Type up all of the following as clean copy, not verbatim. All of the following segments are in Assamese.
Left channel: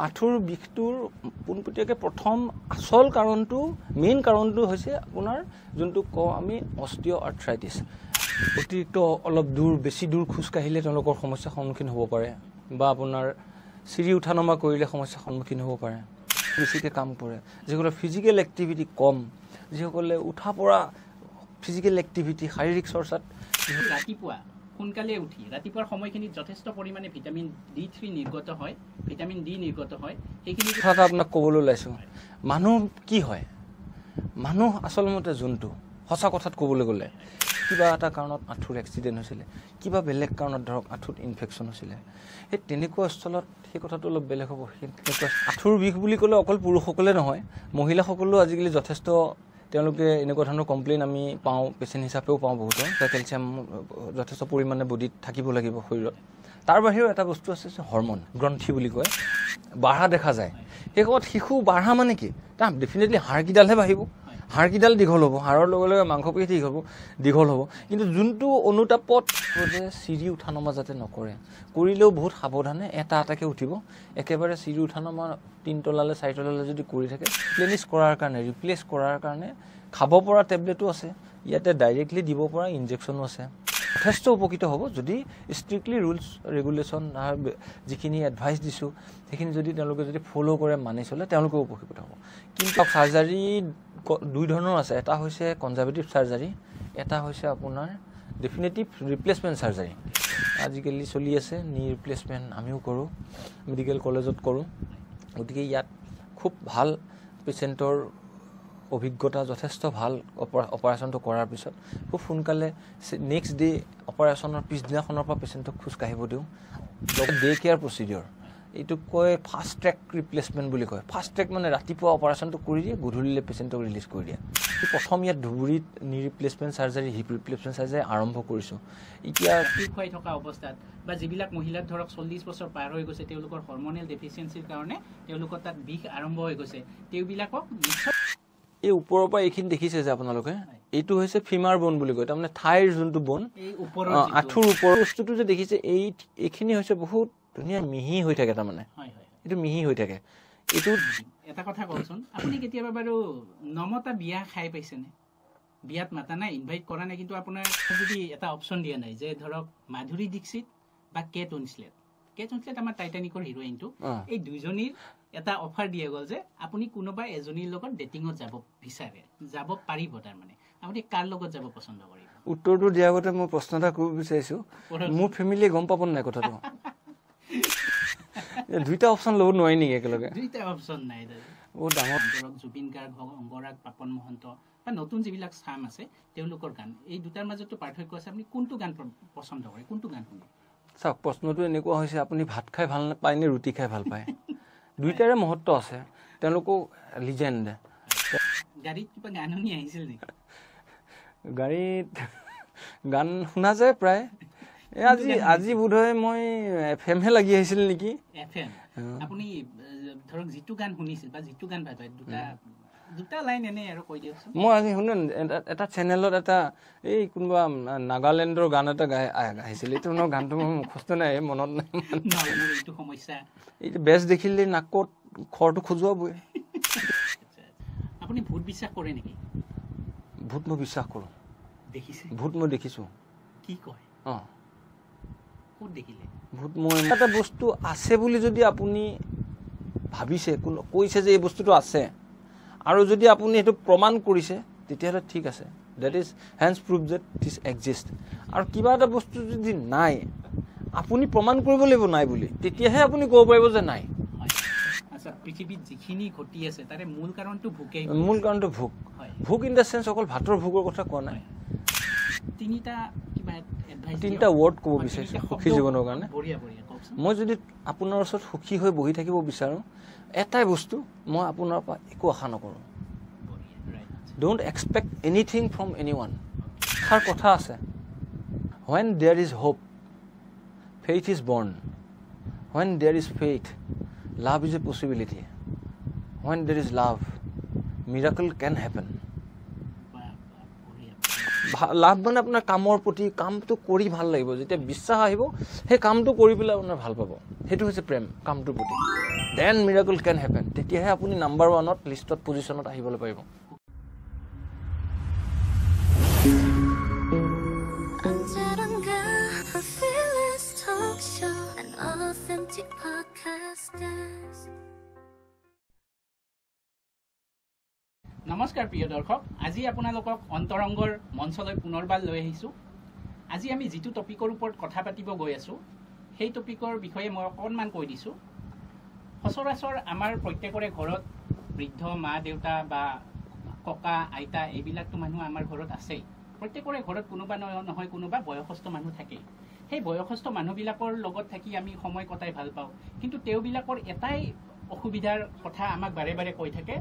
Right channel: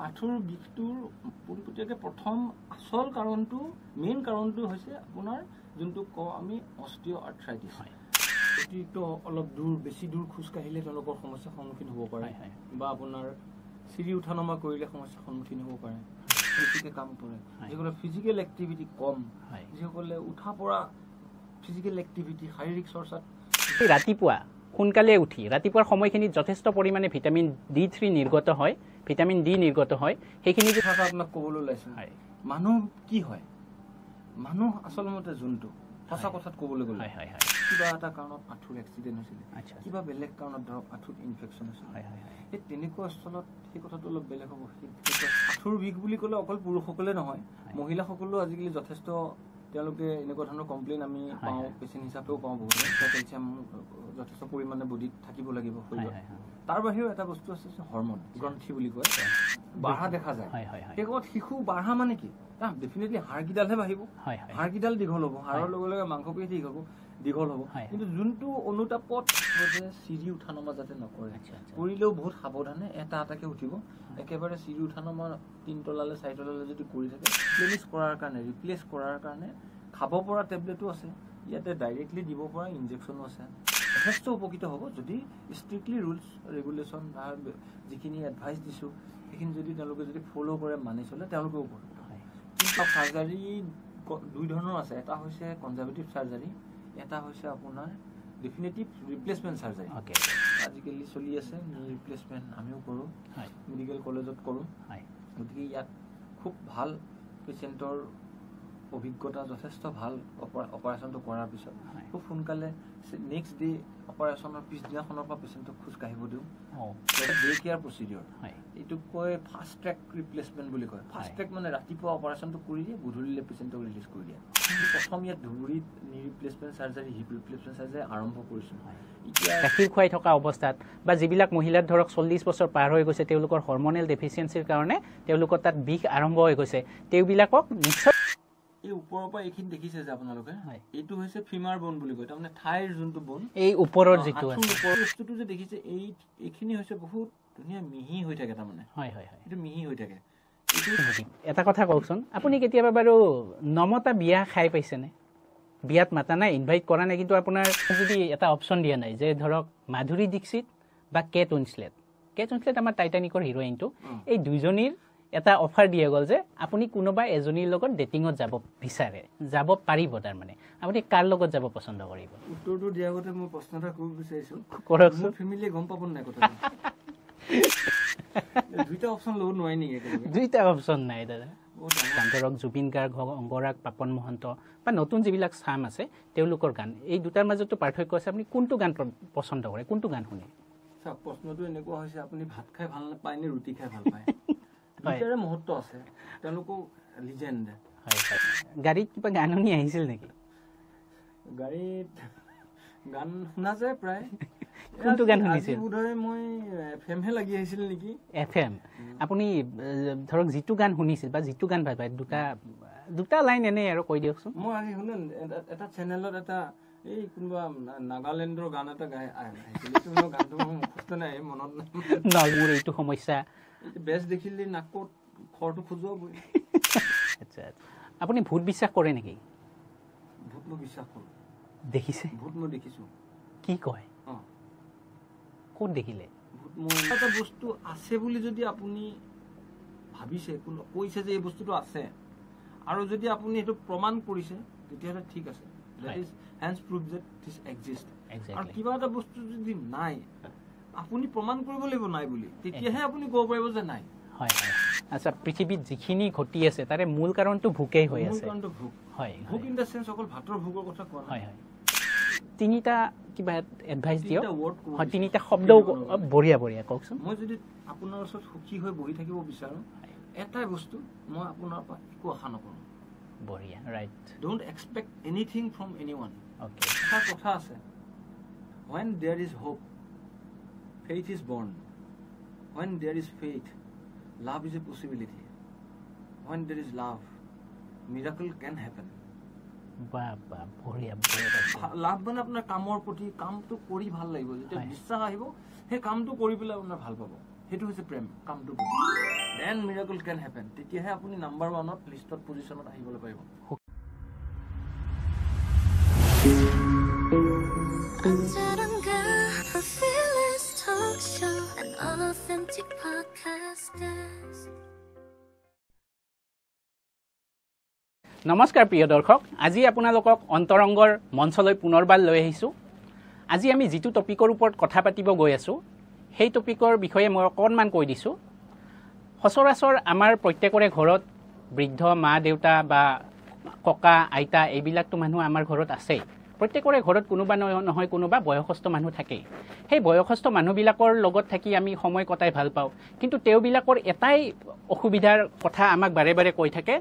আঁঠুৰ বিষটোৰ পোনপটীয়াকৈ প্ৰথম আচল কাৰণটো মেইন কাৰণটো হৈছে আপোনাৰ যোনটো কওঁ আমি অস্টিঅ' আৰ্থ্ৰাইটিছ অতিৰিক্ত অলপ দূৰ বেছি দূৰ খোজ কাঢ়িলে তেওঁলোকৰ সমস্যাৰ সন্মুখীন হ'ব পাৰে বা আপোনাৰ চিৰি উঠা নমা কৰিলে সমস্যাৰ সন্মুখীন হ'ব পাৰে বেছিকৈ কাম কৰে যিসকলৰ ফিজিকেল এক্টিভিটি কম যিসকলে উঠা পৰা ফিজিকেল এক্টিভিটি শাৰীৰিক চৰ্চাত ৰাতিপুৱা সোনকালে উঠি ৰাতিপুৱাৰ সময়খিনিত যথেষ্ট পৰিমাণে ভিটামিন D3 নিৰ্গত হয় ভিটামিন D নিৰ্গত হয় সেইখিনি কথা আপোনাক ক'বলৈ ওলাইছোঁ মানুহ কি হয় মানুহ আচলমতে জন্তু সঁচা কথাত ক'বলৈ গ'লে কিবা এটা কাৰণত আঁঠুৰ এক্সিডেণ্ট হৈছিলে কিবা বেলেগ কাৰণত ধৰক আঁঠুত ইনফেকশ্যন হৈছিলে সেই তেনেকুৱা স্থলত সেই কথাটো অলপ বেলেগ হ'ব আঁঠুৰ বিষ বুলি ক'লে অকল পুৰুষসকলে নহয় মহিলাসকলেও আজিকালি যথেষ্ট তেওঁলোকে এনেকুৱা ধৰণৰ কমপ্লেইন আমি পাওঁ পেচেণ্ট হিচাপেও পাওঁ বহুতে কেলছিয়াম যথেষ্ট পৰিমাণে বডিত থাকিব লাগিব শৰীৰত তাৰ বাহিৰেও এটা বস্তু আছে হৰমন গ্ৰন্থি বুলি কয় বাঢ়া দেখা যায় সেই সময়ত শিশু বাঢ়া মানে কি তাৰ ডেফিনেটলি হাড়কিডালহে বাঢ়িব হাড়কিডাল দীঘল হ'ব হাড়ৰ লগে লগে মাংসপেশী দীঘল হ'ব কিন্তু যোনটো অনুতাপত চিৰি উঠা নমা যাতে নকৰে কৰিলেও বহুত সাৱধানে এটা এটাকৈ উঠিব একেবাৰে চিৰি উঠা নমা 3 তলালৈ 4 তলালৈ যদি কৰি থাকে ৰিপ্লেচ কৰাৰ কাৰণে খাব পৰা টেবলেটো আছে ইয়াতে ডাইৰেক্টলি দিব পৰা ইনজেকশ্যনো আছে যথেষ্ট উপকৃত হ'ব যদি ষ্ট্ৰিক্টলি ৰুলছ ৰেগুলেশ্যন যিখিনি এডভাইচ দিছোঁ সেইখিনি যদি তেওঁলোকে যদি ফ'ল' কৰে মানি চলে তেওঁলোকেও উপকৃত হ'ব কিন্তু চাৰ্জাৰী 2 ধৰণৰ আছে এটা হৈছে কনজাৰ্ভেটিভ চাৰ্জাৰী এটা হৈছে আপোনাৰ ডেফিনেটিভ ৰিপ্লেচমেণ্ট চাৰ্জাৰী আজিকালি চলি আছে নি ৰিপ্লেচমেণ্ট আমিও কৰোঁ মেডিকেল কলেজত কৰোঁ গতিকে ইয়াত খুব ভাল পেচেণ্টৰ অভিজ্ঞতা যথেষ্ট ভাল অপাৰেশ্যনটো কৰাৰ পিছত খুব সোনকালে নেক্সট ডে অপাৰেশ্যনৰ পিছদিনাখনৰ পৰা পেচেণ্টক খোজ কাঢ়িব দিওঁ ডে কেয়াৰ প্ৰচিডিঅ'ৰ এইটো কয় ফাষ্ট ট্ৰেক ৰিপ্লেচমেণ্ট বুলি কয় ফাষ্ট ট্ৰেক মানে ৰাতিপুৱা অপাৰেশ্যনটো কৰি দিয়ে গধূলিলৈ পেচেণ্টক ৰিলিজ কৰি দিয়ে প্ৰথম ইয়াত ধুবুৰীত knee replacement surgery hip replacement surgery আৰম্ভ কৰিছোঁ এতিয়া গাখীৰ খুৱাই থকা অৱস্থাত বা যিবিলাক মহিলাৰ ধৰক 40 বছৰ পাৰ হৈ গৈছে তেওঁলোকৰ হৰমনেল ডেফিচিয়েঞ্চিৰ কাৰণে তেওঁলোকৰ তাত বিষ আৰম্ভ হৈ গৈছে তেওঁবিলাকক নিশ্চয় এই ওপৰৰ পৰা এইখিনি দেখিছে যে আপোনালোকে এইটো হৈছে ফিমাৰ বোন বুলি কয় তাৰমানে ঠাইৰ যোনটো বোন এই ওপৰৰ আঁঠুৰ ওপৰৰ বস্তুটো যে দেখিছে এইখিনি হৈছে বহুত ধুনীয়া মিহি হৈ থাকে তাৰমানে এইটো মিহি হৈ থাকে এইটো এটা কথা কওকচোন আপুনি কেতিয়াবা বাৰু নমতা বিয়া খাই পাইছেনে বিয়াত মাতা নাই ইনভাইট কৰা নাই কিন্তু আপোনাৰ যদি এটা অপশ্যন দিয়া নাই যে ধৰক মাধুৰী দীক্ষিত বা কেট উইনছলেট আমাৰ টাইটানিকৰ হিৰোইনটো এই দুইজনীৰ এটা অফাৰ দিয়া গ'ল যে আপুনি কোনোবা এজনীৰ লগত ডেটিঙত যাব বিচাৰে যাব পাৰিব তাৰমানে আপুনি কাৰ লগত যাব পচন্দ কৰিব উত্তৰটো দিয়াৰ আগতে মই প্ৰশ্ন এটা কৰিব বিচাৰিছোঁ মোৰ ফেমিলিয়ে গম পাব নাই কথাটো দুইটা অপশ্যন ল'ব নোৱাৰি নেকি একেলগে দুইটা অপশ্যন নাই দাদা বহুত ডাঙৰ ধৰক জুবিন গাৰ্গ অংগৰাগ পাপন মহন্ত বা নতুন যিবিলাক চাম আছে তেওঁলোকৰ গান এই দুটাৰ মাজতো পাৰ্থক্য আছে আপুনি কোনটো গান পচন্দ কৰে কোনটো গান শুনে চাওক প্ৰশ্নটো এনেকুৱা হৈছে আপুনি ভাত খাই ভাল নাপায় নে ৰুটি খাই ভাল পায় দুইটাৰে মহত্ব আছে তেওঁলোকো লিজেণ্ড গাড়ীত কিবা গান শুনি আহিছিল নেকি গাড়ীত গান শুনা যায় প্ৰায় আজি বোধহয় মই FM হে লাগি আহিছিল নেকি FM আপুনি ধৰক যিটো গান শুনিছিল বা যিটো গান ভাল পায় দুটা লাইন এনেই আৰু কৈ দিয়কচোন মই আজি শুনো এটা চেনেলত এটা এই কোনোবা নাগালেণ্ডৰ গান এটা গাইছিল এইটো মোৰ গানটো মোৰ মুখস্থ নাই মনত নাই মোৰ এইটো সমস্যা এইটো বেষ্ট দেখিলে নাকত খৰটো খজুৱাবই আচ্ছা আপুনি ভূত বিশ্বাস কৰে নেকি ভূত মই বিশ্বাস কৰোঁ দেখিছে ভূত মই দেখিছোঁ কি কয় ক'ত দেখিলে ভূত মই এটা বস্তু আছে বুলি যদি আপুনি ভাবিছে কৈছে যে এই বস্তুটো আছে আৰু যদি আপুনি এইটো প্ৰমাণ কৰিছে তেতিয়াহ'লে ঠিক আছে that is hence prove that this exist আৰু কিবা এটা বস্তু যদি নাই আপুনি প্ৰমাণ কৰিব লাগিব নাই বুলি তেতিয়াহে আপুনি ক'ব পাৰিব যে নাই আচ্ছা পৃথিৱীত যিখিনি ঘটি আছে তাৰে মূল কাৰণটো ভোকেই হয় মূল কাৰণটো ভোক হয় ভোক ইন দ্য চেন্স অকল ভাতৰ ভোকৰ কথা কোৱা নাই তিনিটা কিবা এডভাইচ তিনিটা ৱৰ্ড ক'ব তিনিটা শব্দ বঢ়িয়া কওকচোন মই যদি আপোনাৰ ওচৰত সুখী হৈ বহি থাকিব বিচাৰোঁ এটাই বস্তু মই আপোনাৰ পৰা একো আশা নকৰোঁ বঢ়িয়া right don't expect anything from এনিৱান তাৰ কথা আছে when there is hope faith is born when there is faith love is a possibility when there is love miracle can happen লাভ মানে আপোনাৰ কামৰ প্ৰতি কামটো কৰি ভাল লাগিব যেতিয়া বিশ্বাস আহিব সেই কামটো কৰি পেলাই আপোনাৰ ভাল পাব সেইটো হৈছে প্ৰেম কামটোৰ প্ৰতি দেন মিৰাকল কেন হেপেন তেতিয়াহে আপুনি নাম্বাৰ 1ত লিষ্টত পজিশ্যনত আহিবলৈ পাৰিব 언제론가 a fearless talk show an authentic podcast নমস্কাৰ প্ৰিয় দৰ্শক আজি আপোনালোকক অন্তৰংগৰ মঞ্চলৈ পুনৰবাৰ লৈ আহিছোঁ আজি আমি যিটো টপিকৰ ওপৰত কথা পাতিব গৈ আছোঁ সেই টপিকৰ বিষয়ে মই অকণমান কৈ দিছোঁ সচৰাচৰ আমাৰ প্ৰত্যেকৰে ঘৰত বৃদ্ধ মা দেউতা বা ককা আইতা এইবিলাকতো মানুহ আমাৰ ঘৰত আছে প্ৰত্যেকৰে ঘৰত কোনোবা নহয় কোনোবা বয়সস্থ মানুহ থাকে সেই বয়সস্থ মানুহবিলাকৰ লগত থাকি আমি সময় কটাই ভাল পাওঁ কিন্তু তেওঁবিলাকৰ এটাই অসুবিধাৰ কথা আমাক বাৰে বাৰে কৈ থাকে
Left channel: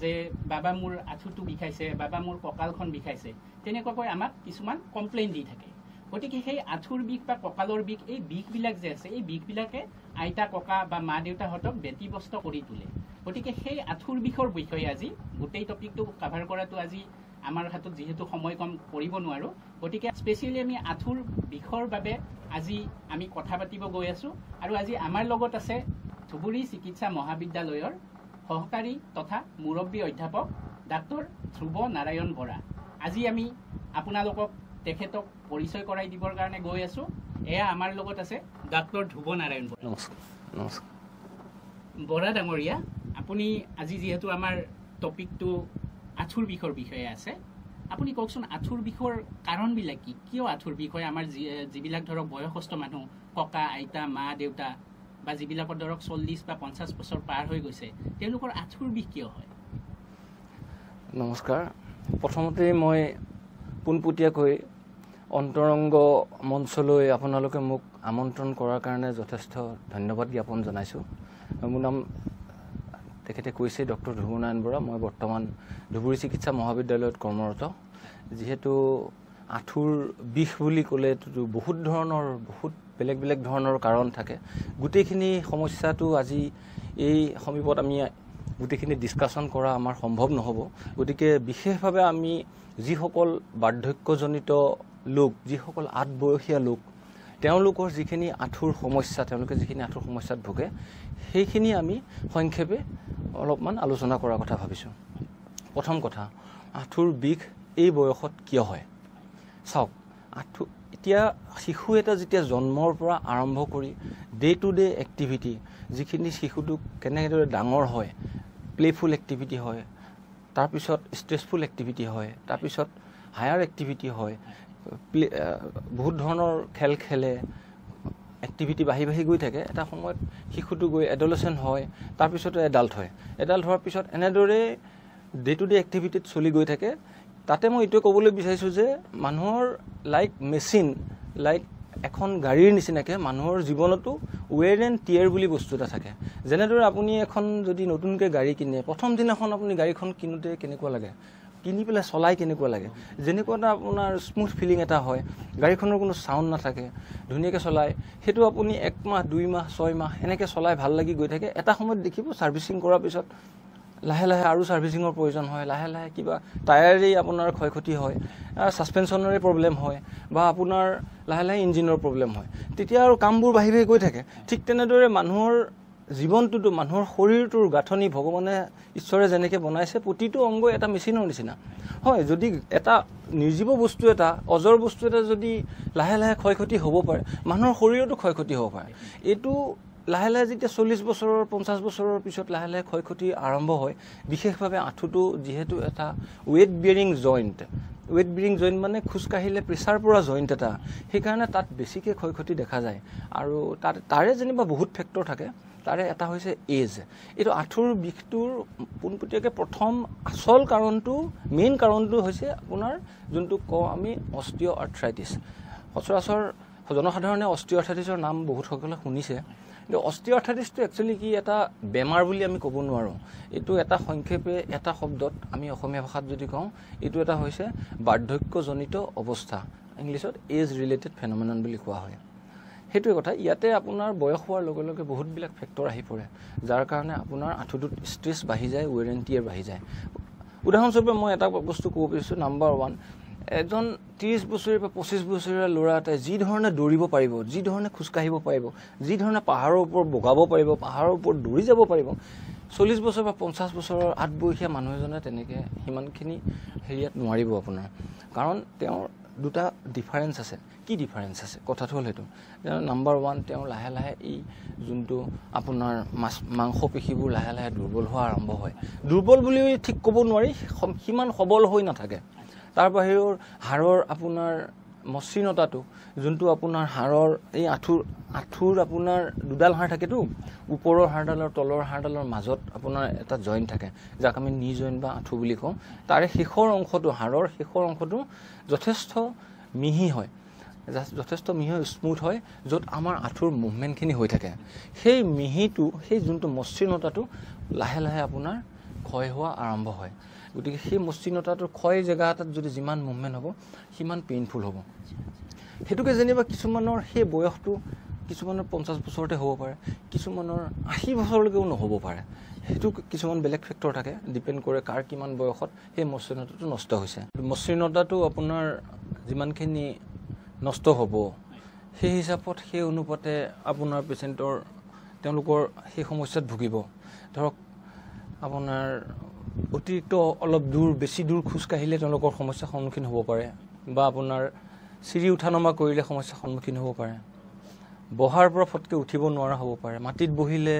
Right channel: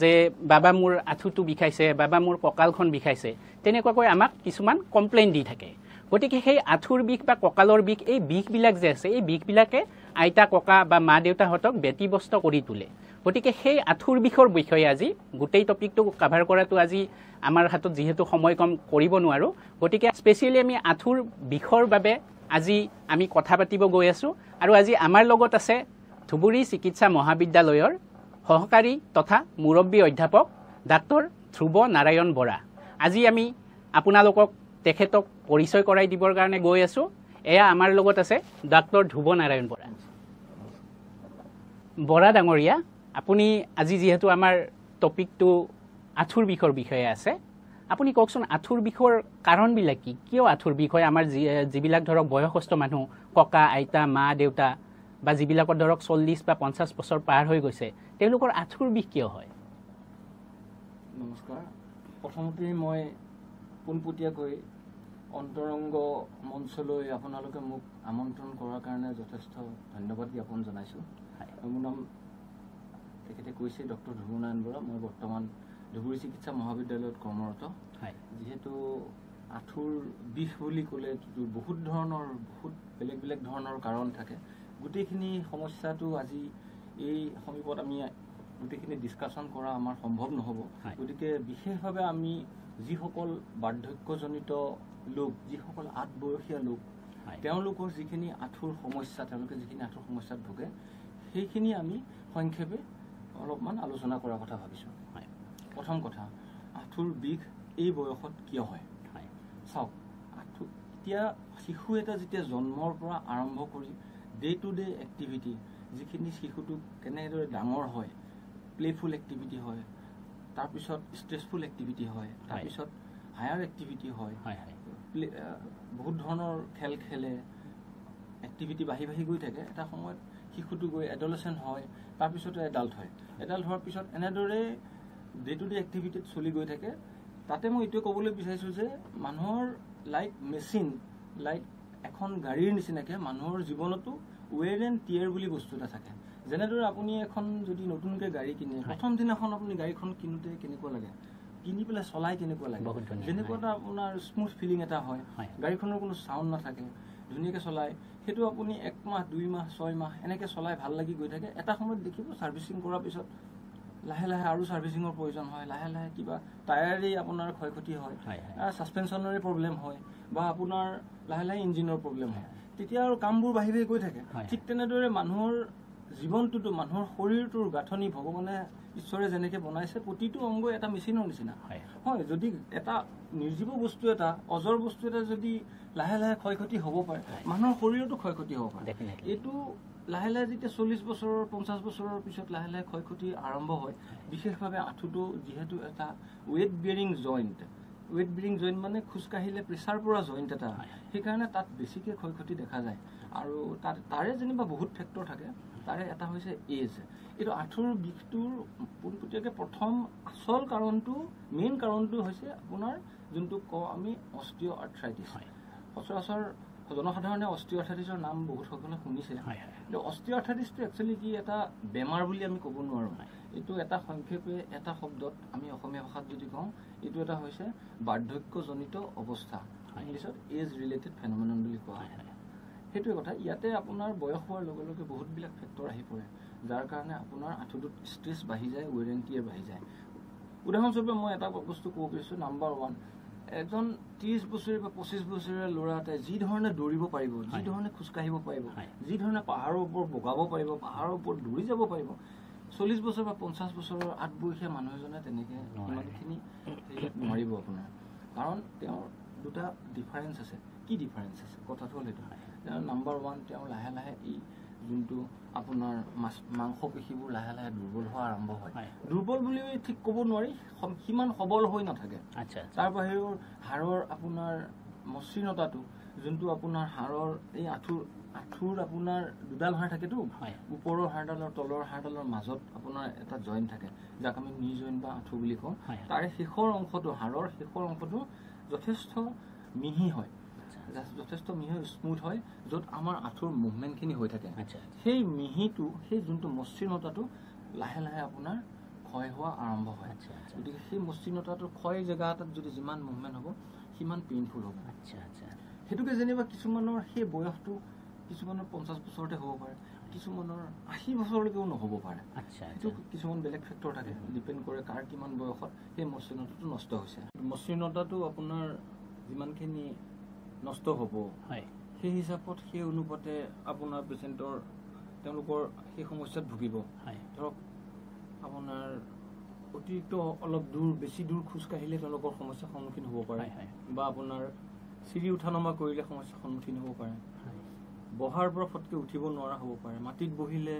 যে বাবা মোৰ আঁঠুটো বিষাইছে বাবা মোৰ কঁকালখন বিষাইছে তেনেকুৱাকৈ আমাক কিছুমান কমপ্লেইন দি থাকে গতিকে সেই আঁঠুৰ বিষ বা কঁকালৰ বিষ এই বিষবিলাক যে আছে এই বিষবিলাকে আইতা ককা বা মা দেউতাহঁতক ব্যতিব্যস্ত কৰি তোলে গতিকে সেই আঁঠুৰ বিষৰ বিষয়ে আজি গোটেই টপিকটো কাভাৰ কৰাটো আজি আমাৰ হাতত যিহেতু সময় কম কৰিব নোৱাৰোঁ গতিকে স্পেচিয়েলি আমি আঁঠুৰ বিষৰ বাবে আজি আমি কথা পাতিব গৈ আছোঁ আৰু আজি আমাৰ লগত আছে ধুবুৰী চিকিৎসা মহাবিদ্যালয়ৰ সহকাৰী তথা মুৰব্বী অধ্যাপক ডাক্তৰ ধ্ৰুৱ নাৰায়ণ বৰা আজি আমি আপোনালোকক তেখেতক পৰিচয় কৰাই দিবৰ কাৰণে গৈ আছোঁ এয়া আমাৰ লগত আছে ডাক্তৰ ধ্ৰুৱ নাৰায়ণ বৰা নমস্কাৰ বৰা ডাঙৰীয়া আপুনি আজি যিহেতু আমাৰ টপিকটো আঁঠুৰ বিষৰ বিষয়ে আছে আপুনি কওকচোন আঁঠুৰ বিষৰ কাৰণবিলাক কি কিয় আঁঠুৰ বিষ হয় আমাৰ যিবিলাক ধৰক বয়সস্থ মানুহ ককা আইতা মা দেউতা বা যিবিলাকৰ ধৰক 40 বা 50 বছৰ পাৰ হৈ গৈছে তেওঁলোকৰ আঁঠুৰ বিষ কিয় হয় নমস্কাৰ প্ৰথমতে মই পোনপটীয়াকৈ অন্তৰংগ মঞ্চলৈ আপোনালোকে মোক আমন্ত্ৰণ কৰাৰ কাৰণে যথেষ্ট ধন্যবাদ জ্ঞাপন জনাইছোঁ মোৰ নাম তেখেতে কৈছে ডক্টৰ ধ্ৰুৱ নাৰায়ণ বৰা মই বৰ্তমান ধুবুৰী চিকিৎসা মহাবিদ্যালয়ত কৰ্মৰত যিহেতু আঁঠুৰ বিষ বুলি ক'লে বহুত বেলেগ বেলেগ ধৰণৰ কাৰণ থাকে গোটেইখিনি সমস্যাটো আজি এই সমীপত আমি গোটেইখিনি ডিছকাশ্যন কৰা আমাৰ সম্ভৱ নহ'ব গতিকে বিশেষভাৱে আমি যিসকল বাৰ্ধক্যজনিত লোক যিসকল আধবয়সীয়া লোক তেওঁলোকৰ যিখিনি আঁঠুৰ সমস্যা তেওঁলোকে যিখিনি আঁঠুৰ সমস্যাত ভোগে সেইখিনি আমি সংক্ষেপে অলপমান আলোচনা কৰাৰ কথা ভাবিছোঁ প্ৰথম কথা আঁঠুৰ বিষ এই বয়সত কিয় হয় চাওক আঁঠু এতিয়া শিশু এটা যেতিয়া জন্মৰ পৰা আৰম্ভ কৰি ডে টু ডে এক্টিভিটি যিখিনি শিশুটো কেনেদৰে ডাঙৰ হয় প্লেফুল এক্টিভিটি হয় তাৰপিছত ষ্ট্ৰেছফুল এক্টিভিটি হয় তাৰপিছত হায়াৰ এক্টিভিটি হয় বহুত ধৰণৰ খেল খেলে এক্টিভিটি বাঢ়ি গৈ থাকে এটা সময়ত শিশুটো গৈ এডলেচেণ্ট হয় তাৰপিছতে এডাল্ট হয় এডাল্ট হোৱাৰ পিছত এনেদৰে ডে টু ডে এক্টিভিটিত চলি গৈ থাকে তাতে মই এইটোৱে ক'বলৈ বিচাৰিছোঁ যে মানুহৰ লাইক মেচিন লাইক এখন গাড়ীৰ নিচিনাকৈ মানুহৰ জীৱনতো ৱেৰ এণ্ড টিয়াৰ বুলি বস্তু এটা থাকে যেনেদৰে আপুনি এখন যদি নতুনকৈ গাড়ী কিনে প্ৰথম দিনাখন আপুনি গাড়ীখন কিনোতে কেনেকুৱা লাগে কিনি পেলাই চলাই কেনেকুৱা লাগে যেনেকুৱা এটা আপোনাৰ স্মুথ ফিলিং এটা হয় গাড়ীখনৰ কোনো চাউণ্ড নাথাকে ধুনীয়াকৈ চলায় সেইটো আপুনি 1 মাহ 2 মাহ 6 মাহ এনেকৈ চলাই ভাল লাগি গৈ থাকে এটা সময়ত দেখিব ছাৰ্ভিচিং কৰাৰ পিছত লাহে লাহে আৰু ছাৰ্ভিচিঙৰ প্ৰয়োজন হয় লাহে লাহে কিবা টায়াৰেই আপোনাৰ ক্ষয়ক্ষতি হয় ছাছপেনশ্যনৰে প্ৰব্লেম হয় বা আপোনাৰ লাহে লাহে ইঞ্জিনৰ প্ৰব্লেম হয় তেতিয়া আৰু কামবোৰ বাঢ়ি গৈ থাকে ঠিক তেনেদৰে মানুহৰ জীৱনটোতো মানুহৰ শৰীৰটোৰ গাঁথনি ভগৱানে ঈশ্বৰে যেনেকৈ বনাইছে প্ৰতিটো অংগ এটা মেচিনৰ নিচিনা হয় যদি এটা নিৰ্জীৱ বস্তু এটা অজৰ বস্তু এটা যদি লাহে লাহে ক্ষয়ক্ষতি হ'ব পাৰে মানুহৰ শৰীৰতো ক্ষয়ক্ষতি হ'ব পাৰে এইটো লাহে লাহে যেতিয়া 40 বছৰৰ 50 বছৰৰ পিছত লাহে লাহে ক্ষয়ক্ষতি আৰম্ভ হয় বিশেষভাৱে আঁঠুটো যিহেতু এটা ৱেট বিয়াৰিং জইণ্ট মানে খোজকাঢ়িলে প্ৰেছাৰ পৰা জইণ্ট এটা সেইকাৰণে তাত বেছিকৈ ক্ষয়ক্ষতি দেখা যায় আৰু তাৰে যেনিবা বহুত ফেক্টৰ থাকে তাৰে এটা হৈছে এজ এইটো আঁঠুৰ বিষটোৰ পোনপটীয়াকৈ প্ৰথম আচল কাৰণটো মেইন কাৰণটো হৈছে আপোনাৰ যোনটো কওঁ আমি অষ্টিঅ' আৰ্থ্ৰাইটিছ সচৰাচৰ জনসাধাৰণে অষ্টিঅ' আৰ্থ্ৰাইটিছৰ নাম বহুতসকলে শুনিছে কিন্তু অষ্টিঅ' আৰ্থ্ৰাইটিছটো একচুৱেলি কি এটা বেমাৰ বুলি আমি ক'ব নোৱাৰোঁ এইটো এটা সংক্ষেপে এটা শব্দত আমি অসমীয়া ভাষাত যদি কওঁ এইটো এটা হৈছে বাৰ্ধক্যজনিত অৱস্থা ইংলিছত এজ ৰিলেটেড ফেন'মেনন বুলি কোৱা হয় সেইটোৱে কথা ইয়াতে আপোনাৰ বয়স হোৱাৰ লগে লগে বহুতবিলাক ফেক্টৰ আহি পৰে যাৰ কাৰণে আপোনাৰ আঁঠুটোত ষ্ট্ৰেছ বাঢ়ি যায় ৱেৰ এণ্ড টিয়াৰ বাঢ়ি যায় উদাহৰণস্বৰূপে মই এটা বস্তু ক'ব বিচাৰিছোঁ নাম্বাৰ 1 এজন 30 বছৰীয়া বা 25 বছৰীয়া ল'ৰা এটাই যি ধৰণে দৌৰিব পাৰিব, যি ধৰণে খোজকাঢ়িব পাৰিব, যি ধৰণে পাহাৰৰ ওপৰত বগাব পাৰিব, পাহাৰৰ ওপৰত দৌৰি যাব পাৰিব, 40 বছৰ বা 50 বছৰৰ আঠবয়সীয়া মানুহ এজনে তেনেকৈ সিমানখিনি হেৰিয়াত নোৱাৰিব আপোনাৰ। কাৰণ তেওঁৰ দুটা ডিফাৰেঞ্চ আছে। কি ডিফাৰেঞ্চ আছে? কথাটো হ'ল সেইটো, নাম্বাৰ 1, তেওঁ লাহে লাহে এই যোনটো আপোনাৰ মাংস পেশীবোৰ লাহে লাহে দুৰ্বল হোৱা আৰম্ভ হয়। দুৰ্বল বুলি ঠিক ক'ব নোৱাৰি, সিমান সবল হৈ নাথাকে। তাৰ বাহিৰেও হাড়ৰ আপোনাৰ মসৃণতাটো, যোনটো আপোনাৰ হাড়ৰ এই আঁঠুৰ আপোনাৰ দুডাল হাড় থাকেতো, ওপৰৰ হাড়ডাল আৰু তলৰ হাড়ডালৰ মাজত আপোনাৰ এটা জইণ্ট থাকে, যাক আমি নি জইণ্ট বা আঁঠু বুলি কওঁ। তাৰে শেষৰ অংশটো, হাড়ৰ শেষৰ অংশটো যথেষ্ট মিহি হয়, যথেষ্ট মিহি স্মুথ হয়, য'ত আমাৰ আঁঠুৰ মুভমেণ্টখিনি হৈ থাকে। সেই মিহিটো, সেই যোনটো মসৃণতাটো লাহে লাহে আপোনাৰ ক্ষয় হোৱা আৰম্ভ হয়। গতিকে সেই মসৃণতাটোৰ ক্ষয় জেগা এটাত যদি যিমান মুভমেণ্ট হ'ব সিমান পেইনফুল হ'ব। সেইটোকে যেনিবা কিছুমানৰ সেই বয়সটো কিছুমানৰ 50 বছৰতে হ'ব পাৰে, কিছুমানৰ 80 বছৰলৈকেও নহ'ব পাৰে। সেইটো কিছুমান বেলেগ ফেক্টৰ থাকে, ডিপেণ্ড কৰে কাৰ কিমান বয়সত সেই মসৃণতাটো নষ্ট হৈছে। মসৃণতাটো আপোনাৰ যিমানখিনি নষ্ট হ'ব সেই হিচাপত সেই অনুপাতে আপোনাৰ পেচেণ্টৰ তেওঁলোকৰ সেই সমস্যাত ভুগিব। ধৰক আপোনাৰ অতিৰিক্ত অলপ দূৰ, বেছি দূৰ খোজকাঢ়িলে তেওঁলোকৰ সমস্যাৰ সন্মুখীন হ'ব পাৰে, বা আপোনাৰ চিৰি উঠা নমা কৰিলে সমস্যাৰ সন্মুখীন হ'ব পাৰে, বহাৰ পৰা ফটকৈ উঠিব নোৱাৰা হ'ব পাৰে, মাটিত বহিলে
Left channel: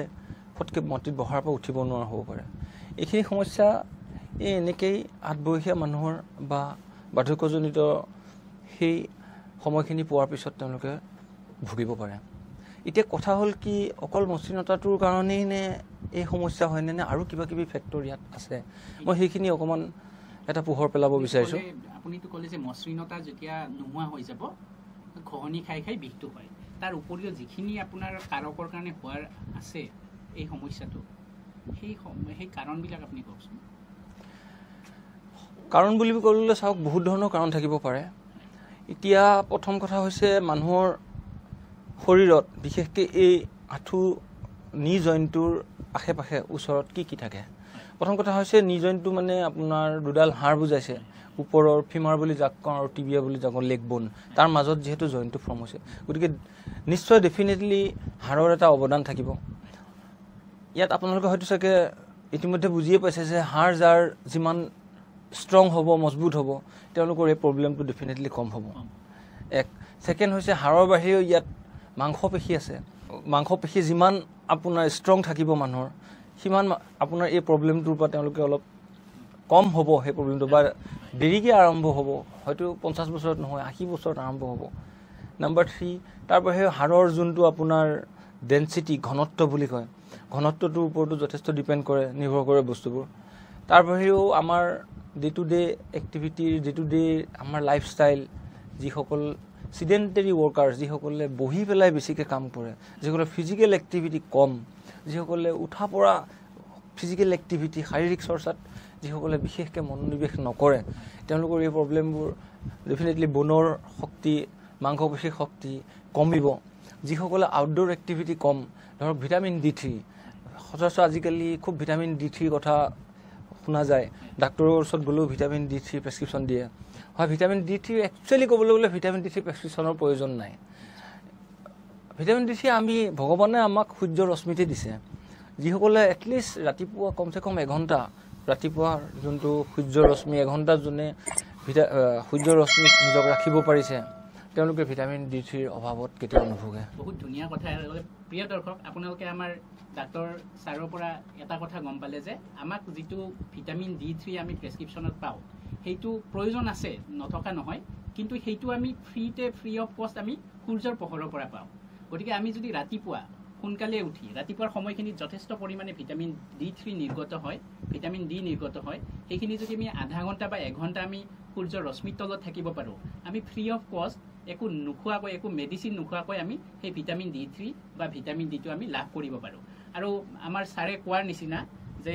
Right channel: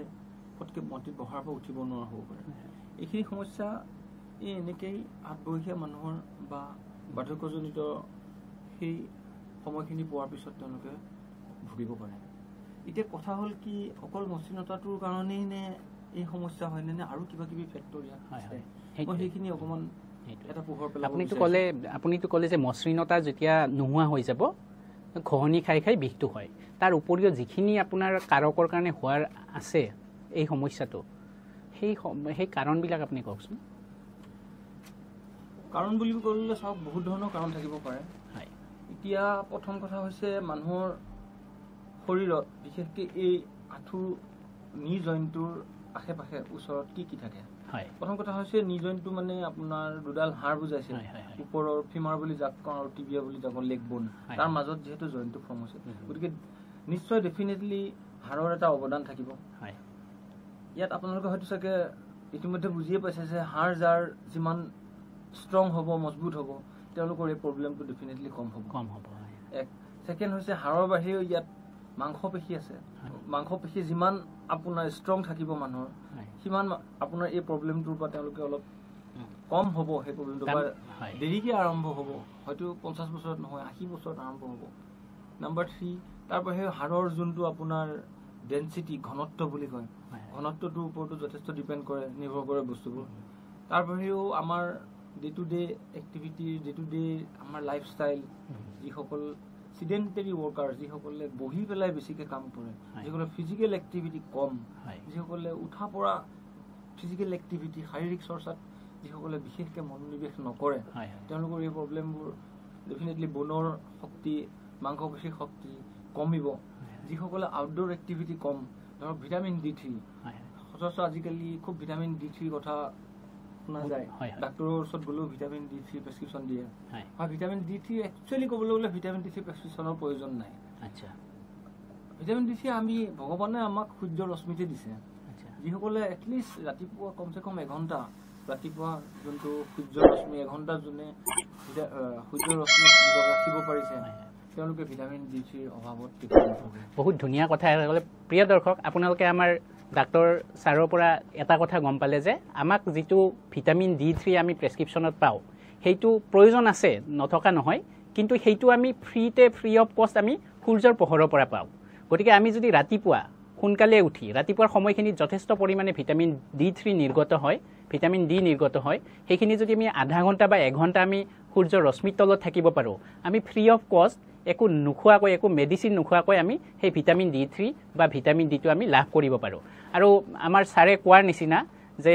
ফটকৈ মাটিত বহাৰ পৰা উঠিব নোৱাৰা হ'ব পাৰে। এইখিনি সমস্যা এই এনেকেই আঠবয়সীয়া মানুহৰ বা বাৰ্ধক্যজনিত সেই সময়খিনি পোৱাৰ পিছত তেওঁলোকে ভুগিব পাৰে। এতিয়া কথা হ'ল কি, অকল মসৃণতাটোৰ কাৰণেই নে এই সমস্যা হয়নে, নে আৰু কিবা কিবি ফেক্টৰ ইয়াত আছে? মই সেইখিনি অকণমান এটা পোহৰ পেলাব বিচাৰিছোঁ। আপুনিতো ক'লে যে মসৃণতা যেতিয়া নোহোৱা হৈ যাব, ঘঁহনি খাই খাই বিষটো হয়। তাৰ উপৰিও যিখিনি আপোনাৰ কাৰকৰ কাৰণে হোৱাৰ আছে এই সমস্যাটো, সেই কাৰণবিলাক আপুনি কওকচোন। কাৰণ বুলি ক'লে চাওক, বহুত ধৰণৰ কাৰণ থাকিব পাৰে। এতিয়া প্ৰথম কথা হৈছে মানুহৰ শৰীৰত, বিশেষকৈ এই আঁঠু নি জইণ্টটোৰ আশে পাশে ওচৰত কি কি থাকে? প্ৰথম কথা হৈছে নি জইণ্টটো মানে আপোনাৰ দুডাল হাড় বুজাইছে, ওপৰৰ ফিমাৰ বুলি যাক কওঁ আৰু টিবিয়া বুলি যাক লেগ বোন, তাৰ মাজত যিহেতু জইণ্টটো ফৰ্ম হৈছে, গতিকে নিশ্চয় ডেফিনেটলি হাড়ৰ এটা অৱদান থাকিব। ইয়াত আপোনালোকে হয়তো চাগে ইতিমধ্যে বুজিয়ে পাইছে যে হাড় যাৰ যিমান ষ্ট্ৰং হ'ব, মজবুত হ'ব, তেওঁলোকৰ এই প্ৰব্লেমটো ডেফিনেটলি কম হ'ব। এক ছেকেণ্ড হৈছে হাড়ৰ বাহিৰেও ইয়াত মাংসপেশী আছে। মাংসপেশী যিমান আপোনাৰ ষ্ট্ৰং থাকিব মানুহৰ, সিমান আপোনাৰ এই প্ৰব্লেমটোৰ পৰা তেওঁলোকে অলপ কম হ'ব, সেই প্ৰব্লেমটো বা দেৰিকৈ আৰম্ভ হ'ব, হয়তো 50 বছৰত নহয় 80 বছৰত আৰম্ভ হ'ব। নাম্বাৰ 3, তাৰ বাহিৰেও হাড়ৰ যোনটো আপোনাৰ ডেনচিটি, ঘনত্ব বুলি কয়, ঘনত্বটোৰ ওপৰতো যথেষ্ট ডিপেণ্ড কৰে, নিৰ্ভৰ কৰে বস্তুবোৰ। তাৰ বাহিৰেও আমাৰ ডে টু ডে এক্টিভিটিৰ, ডে টু ডে আমাৰ লাইফষ্টাইল, যিসকল চিডেণ্টেৰী ৱৰ্কাৰ, যিসকলে বহি পেলাই বেছিকৈ কাম কৰে, যিসকলে ফিজিকেল এক্টিভিটি কম, যিসকলে উঠা পৰা ফিজিকেল এক্টিভিটি, শাৰীৰিক চৰ্চাত যিসকলে বিশেষকৈ মনোনিৱেশ নকৰে, তেওঁলোকৰ এই প্ৰব্লেমবোৰ ডেফিনেটলি বনৰ শক্তি, মাংসপেশীৰ শক্তি কমিব। যিসকলে আউটডোৰ এক্টিভিটি কম, ধৰক ভিটামিন D3, সচৰাচৰ আজিকালি খুব ভিটামিন D3 কথা শুনা যায়, ডাক্তৰৰ ওচৰত গ'লেও ভিটামিন D3 প্ৰেছক্ৰিপশ্যন দিয়ে। হয়, ভিটামিন D3 একচুৱেলি ক'বলৈ গ'লে ভিটামিন D3 প্ৰেছক্ৰিপশ্যনৰ প্ৰয়োজন নাই। ভিটামিন D3 ভগৱানে আমাক সূৰ্য ৰশ্মিতে দিছে। যিসকলে এটলিষ্ট ৰাতিপুৱা কমচে কম এঘণ্টা, ৰাতিপুৱা যোনটো সূৰ্য ৰশ্মি এঘণ্টা যোনে সূৰ্য ৰশ্মিত নিজক ৰাখিব পাৰিছে, তেওঁলোকে ভিটামিন D3ৰ অভাৱত কেতিয়াও নুভোগে। বহুত ধুনীয়া কথা ক'লে। প্ৰিয় দৰ্শক, আপোনালোকে আমাৰ ডাক্তৰ ছাৰৰ পৰা এটা কথা গম পালে যে আমাক যিটো ভিটামিন D3 আমি প্ৰেছক্ৰিপশ্যনত পাওঁ, সেইটো প্ৰয়োজন আছে, নথকা নহয়, কিন্তু সেইটো আমি ফ্ৰী অফ কষ্ট আমি সূৰ্যৰ পোহৰৰ পৰা পাওঁ। গতিকে আমি যদি ৰাতিপুৱা সোনকালে উঠি, ৰাতিপুৱাৰ সময়খিনিত যথেষ্ট পৰিমাণে ভিটামিন D3 নিৰ্গত হয়, ভিটামিন D নিৰ্গত হয়, সেইখিনি যদি আমি আধা ঘণ্টা বা এঘণ্টা আমি সূৰ্যৰ ৰশ্মিৰ তলত থাকিব পাৰোঁ, আমি ফ্ৰী অফ কষ্ট একো নোখোৱাকৈ, একো মেডিচিন নোখোৱাকৈ আমি সেই ভিটামিন D3 বা ভিটামিন D টো আমি লাভ কৰিব পাৰোঁ। আৰু আমাৰ ছাৰে কোৱাৰ নিচিনা যে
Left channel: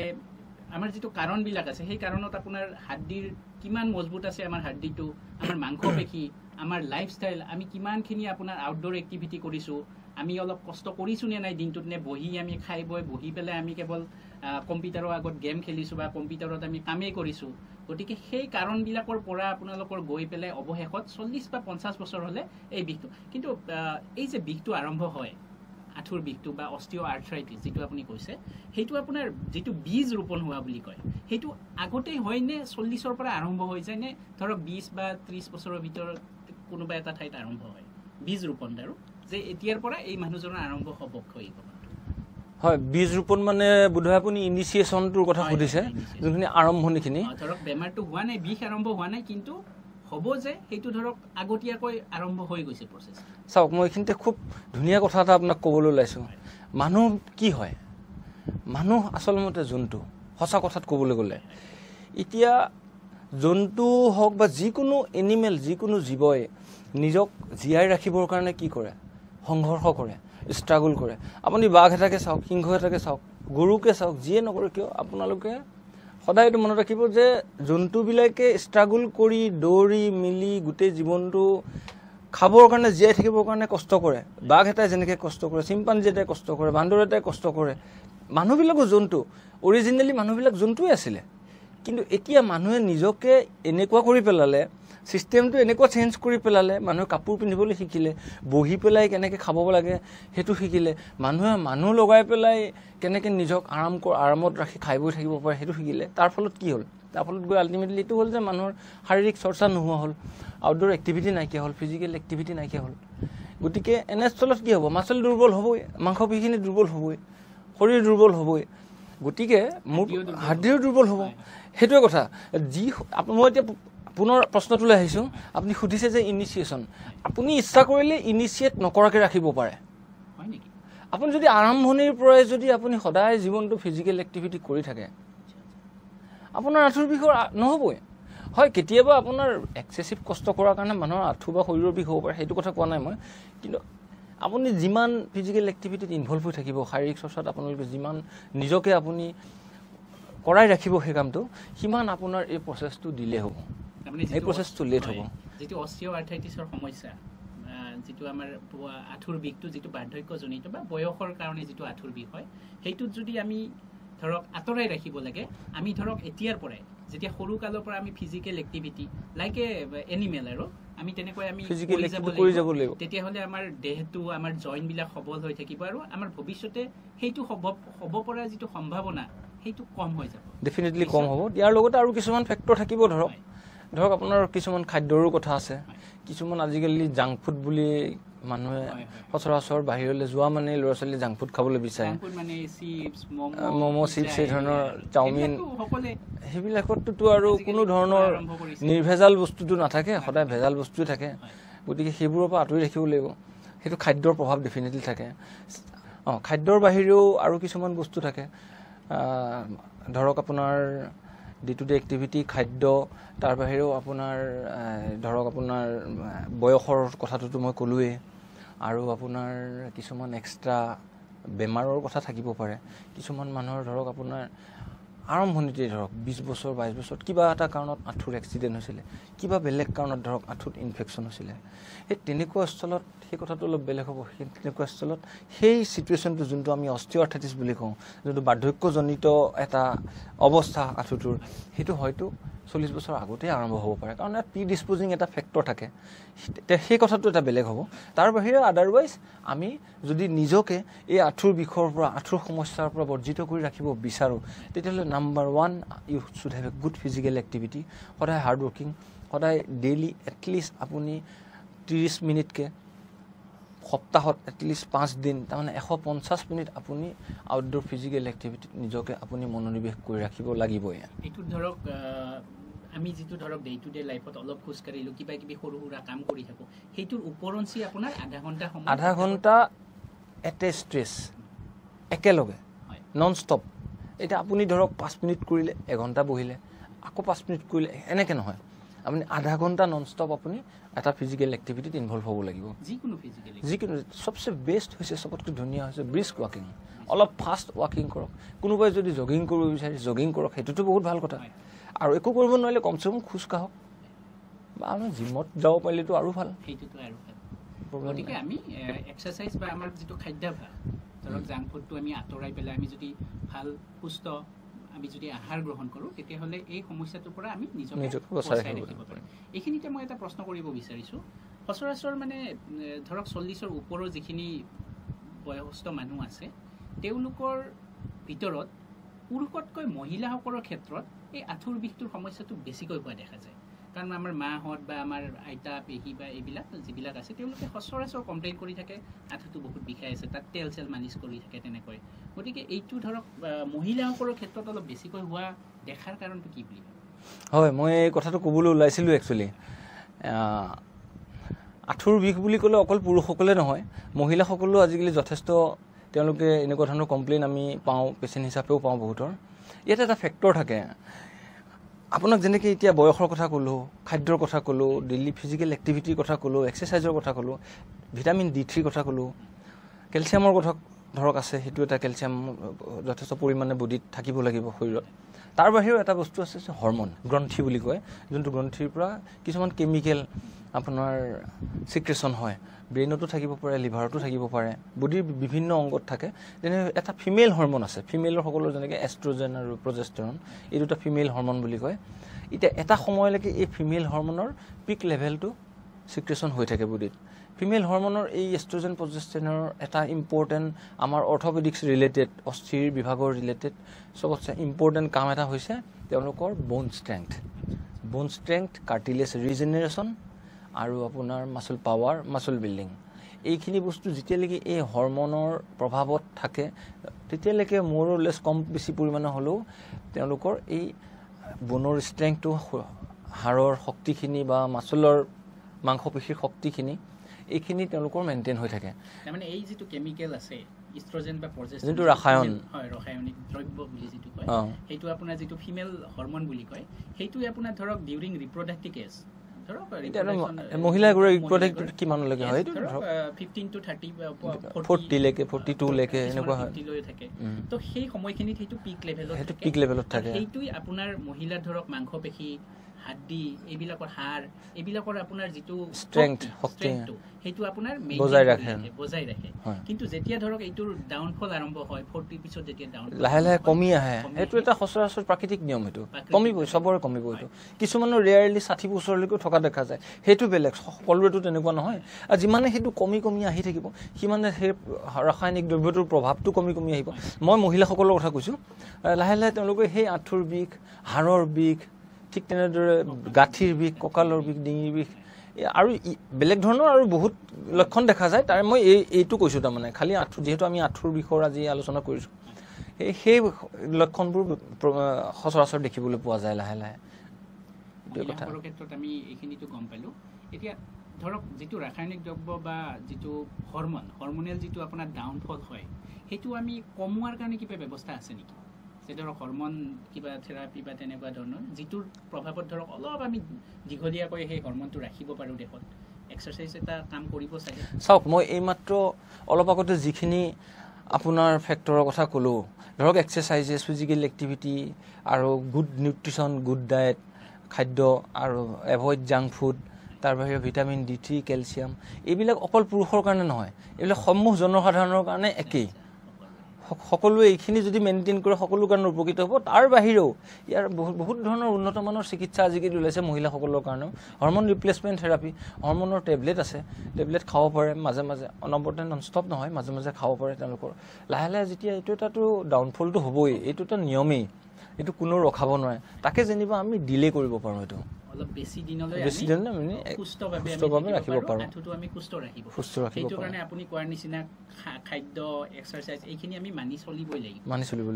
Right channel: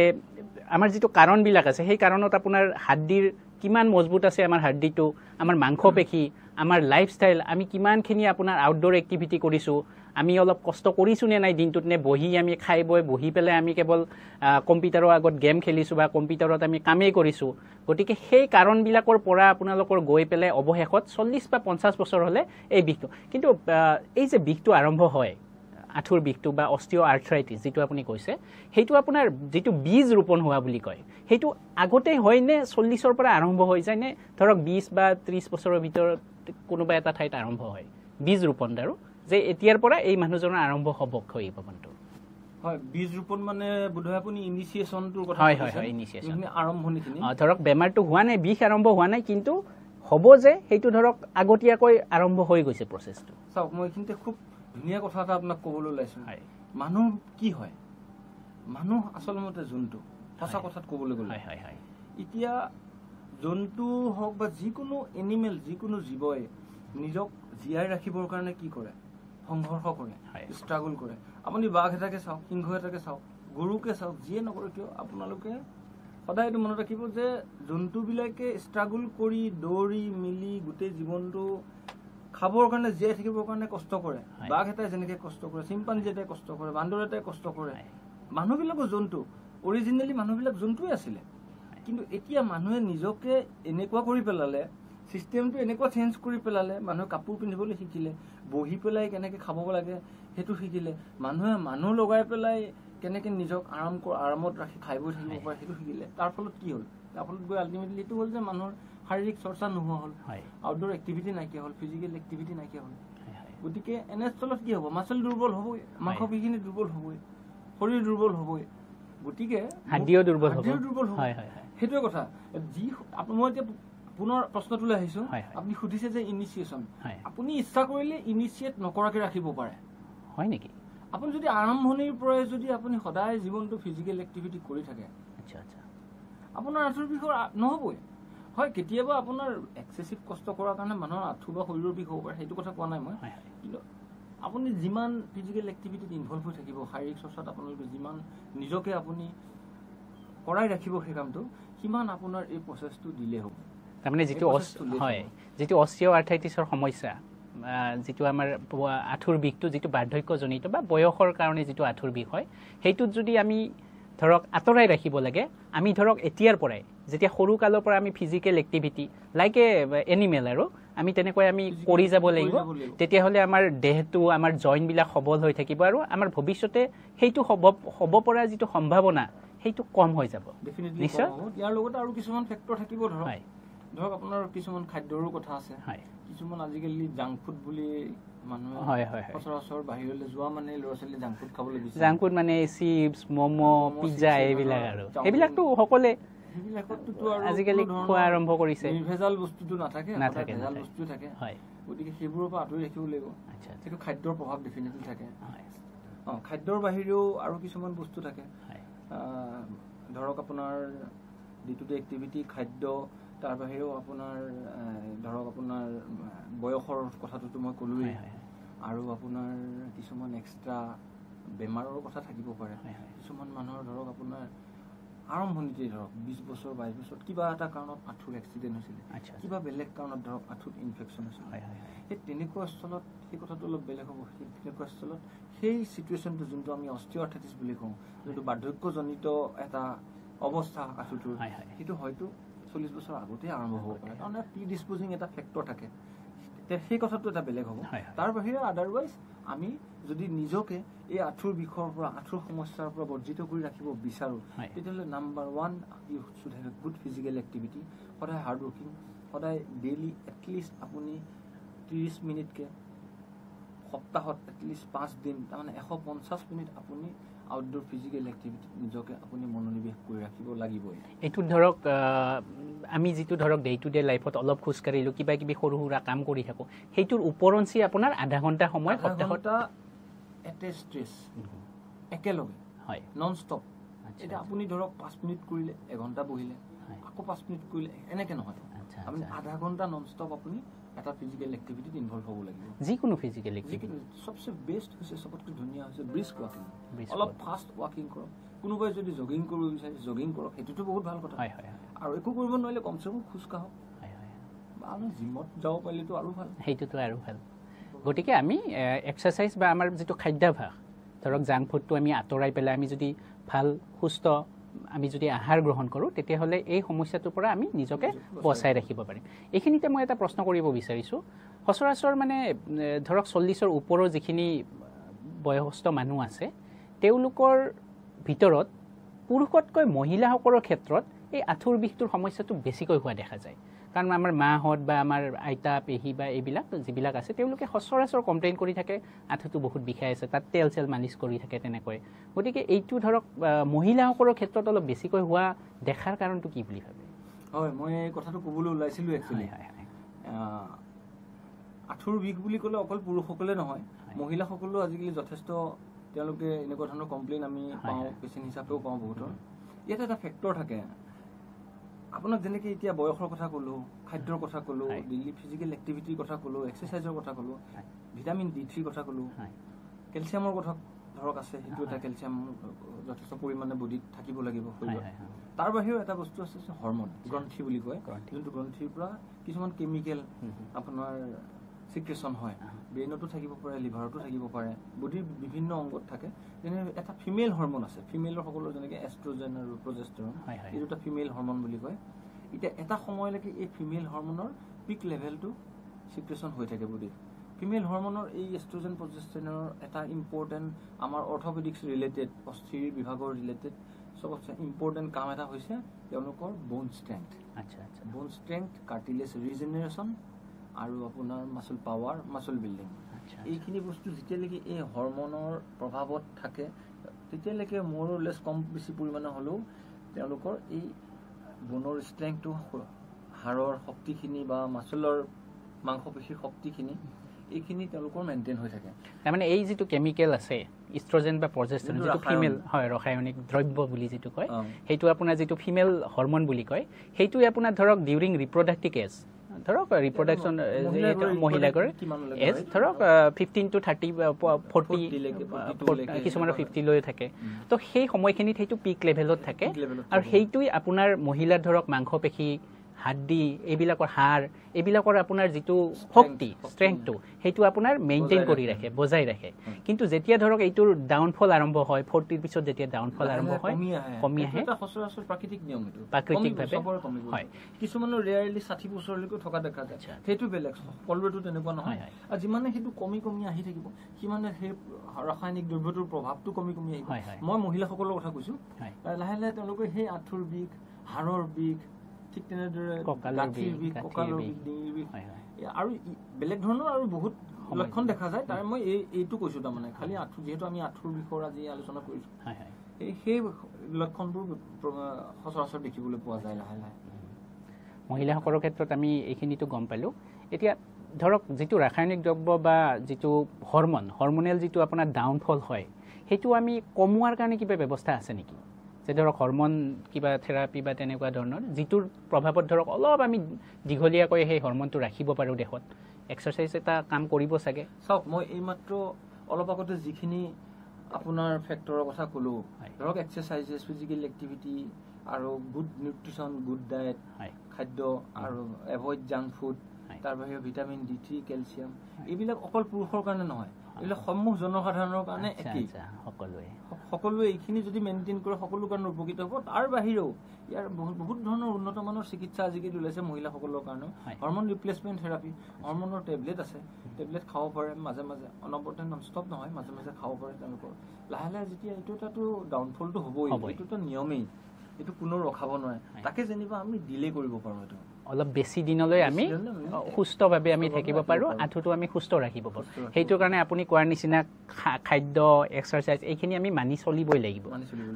আমাৰ যিটো কাৰণবিলাক আছে, সেই কাৰণত আপোনাৰ হাৰ্ডিৰ কিমান মজবুত আছে, আমাৰ হাৰ্ডিটো, আমাৰ মাংসপেশী, আমাৰ লাইফষ্টাইল, আমি কিমানখিনি আপোনাৰ আউটডোৰ এক্টিভিটি কৰিছোঁ, আমি অলপ কষ্ট কৰিছোঁ নে নাই দিনটোত, নে বহি আমি খাই বৈ বহি পেলাই আমি কেৱল কম্পিউটাৰৰ আগত গেম খেলিছোঁ বা কম্পিউটাৰত আমি কামেই কৰিছোঁ। গতিকে সেই কাৰণবিলাকৰ পৰা আপোনালোকৰ গৈ পেলাই অৱশেষত 40 বা 50 বছৰ হ'লে এই বিষটো, কিন্তু এই যে বিষটো আৰম্ভ হয় আঁঠুৰ বিষটো বা অস্টিঅ' আৰ্থ্ৰাইটিছ যিটো আপুনি কৈছে, সেইটো আপোনাৰ যিটো বীজ ৰোপণ হোৱা বুলি কয়, সেইটো আগতেই হয়নে 40ৰ পৰা আৰম্ভ হৈ যায়, নে ধৰক 20 বা 30 বছৰৰ ভিতৰত কোনোবা এটা ঠাইত আৰম্ভ হয় বীজ ৰোপণ আৰু যে এতিয়াৰ পৰা এই মানুহজনৰ আৰম্ভ হ'ব ক্ষয়ীভৱনটো? হয়, বীজ ৰোপণ মানে বোধহয় আপুনি ইনিচিয়েশ্যনটোৰ কথা সুধিছে, যোনখিনি আৰম্ভণিখিনি। ধৰক বেমাৰটো হোৱা নাই, বিষ আৰম্ভ হোৱা নাই, কিন্তু হ'ব যে সেইটো ধৰক আগতীয়াকৈ আৰম্ভ হৈ গৈছে প্ৰচেছটো। চাওক, মই এইখিনিতে খুব ধুনীয়া কথা এটা আপোনাক ক'বলৈ ওলাইছোঁ। মানুহ কি হয়? মানুহ আচলমতে জন্তু, সঁচা কথাত ক'বলৈ গ'লে। এতিয়া জন্তু হওক বা যিকোনো এনিমেল, যিকোনো জীৱই নিজক জীয়াই ৰাখিবৰ কাৰণে কি কৰে? সংঘৰ্ষ কৰে, ষ্ট্ৰাগল কৰে। আপুনি বাঘ এটাকে চাওক, সিংহ এটাকে চাওক, গৰুকে চাওক, যিয়ে নকৰে কিয় আপোনালোকে সদায় এইটো মনত ৰাখিব যে জন্তুবিলাকে ষ্ট্ৰাগল কৰি দৌৰি মিলি গোটেই জীৱনটো খাবৰ কাৰণে, জীয়াই থাকিবৰ কাৰণে কষ্ট কৰে। বাঘ এটাই যেনেকৈ কষ্ট কৰে, চিম্পাঞ্জী এটাই কষ্ট কৰে, বান্দৰ এটাই কষ্ট কৰে। মানুহবিলাকো জন্তু, অৰিজিনেলি মানুহবিলাক জন্তুৱে আছিলে। কিন্তু এতিয়া মানুহে নিজকে এনেকুৱা কৰি পেলালে, চিষ্টেমটো এনেকুৱা চেঞ্জ কৰি পেলালে, মানুহে কাপোৰ পিন্ধিবলৈ শিকিলে, বহি পেলাই কেনেকৈ খাব লাগে সেইটো শিকিলে, মানুহে মানুহ লগাই পেলাই কেনেকৈ নিজক আৰামত ৰাখি খাই বৈ থাকিব পাৰে সেইটো শিকিলে। তাৰ ফলত কি হ'ল? তাৰ ফলত গৈ আল্টিমেটলি এইটো হ'ল যে মানুহৰ শাৰীৰিক চৰ্চা নোহোৱা হ'ল, আউটডোৰ এক্টিভিটি নাইকিয়া হ'ল, ফিজিকেল এক্টিভিটি নাইকিয়া হ'ল। গতিকে এনেস্থলত কি হ'ব? মাচল দুৰ্বল হ'বই, মাংসপেশীখিনি দুৰ্বল হ'বই, শৰীৰ দুৰ্বল হ'বই, গতিকে হাৰ্ডিও দুৰ্বল হ'ব। সেইটোৱে কথা। মই এতিয়া পুনৰ প্ৰশ্নটোলৈ আহিছোঁ। আপুনি সুধিছে যে ইনিচিয়েশ্যন, আপুনি ইচ্ছা কৰিলে ইনিচিয়েট নকৰাকৈ ৰাখিব পাৰে, হয় নেকি? আপুনি যদি আৰম্ভণিৰ পৰাই যদি আপুনি সদায় জীৱনটো ফিজিকেল এক্টিভিটি কৰি থাকে, আপোনাৰ আঁঠুৰ বিষ নহ'বই। হয়, কেতিয়াবা আপোনাৰ এক্সেচিভ কষ্ট কৰাৰ কাৰণে মানুহৰ আঁঠু বা শৰীৰৰ বিষ হ'ব পাৰে, সেইটো কথা কোৱা নাই মই। কিন্তু আপুনি যিমান ফিজিকেল এক্টিভিটিত ইনভলভ হৈ থাকিব, শাৰীৰিক চৰ্চাত আপোনালোকে যিমান নিজকে আপুনি কৰাই ৰাখিব সেই কামটো, সিমান আপোনাৰ এই প্ৰচেছটো দিলে হ'ব। তাৰমানে যিটো অস্টিঅ' আৰ্থ্ৰাইটিছৰ সমস্যা, যিটো আমাৰ আঁঠুৰ বিষটো যিটো বাৰ্ধক্যজনিত বা বয়সৰ কাৰণে যিটো আঁঠুৰ বিষ হয়, সেইটোত যদি আমি ধৰক আঁতৰাই ৰাখিব লাগে, আমি ধৰক এতিয়াৰ পৰাই যেতিয়া সৰু কালৰ পৰা আমি physical activity like a animal আৰু আমি তেনেকৈ আমি কৰি যাব লাগিব, তেতিয়াহ'লে আমাৰ দেহটো, আমাৰ জইণ্টবিলাক সবল হৈ থাকিব আৰু আমাৰ ভৱিষ্যতে সেইটো হ'ব পৰা যিটো সম্ভাৱনা সেইটো কম হৈ যাব, ডেফিনেটলি কম হ'ব। ইয়াৰ লগতে আৰু কিছুমান ফেক্টৰ থাকিব। ধৰক আপোনাৰ কিছুমান খাদ্যৰো কথা আছে। কিছুমান আজিকালি জাংক ফুড বুলি মানুহে সচৰাচৰ বাহিৰলৈ যোৱা মানে ল'ৰা ছোৱালী জাংক ফুড খাবলৈ বিচাৰে। জাংক ফুড মানে চিপছ, ম'ম', সেইবিলাকততো আৰু কোনো ধৰণৰ নিৰ্ভেজাল বস্তুটো নাথাকে, সদায় ভেজাল বস্তুৱে থাকে। গতিকে সেইবোৰৰ পৰা আঁতৰি ৰাখিব লাগিব। সেইটো খাদ্যৰ প্ৰভাৱ ডেফিনেটলি থাকে। খাদ্যৰ বাহিৰেও আৰু কিছুমান বস্তু থাকে, ধৰক আপোনাৰ ডে টু ডে এক্টিভিটি, খাদ্য, তাৰ বাহিৰেও আপোনাৰ ধৰক আপোনাৰ বয়সৰ কথাটোতো মই ক'লোৱেই, আৰু আপোনাৰ কিছুমান এক্সট্ৰা বেমাৰৰ কথা থাকিব পাৰে। কিছুমান মানুহৰ ধৰক আপোনাৰ আৰম্ভণিতে ধৰক 20 বছৰ 22 বছৰত কিবা এটা কাৰণত আঁঠুৰ এক্সিডেণ্ট হৈছিলে, কিবা বেলেগ কাৰণত ধৰক আঁঠুত ইনফেকশ্যন হৈছিলে, সেই তেনেকুৱা স্থলত সেই কথাটো অলপ বেলেগ হ'ব। সেই তেনেকুৱা স্থলত সেই চিটুৱেশ্যনটো যোনটো আমি অস্টিঅ' আৰ্থ্ৰাইটিছ বুলি কওঁ, যোনটো বাৰ্ধক্যজনিত এটা অৱস্থা আঁঠুটোৰ, সেইটো হয়তো 40 বছৰ আগতেই আৰম্ভ হ'ব পাৰে, কাৰণ ইয়াত প্ৰিডিছপ'জিং এটা ফেক্টৰ থাকে। সেই কথাটো এটা বেলেগ হ'ব। তাৰ বাহিৰে আদাৰৱাইজ আমি যদি নিজকে এই আঁঠুৰ বিষৰ পৰা, আঁঠুৰ সমস্যাৰ পৰা বৰ্জিত কৰি ৰাখিব বিচাৰোঁ, তেতিয়াহ'লে number 1 you should have a good physical activity. সদায় হাৰ্ড ৱৰ্কিং, সদায় ডেইলি এটলিষ্ট আপুনি 30 মিনিটকৈ, সপ্তাহত এটলিষ্ট 5 দিন, তাৰমানে 150 মিনিট আপুনি আউটডোৰ ফিজিকেল এক্টিভিটিত নিজকে আপুনি মনোনিৱেশ কৰি ৰাখিব লাগিবই। এইটো ধৰক আমি যিটো ধৰক ডে টু ডে লাইফত অলপ খোজকাঢ়িলোঁ, কিবা কিবি সৰু সুৰা কাম কৰি থাকোঁ, সেইটোৰ ওপৰঞ্চি আপোনাৰ আধা ঘণ্টা সময়, আধা ঘণ্টা এট এ ষ্ট্ৰেছ একেলগে, নন ষ্টপ। এতিয়া আপুনি ধৰক 5 মিনিট কৰিলে, এঘণ্টা বহিলে, আকৌ 5 মিনিট কৰিলে, এনেকৈ নহয়। আপুনি আধা ঘণ্টা নন ষ্টপ আপুনি এটা ফিজিকেল এক্টিভিটিত ইনভলভ হ'ব লাগিব। যিকোনো ফিজিকেল, যিকোনো চবচে বেষ্ট হৈছে, চবতকৈ ধুনীয়া হৈছে ব্ৰিস্ক ৱাকিং। অলপ ফাষ্ট ৱাকিং কৰক। কোনোবাই যদি জগিং কৰিব বিচাৰে জগিং কৰক, সেইটোতো বহুত ভাল কথা। আৰু একো কৰিব নোৱাৰিলে কমচে কম খোজ কাঢ়ক, বা আমি জিমত যাব পাৰিলেতো আৰু ভাল। সেইটোতো আৰু ভাল। গতিকে আমি এক্সাৰচাইজ বা আমাৰ যিটো খাদ্যাভ্যাস ধৰক জাংক ফুডটো আমি আঁতৰাই পেলাই আমি যদি ভাল সুস্থ আমি যদি আহাৰ গ্ৰহণ কৰোঁ তেতিয়াহ'লে এই সমস্যাটোৰ পৰা আমি নিজকে বচাই ৰাখিব পাৰিম এইখিনিতে মই এটা প্ৰশ্ন কৰিব বিচাৰিছোঁ সচৰাচৰ মানে ধৰক 40ৰ ওপৰৰ যিখিনি বয়সস্থ মানুহ আছে তেওঁলোকৰ ভিতৰত পুৰুষতকৈ মহিলাসকলৰ ক্ষেত্ৰত এই আঁঠুৰ বিষটোৰ সমস্যাটো বেছিকৈ হোৱা দেখা যায় কাৰণ আমাৰ মাহঁত বা আমাৰ আইতা পেহী বা এইবিলাক যিবিলাক আছে তেওঁলোকে সচৰাচৰ কমপ্লেইন কৰি থাকে আঁঠুটো বহুত বিষাই আছে তাত তেল চেল মালিচ কৰি থাকে তেনেকৈ গতিকে এইটো ধৰক মহিলাসকলৰ ক্ষেত্ৰত অলপ বেছিকৈ হোৱা দেখাৰ কাৰণটো কি বুলি ভাবে হয় মই এই কথাটো ক'বলৈ ওলাইছিলোঁ একচুৱেলি আঁঠুৰ বিষ বুলি ক'লে অকল পুৰুষসকলে নহয় মহিলাসকলেও আজিকালি যথেষ্ট তেওঁলোকে এনেকুৱা ধৰণৰ কমপ্লেইন আমি পাওঁ পেচেণ্ট হিচাপেও পাওঁ বহুতৰ ইয়াতে এটা ফেক্টৰ থাকে আপোনাক যেনেকৈ এতিয়া বয়সৰ কথা ক'লোঁ খাদ্যৰ কথা ক'লোঁ ডেইলি ফিজিকেল এক্টিভিটিৰ কথা ক'লোঁ এক্সাৰচাইজৰ কথা ক'লোঁ ভিটামিন D3 কথা ক'লোঁ কেলছিয়ামৰ কথা ধৰক আছে সেইটো এটা কেলছিয়াম যথেষ্ট পৰিমাণে বডিত থাকিব লাগিব শৰীৰত তাৰ বাহিৰেও এটা বস্তু আছে হৰমন গ্ৰন্থি বুলি কয় যোনটো গ্ৰন্থিৰ পৰা কিছুমান কেমিকেল আপোনাৰ চিক্ৰেশ্যন হয় ব্ৰেইনতো থাকিব পাৰে লিভাৰতো থাকিব পাৰে বডিৰ বিভিন্ন অংগত থাকে যেনে এটা ফিমেল হৰমন আছে ফিমেলৰ সকলো যেনেকৈ এষ্ট্ৰজেন আৰু প্ৰজেষ্টেৰন এই দুটা ফিমেল হৰমন বুলি কয় এতিয়া এটা সময়লৈকে এই ফিমেল হৰমনৰ পিক লেভেলটো চিক্ৰেশ্যন হৈ থাকে বডিত ফিমেল হৰমনৰ এই এষ্ট্ৰজেন প্ৰজেষ্টেৰনৰ এটা ইম্পৰ্টেণ্ট আমাৰ অৰ্থপেডিক্স ৰিলেটেড অস্থিৰ বিভাগৰ ৰিলেটেড চবতছে ইম্পৰ্টেণ্ট কাম এটা হৈছে তেওঁলোকৰ বোন ষ্ট্ৰেংথ কাৰ্টিলেজ ৰিজেনেৰেশ্যন আৰু আপোনাৰ মাছল পাৱাৰ মাছল বিল্ডিং এইখিনি বস্তু যেতিয়ালৈকে এই হৰমনৰ প্ৰভাৱত থাকে তেতিয়ালৈকে মোৰলেছ কম বেছি পৰিমাণে হ'লেও তেওঁলোকৰ এই বনৰ ষ্ট্ৰেংথটো হাড়ৰ শক্তিখিনি বা মাছলৰ মাংসপেশীৰ শক্তিখিনি এইখিনি তেওঁলোকৰ মেইনটেইন হৈ থাকে তাৰমানে এই যিটো কেমিকেল আছে ইষ্ট্ৰজেন বা প্ৰজেষ্টেৰন যিটো ৰাসায়নিক হয় ৰাসায়নিক দ্ৰব্য বুলি যিটো কয় সেইটো আপোনাৰ যিটো ফিমেল হৰমন বুলি কয় সেইটোৱে আপোনাৰ ধৰক ডিউৰিং ৰিপ্ৰডাক্টিভ এজ ধৰক ৰিপ্ৰডাকচন মহিলাগৰাকী কিমানলৈকে হয় ধৰক 15 to 30 40 লৈকে 42 লৈকে কিছুমানৰ 50 লৈ থাকে তো সেই সময়খিনিত সেইটো পিক লেভেলত থাকে আৰু সেইটোই আপোনাৰ মহিলাৰ ধৰক মাংসপেশী হাড্ডি এইবিলাকৰ হাড় এইবিলাকৰ আপোনাৰ যিটো ষ্ট্ৰেংথটো সেইটো আপোনাৰ মেইনটেইন কৰি ৰাখে বজাই ৰাখে কিন্তু যেতিয়া ধৰক এইটোৰ ডাউনফল আৰম্ভ হয় 40 ৰ পিছত যেতিয়া ডাউনফল লাহে লাহে কমি আহে সেইটো এটা সচৰাচৰ প্ৰাকৃতিক নিয়ম এইটো কমিব সবৰে কমিব কিছুমানৰ ৰেয়াৰলি 60 বছৰলৈকে থকা দেখা যায় সেইটো বেলেগ সকলোৰেতো তেনেকুৱা নহয় আৰু যিমানে সেইটো কমি কমি আহি থাকিব সিমানে সেই ৰাসায়নিক দ্ৰব্যটোৰ প্ৰভাৱটো কমি কমি আহিব মই মহিলাসকলৰ কথা কৈছোঁ লাহে লাহে তেওঁলোকে সেই আঁঠুৰ বিষ হাড়ৰ বিষ ঠিক তেনেদৰে গাঁঠিৰ বিষ কঁকালৰ বিষ ডিঙিৰ বিষ আৰু বেলেগ ধৰণৰ আৰু বহুত লক্ষণ দেখা যায় তাৰে মই এইটো কৈছোঁ তাৰমানে খালি আঁঠু যিহেতু আমি আঁঠুৰ বিষয়ৰ আজি আলোচনা কৰিছোঁ সেই লক্ষণবোৰ সচৰাচৰ দেখিবলৈ পোৱা যায় লাহে লাহে মহিলাসকলৰ ক্ষেত্ৰত আমি এইখিনিতো গম পালোঁ এতিয়া ধৰক যিটো ৰাসায়নিক দ্ৰব্য বা যিটো হৰমনেল যিটো আপোনাৰ ডাউনফল হয় সেইটো আমি কমোৱাৰ কাৰণে কিবা ব্যৱস্থা আছে নেকি যে ধৰক হৰমন কিবা থেৰাপি বা তেনেকুৱা ধৰণৰ যিটোৰ প্ৰভাৱত ধৰক অলপ আমি দীঘলীয়াকৈ সেই হৰমনটো ৰাখিব পাৰোঁ দেহত এক্সাৰচাইজ এটা কাম কৰিব চাগে চাওক মই এইমাত্ৰ অলপ আগতে যিখিনি আপোনাৰ ফেক্টৰৰ কথা ক'লোঁ ধৰক এক্সাৰচাইজেছ ফিজিকেল এক্টিভিটি আৰু গুড নিউট্ৰিশ্যন গুড ডায়েট খাদ্য আৰু এভইড জাংক ফুড তাৰ বাহিৰে ভিটামিন D3 কেলছিয়াম এইবিলাক অকল পুৰুষৰ কাৰণে নহয় এইবিলাক সমূহ জনসাধাৰণৰ কাৰণে একেই সকলোৱে এইখিনি যদি মেইনটেইন কৰে সকলো কাৰণে উপকৃত হ'ব তাৰ বাহিৰেও ইয়াৰ বহুত ধৰণৰ উন্নত মানৰ চিকিৎসা আজিকালি ওলাইছে মহিলাসকলৰ কাৰণেও হৰমন ৰিপ্লেচমেণ্ট থেৰাপি হৰমনৰ টেবলেট আছে টেবলেট খাব পাৰে মাজে মাজে অনবৰতে নন ষ্টপ নহয় মাজে মাজে খাব পাৰে তেওঁলোকৰ লাহে লাহে যেতিয়া এইটো এটাতো ডাউনফলটো হ'বই এইটো এটা নিয়মেই এইটো কোনো ৰখাব নোৱাৰে তাকে যেনিবা আমি ডিলে কৰিব পাৰোঁ এইটো অলপ বেছি দিনলৈ আমি সুস্থভাৱে আমি থাকিব পাৰোঁ আঁঠুটো আমি সুস্থ ৰাখিব সেইটো কাৰণে আপুনি কোৱাৰ নিচিনা খাদ্য এক্সাৰচাইজ এইখিনি আমি মানি চলিবই লাগিব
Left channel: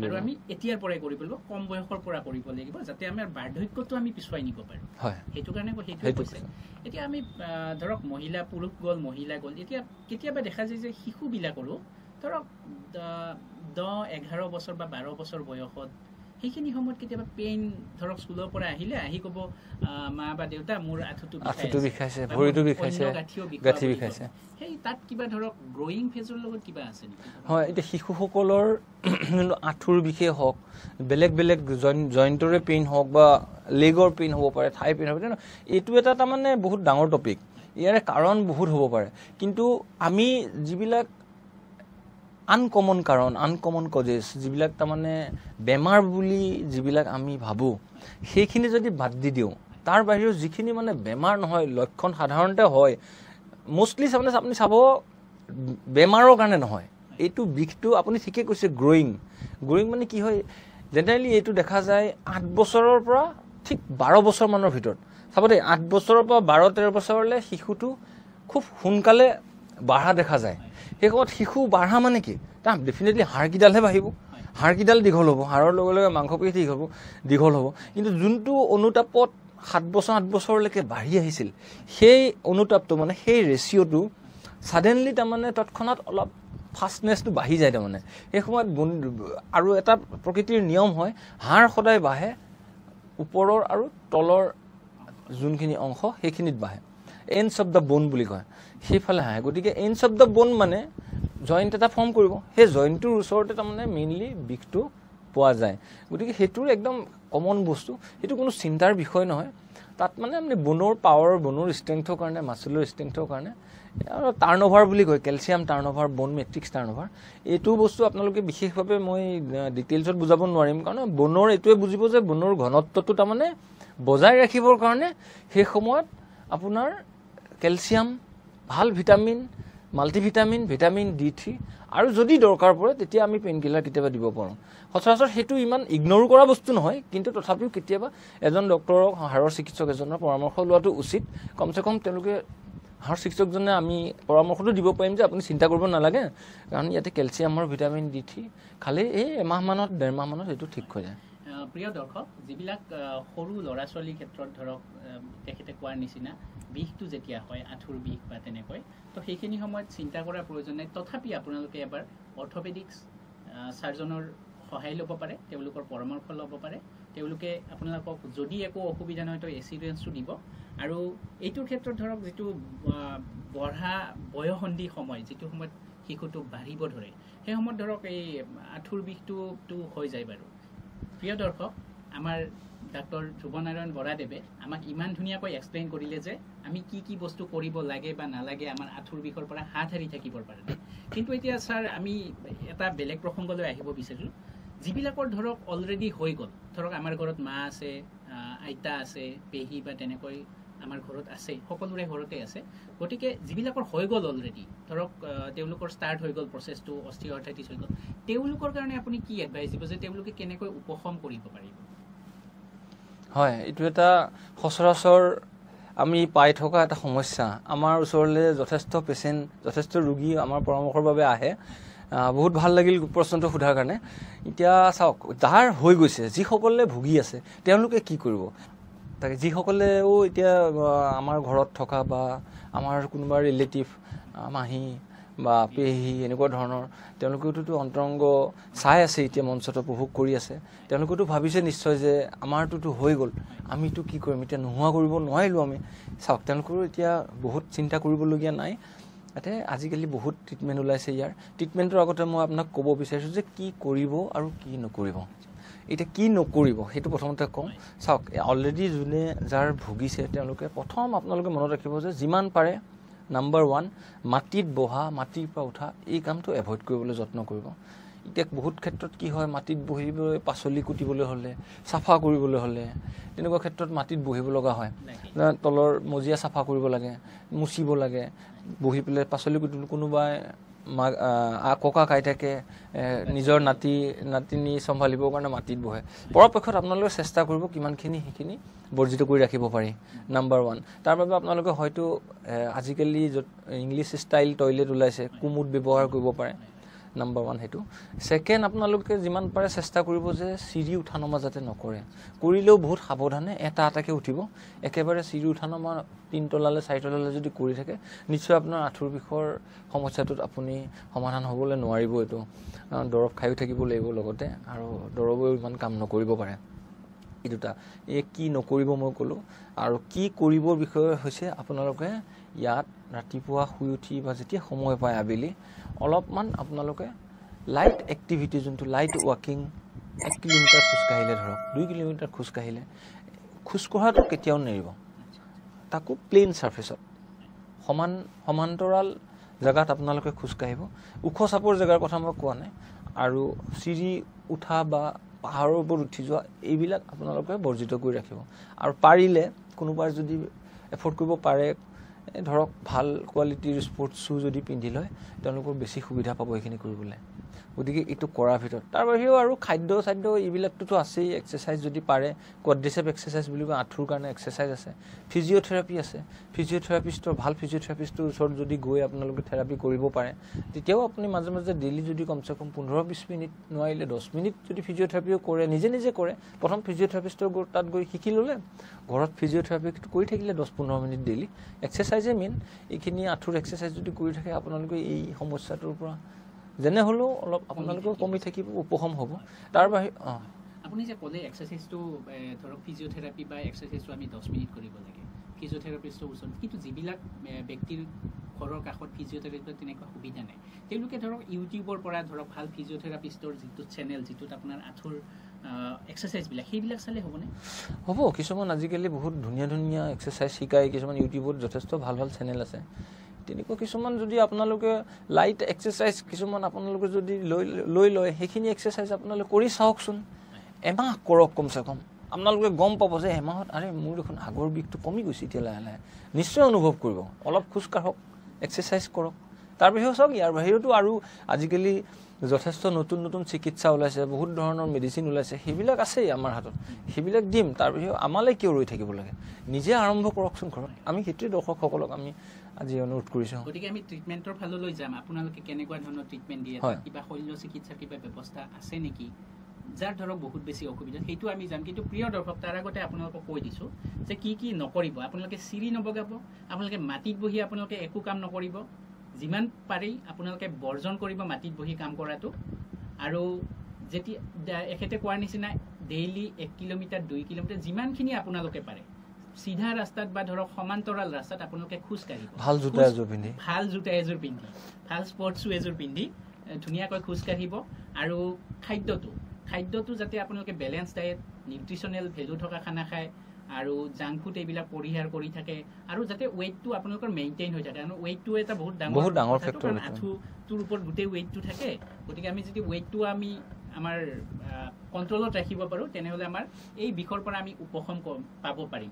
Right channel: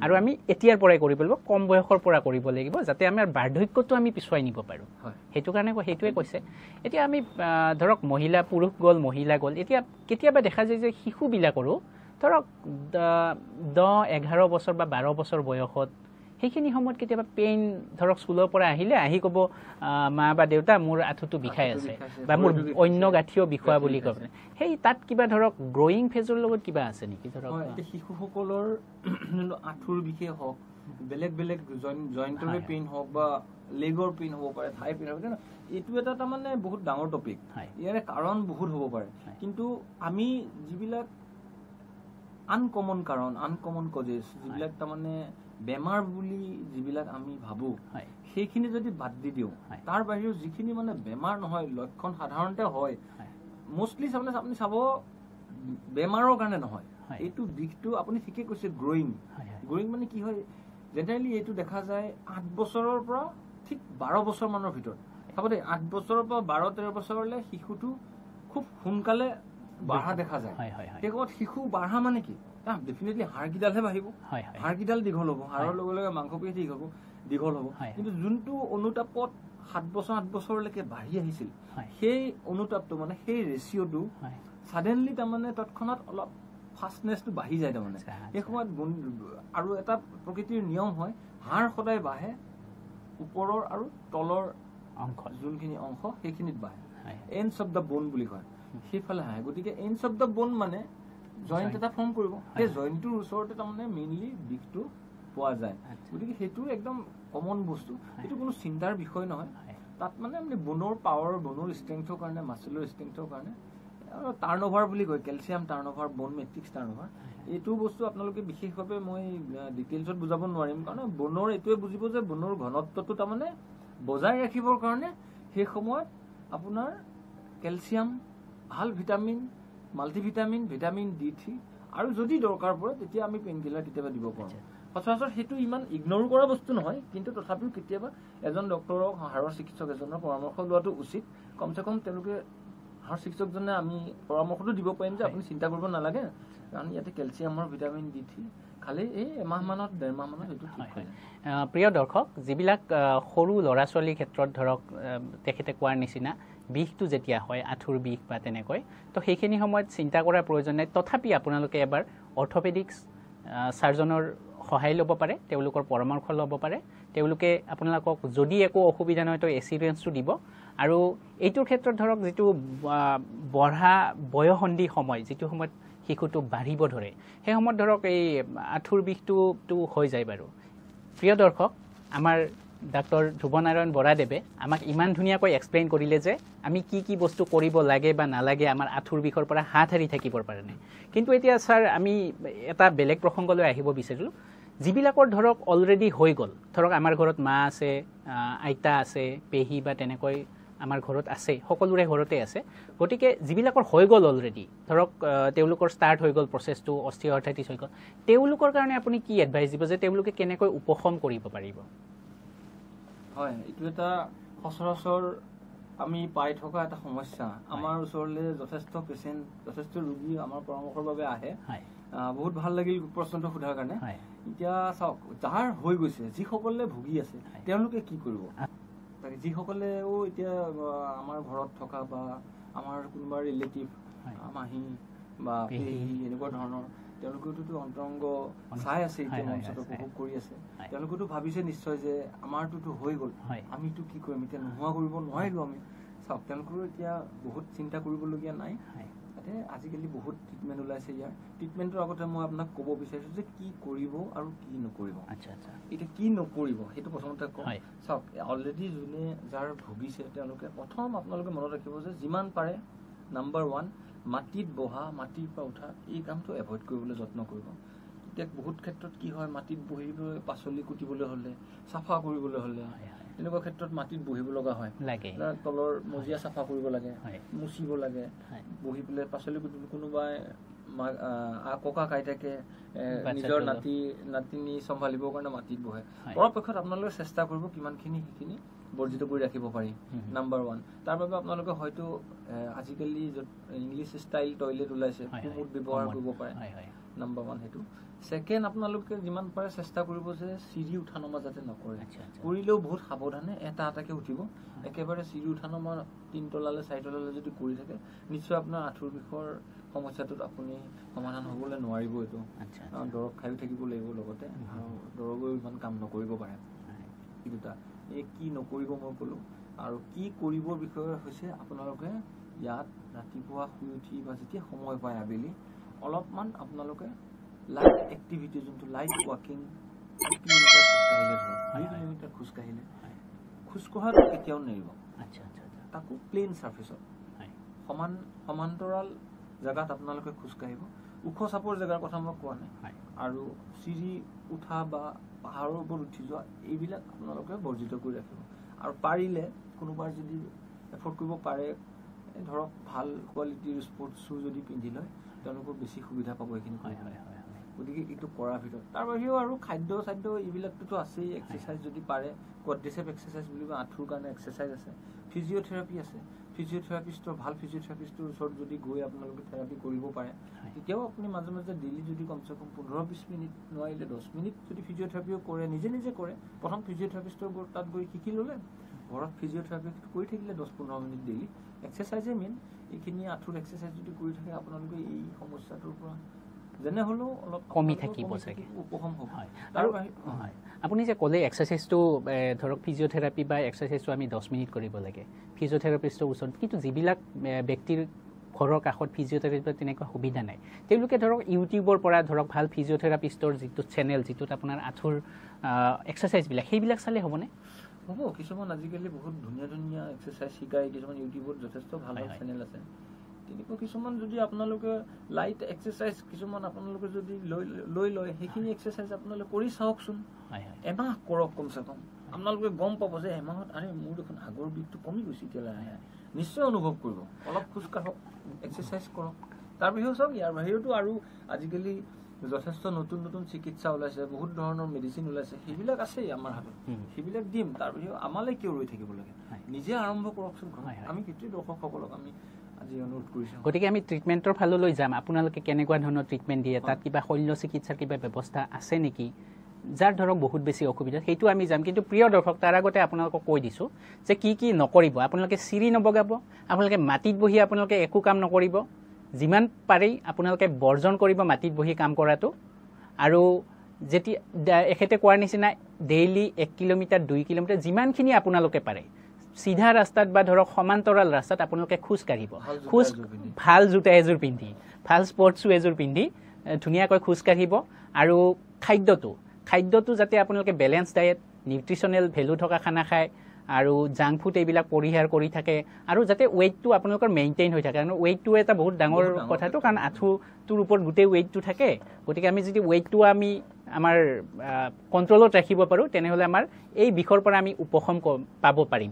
আৰু আমি এতিয়াৰ পৰাই কৰিব লাগিব কম বয়সৰ পৰা কৰিব লাগিব যাতে আমাৰ বাৰ্ধক্যটো আমি পিছুৱাই নিব পাৰোঁ সেইটো কাৰণে সেইটোৱে কৈছে এতিয়া আমি ধৰক পুৰুষ গ'ল মহিলা গ'ল এতিয়া কেতিয়াবা দেখা যায় যে শিশুবিলাকৰো ধৰক 10-11 বছৰ বা 12 বছৰ বয়সত সেইখিনি সময়ত কেতিয়াবা পেইন ধৰক স্কুলৰ পৰা আহি ক'ব মা বা দেউতা মোৰ আঁঠুটো বিষাইছে বা অন্য গাঁঠিও বিষোৱা বুলি কয় সেই তাত কিবা ধৰক গ্ৰয়িং ফেজৰ লগত কিবা আছে নেকি হয় এতিয়া শিশুসকলৰ আঁঠুৰ বিষে হওক বেলেগ বেলেগ জইণ্টৰে পেইন হওক বা লেগৰ পেইন হ'ব পাৰে থাই পেইন হ'ব পাৰে এইটো এটা তাৰমানে বহুত ডাঙৰ টপিক ইয়াৰে কাৰণ বহুত হ'ব পাৰে কিন্তু আমি যিবিলাক আনকমন কাৰণ আনকমন কজেছ যিবিলাক তাৰমানে বেমাৰ বুলি যিবিলাক আমি ভাবোঁ সেইখিনি যদি বাদ দি দিওঁ তাৰ বাহিৰেও যিখিনি মানে বেমাৰ নহয় লক্ষণ সাধাৰণতে হয় মোষ্টলি আপুনি চাব বেমাৰৰ কাৰণে নহয় এইটো বিষটো আপুনি ঠিকেই কৈছে গ্ৰয়িং মানে কি হয় জেনেৰেলি এইটো দেখা যায় 8 বছৰৰ পৰা ঠিক 12 বছৰ মানৰ ভিতৰত চাব দেই 8 বছৰৰ পৰা 12-13 বছৰলৈ শিশুটো খুব সোনকালে বাঢ়া দেখা যায় সেই সময়ত শিশু বাঢ়া মানে কি তাৰ ডেফিনেটলি হাড়কিডালহে বাঢ়িব হাড়কিডাল দীঘল হ'ব হাড়ৰ লগে লগে মাংসপেশী দীঘল হ'ব কিন্তু যোনটো অনুতাপত 7 বছৰ 8 বছৰলৈকে বাঢ়ি আহিছিল সেই অনুতাপটো মানে সেই ৰেচিঅ'টো সাডেনলি তাৰমানে তৎক্ষণাত অলপ ফাষ্টনেছটো বাঢ়ি যায় তাৰমানে এই সময়ত আৰু এটা প্ৰকৃতিৰ নিয়ম হয় হাড় সদায় বাঢ়ে ওপৰৰ আৰু তলৰ যোনখিনি অংশ সেইখিনিত বাঢ়ে এণ্ডছ অফ দ্য বোন বুলি কয় সেইফালে হাঁহে গতিকে এণ্ডছ অফ দ্য বোন মানে জইণ্ট এটা ফৰ্ম কৰিব সেই জইণ্টটোৰ ওচৰতে তাৰমানে মেইনলি বিষটো পোৱা যায় গতিকে সেইটোৰ একদম কমন বস্তু সেইটো কোনো চিন্তাৰ বিষয় নহয় তাত মানে আপুনি বোনৰ পাৱাৰ বোনৰ ষ্ট্ৰেংথৰ কাৰণে মাছলৰ ষ্ট্ৰেংথৰ কাৰণে আৰু টাৰ্ণঅভাৰ বুলি কয় কেলছিয়াম টাৰ্ণঅভাৰ বোন মেট্ৰিক্স টাৰ্ণঅভাৰ এইটো বস্তু আপোনালোকে বিশেষভাৱে মই ডিটেইলছত বুজাব নোৱাৰিম কাৰণ বোনৰ এইটোৱে বুজিব যে বোনৰ ঘনত্বটো তাৰমানে বজাই ৰাখিবৰ কাৰণে সেই সময়ত আপোনাৰ কেলছিয়াম ভাল ভিটামিন মাল্টিভিটামিন ভিটামিন D3 আৰু যদি দৰকাৰ পৰে তেতিয়া আমি পেইনকিলাৰ কেতিয়াবা দিব পাৰোঁ সচৰাচৰ সেইটো ইমান ইগন'ৰ কৰা বস্তু নহয় কিন্তু তথাপিও কেতিয়াবা এজন ডক্টৰক হাড়ৰ চিকিৎসক এজনৰ পৰামৰ্শ লোৱাটো উচিত কমচে কম তেওঁলোকে হাড় চিকিৎসকজনে আমি পৰামৰ্শটো দিব পাৰিম যে আপুনি চিন্তা কৰিব নালাগে কাৰণ ইয়াতে কেলছিয়াম আৰু ভিটামিন D3 খালি এই এমাহমানত 1.5 মাহমানত এইটো ঠিক হৈ যায় প্ৰিয় দৰ্শক যিবিলাক সৰু ল'ৰা ছোৱালীৰ ক্ষেত্ৰত ধৰক তেখেতে কোৱাৰ নিচিনা বিষটো যেতিয়া হয় আঁঠুৰ বিষ বা তেনেকৈ তো সেইখিনি সময়ত চিন্তা কৰাৰ প্ৰয়োজন নাই তথাপি আপোনালোকে এবাৰ অৰ্থপেডিক্স সাৰ্জনৰ সহায় ল'ব পাৰে তেওঁলোকৰ পৰামৰ্শ ল'ব পাৰে তেওঁলোকে আপোনালোকক যদি একো অসুবিধা নহয় তো এচিউৰেঞ্চটো দিব আৰু এইটোৰ ক্ষেত্ৰত ধৰক যিটো বঢ়া বয়সন্ধি সময় যিটো সময়ত শিশুটো বাঢ়িব ধৰে সেই সময়ত ধৰক এই আঁঠুৰ বিষটো হৈ যায় বাৰু প্ৰিয় দৰ্শক আমাৰ ডাক্তৰ ধ্ৰুৱনাৰায়ণ বৰাদেৱে আমাক ইমান ধুনীয়াকৈ এক্সপ্লেইন কৰিলে যে আমি কি বস্তু কৰিব লাগে বা নালাগে আমাৰ আঁঠুৰ বিষৰ পৰা হাত সাৰি থাকিবৰ কাৰণে কিন্তু এতিয়া ছাৰ আমি এটা বেলেগ প্ৰসংগলৈ আহিব বিচাৰিলোঁ যিবিলাকৰ ধৰক অলৰেডি হৈ গ'ল ধৰক আমাৰ ঘৰত মা আছে আইতা আছে পেহী বা তেনেকৈ আমাৰ ঘৰত আছে সকলোৰে ঘৰতে আছে গতিকে যিবিলাকৰ হৈ গ'ল অলৰেডি ধৰক তেওঁলোকৰ ষ্টাৰ্ট হৈ গ'ল প্ৰচেছটো অষ্টিঅআৰ্থ্ৰাইটিছ হৈ গ'ল তেওঁলোকৰ কাৰণে আপুনি কি এডভাইচ দিব যে তেওঁলোকে কেনেকৈ উপশম কৰিব পাৰিব হয় এইটো এটা সচৰাচৰ আমি পাই থকা এটা সমস্যা আমাৰ ওচৰলৈ যথেষ্ট পেচেণ্ট যথেষ্ট ৰোগী আমাৰ পৰামৰ্শৰ বাবে আহে বহুত ভাল লাগিল প্ৰশ্নটো সোধাৰ কাৰণে এতিয়া চাওক যাৰ হৈ গৈছে যিসকলে ভুগি আছে তেওঁলোকে কি কৰিব তাকে যিসকলেও এতিয়া আমাৰ ঘৰত থকা বা আমাৰ কোনোবা ৰিলেটিভ মাহী বা পেহী এনেকুৱা ধৰণৰ তেওঁলোকেওতো অন্তৰংগ চাই আছে এতিয়া মঞ্চত উপভোগ কৰি আছে তেওঁলোকেতো ভাবিছে নিশ্চয় যে আমাৰটোতো হৈ গ'ল আমিতো কি কৰিম এতিয়া নোহোৱা কৰিব নোৱাৰিলোঁ আমি চাওক তেওঁলোকৰো এতিয়া বহুত চিন্তা কৰিবলগীয়া নাই ইয়াতে আজিকালি বহুত ট্ৰিটমেণ্ট ওলাইছে ইয়াৰ ট্ৰিটমেণ্টৰ আগতে মই আপোনাক ক'ব বিচাৰিছোঁ যে কি কৰিব আৰু কি নকৰিব এতিয়া কি নকৰিব সেইটো প্ৰথমতে কওঁ চাওক অলৰেডি যোনে যাৰ ভুগিছে তেওঁলোকে প্ৰথম আপোনালোকে মনত ৰাখিব যে যিমান পাৰে নাম্বাৰ 1 মাটিত বহা মাটিৰ পৰা উঠা এই কামটো এভইড কৰিবলৈ যত্ন কৰিব এতিয়া বহুত ক্ষেত্ৰত কি হয় মাটিত বহিবলৈ পাচলি কুটিবলৈ হ'লে চাফা কৰিবলৈ হ'লে তেনেকুৱা ক্ষেত্ৰত মাটিত বহিব লগা হয় তলৰ মজিয়া চাফা কৰিব লাগে মুচিব লাগে বহি পেলাই পাচলি কুটিবলৈ কোনোবাই ককা আইতাকে নিজৰ নাতিনি চম্ভালিবৰ কাৰণে মাটিত বহে পৰাপক্ষত আপোনালোকে চেষ্টা কৰিব কিমানখিনি সেইখিনি বৰ্জিত কৰি ৰাখিব পাৰি নাম্বাৰ 1 তাৰ বাবে আপোনালোকে হয়তো আজিকালি ইংলিছ ষ্টাইল টয়লেট ওলাইছে কুমুদ ব্যৱহাৰ কৰিব পাৰে নাম্বাৰ 1 সেইটো সেকেন্ড আপোনালোকে যিমান পাৰে চেষ্টা কৰিব যে চিৰি উঠা নমা যাতে নকৰে কৰিলেও বহুত সাৱধানে এটাকে উঠিব একেবাৰে চিৰি উঠা নমা 3 তলালে 4 তলালে যদি কৰি থাকে নিশ্চয় আপোনাৰ আঁঠুৰ বিষৰ সমস্যাটোত আপুনি সমাধান হ'বলৈ নোৱাৰিব এইটো দৰৱ খাইও থাকিব লাগিব লগতে আৰু দৰৱেও ইমান কাম নকৰিব পাৰে এই দুটা এই কি নকৰিব মই ক'লোঁ আৰু কি কৰিবৰ বিষয়ে হৈছে আপোনালোকে ইয়াত ৰাতিপুৱা শুই উঠি বা যেতিয়া সময় পায় আবেলি অলপমান আপোনালোকে লাইট এক্টিভিটি যোনটো লাইট ৱাকিং 1 কিলোমিটাৰ খোজকাঢ়িলে ধৰক 2 কিলোমিটাৰ খোজকাঢ়িলে খোজকঢ়াটো কেতিয়াও নেৰিব তাকো প্লেইন সাৰফেসত সমান্তৰাল জেগাত আপোনালোকে খোজকাঢ়িব ওখ চাপৰ জেগাৰ কথা মই কোৱা নাই আৰু চিৰি উঠা বা পাহাৰৰ ওপৰত উঠি যোৱা এইবিলাক আপোনালোকে বৰ্জিত কৰি ৰাখিব আৰু পাৰিলে কোনোবাই যদি এফৰ্ড কৰিব পাৰে ধৰক ভাল কোৱালিটিৰ স্পৰ্টছ শ্বু যদি পিন্ধি লয় তেওঁলোকৰ বেছি সুবিধা পাব এইখিনি কৰিবলৈ গতিকে এইটো কৰাৰ ভিতৰত তাৰ বাহিৰেও আৰু খাদ্য এইবিলাকটোতো আছেই এক্সাৰচাইজ যদি পাৰে কোৱাড্ৰিচেপ এক্সাৰচাইজ বুলি কয় আঁঠুৰ কাৰণে এক্সাৰচাইজ আছে ফিজিঅ'থেৰাপি আছে ভাল ফিজিঅ'থেৰাপিষ্টৰ ওচৰত যদি গৈ আপোনালোকে থেৰাপি কৰিব পাৰে তেতিয়াও আপুনি মাজে মাজে ডেইলি যদি কমচে কম 15-20 মিনিট নোৱাৰিলে 10 মিনিট যদি ফিজিঅ'থেৰাপিও কৰে নিজে কৰে প্ৰথম ফিজিঅ'থেৰাপিষ্টৰ তাত গৈ শিকি ল'লে ঘৰত ফিজিঅ'থেৰাপি কৰি থাকিলে 10-15 মিনিট ডেইলি এক্সাৰচাইজে মেইন এইখিনি আঁঠুৰ এক্সাৰচাইজ যদি কৰি থাকে আপোনালোকে এই সমস্যাটোৰ পৰা যেনে হ'লেও অলপ কমি থাকিব উপশম হ'ব তাৰ বাহিৰে আপুনি যে ক'লে এক্সাৰচাইজটো ধৰক ফিজিঅ'থেৰাপি বা এক্সাৰচাইজটো আমি 10 মিনিট কৰিব লাগে ফিজিঅ'থেৰাপিষ্টৰ ওচৰত কিন্তু যিবিলাক ব্যক্তিৰ ঘৰৰ কাষত ফিজিঅ'থেৰাপিষ্টৰ তেনেকুৱা সুবিধা নাই তেওঁলোকে ধৰক ইউটিউবৰ পৰা ধৰক ভাল ফিজিঅ'থেৰাপিষ্টৰ যিটো চেনেল যিটোত আপোনাৰ আঁঠুৰ এক্সাৰচাইজবিলাক সেইবিলাক চালে হ'বনে হ'ব কিছুমান আজিকালি বহুত ধুনীয়া এক্সাৰচাইজ শিকায় কিছুমান ইউটিউবত যথেষ্ট ভাল চেনেল আছে তেনেকুৱা কিছুমান যদি আপোনালোকে লাইট এক্সাৰচাইজ কিছুমান আপোনালোকে যদি লৈ লয় সেইখিনি এক্সাৰচাইজ আপোনালোকে কৰি চাওকচোন এমাহ কৰক কমচে কম আপোনালোকে গম পাব যে এমাহত আৰে মোৰ দেখোন আগৰ বিষটো কমি গৈছে এতিয়া লাহে নিশ্চয় অনুভৱ কৰিব অলপ খোজকাঢ়ক এক্সাৰচাইজ কৰক তাৰ বাহিৰেও চাওক ইয়াৰ বাহিৰেতো আৰু আজিকালি যথেষ্ট নতুন চিকিৎসা ওলাইছে বহুত ধৰণৰ মেডিচিন ওলাইছে সেইবিলাক আছেই আমাৰ হাতত সেইবিলাক দিম তাৰ বাহিৰেও আমালৈ কিয় ৰৈ থাকিব লাগে নিজে আৰম্ভ কৰকচোন ঘৰত আমি সেইটোৱে দৰ্শকসকলক আমি আজি অনুৰোধ কৰিছোঁ গতিকে আমি ট্ৰিটমেণ্টৰ ফাললৈ যাম আপোনালোকে কেনেকুৱা ধৰণৰ ট্ৰিটমেণ্ট দিয়ে তাত কিবা শল্য চিকিৎসাৰ কিবা ব্যৱস্থা আছে নেকি যাৰ ধৰক বহুত বেছি অসুবিধা সেইটো আমি যাম কিন্তু প্ৰিয় দৰ্শক তাৰ আগতে আপোনালোকক কৈ দিছোঁ যে কি নকৰিব আপোনালোকে চিৰি নবগাব আপোনালোকে মাটিত বহি আপোনালোকে একো কাম নকৰিব যিমান পাৰি আপোনালোকে বৰ্জন কৰিব মাটিত বহি কাম কৰাটো আৰু যেতিয়া এখেতে কোৱাৰ নিচিনা ডেইলি 1 কিলোমিটাৰ 2 কিলোমিটাৰ যিমানখিনি আপোনালোকে পাৰে সিধা ৰাস্তাত বা ধৰক সমান্তৰাল ৰাস্তাত আপোনালোকে খোজ কাঢ়িব ভাল জোতা এযোৰ পিন্ধি ভাল স্পৰ্টছ শ্বু এযোৰ পিন্ধি ধুনীয়াকৈ খোজ কাঢ়িব আৰু খাদ্যটো যাতে আপোনালোকে বেলেঞ্চ ডায়েট নিউট্ৰিশ্যনেল ভেলু থকা খানা খায় আৰু জাংক ফুড এইবিলাক পৰিহাৰ কৰি থাকে আৰু যাতে ৱেইটটো আপোনালোকৰ মেইনটেইন হৈ থাকে কাৰণ ৱেইটটো এটা বহুত ডাঙৰ কথাটো কাৰণ আঁঠুটোৰ ওপৰত গোটেই ৱেইটটো থাকে গতিকে আমি যদি ৱেইটটো আমি আমাৰ কণ্ট্ৰলত ৰাখিব পাৰোঁ তেনেহ'লে আমাৰ এই বিষৰ পৰা আমি উপশম পাব পাৰিম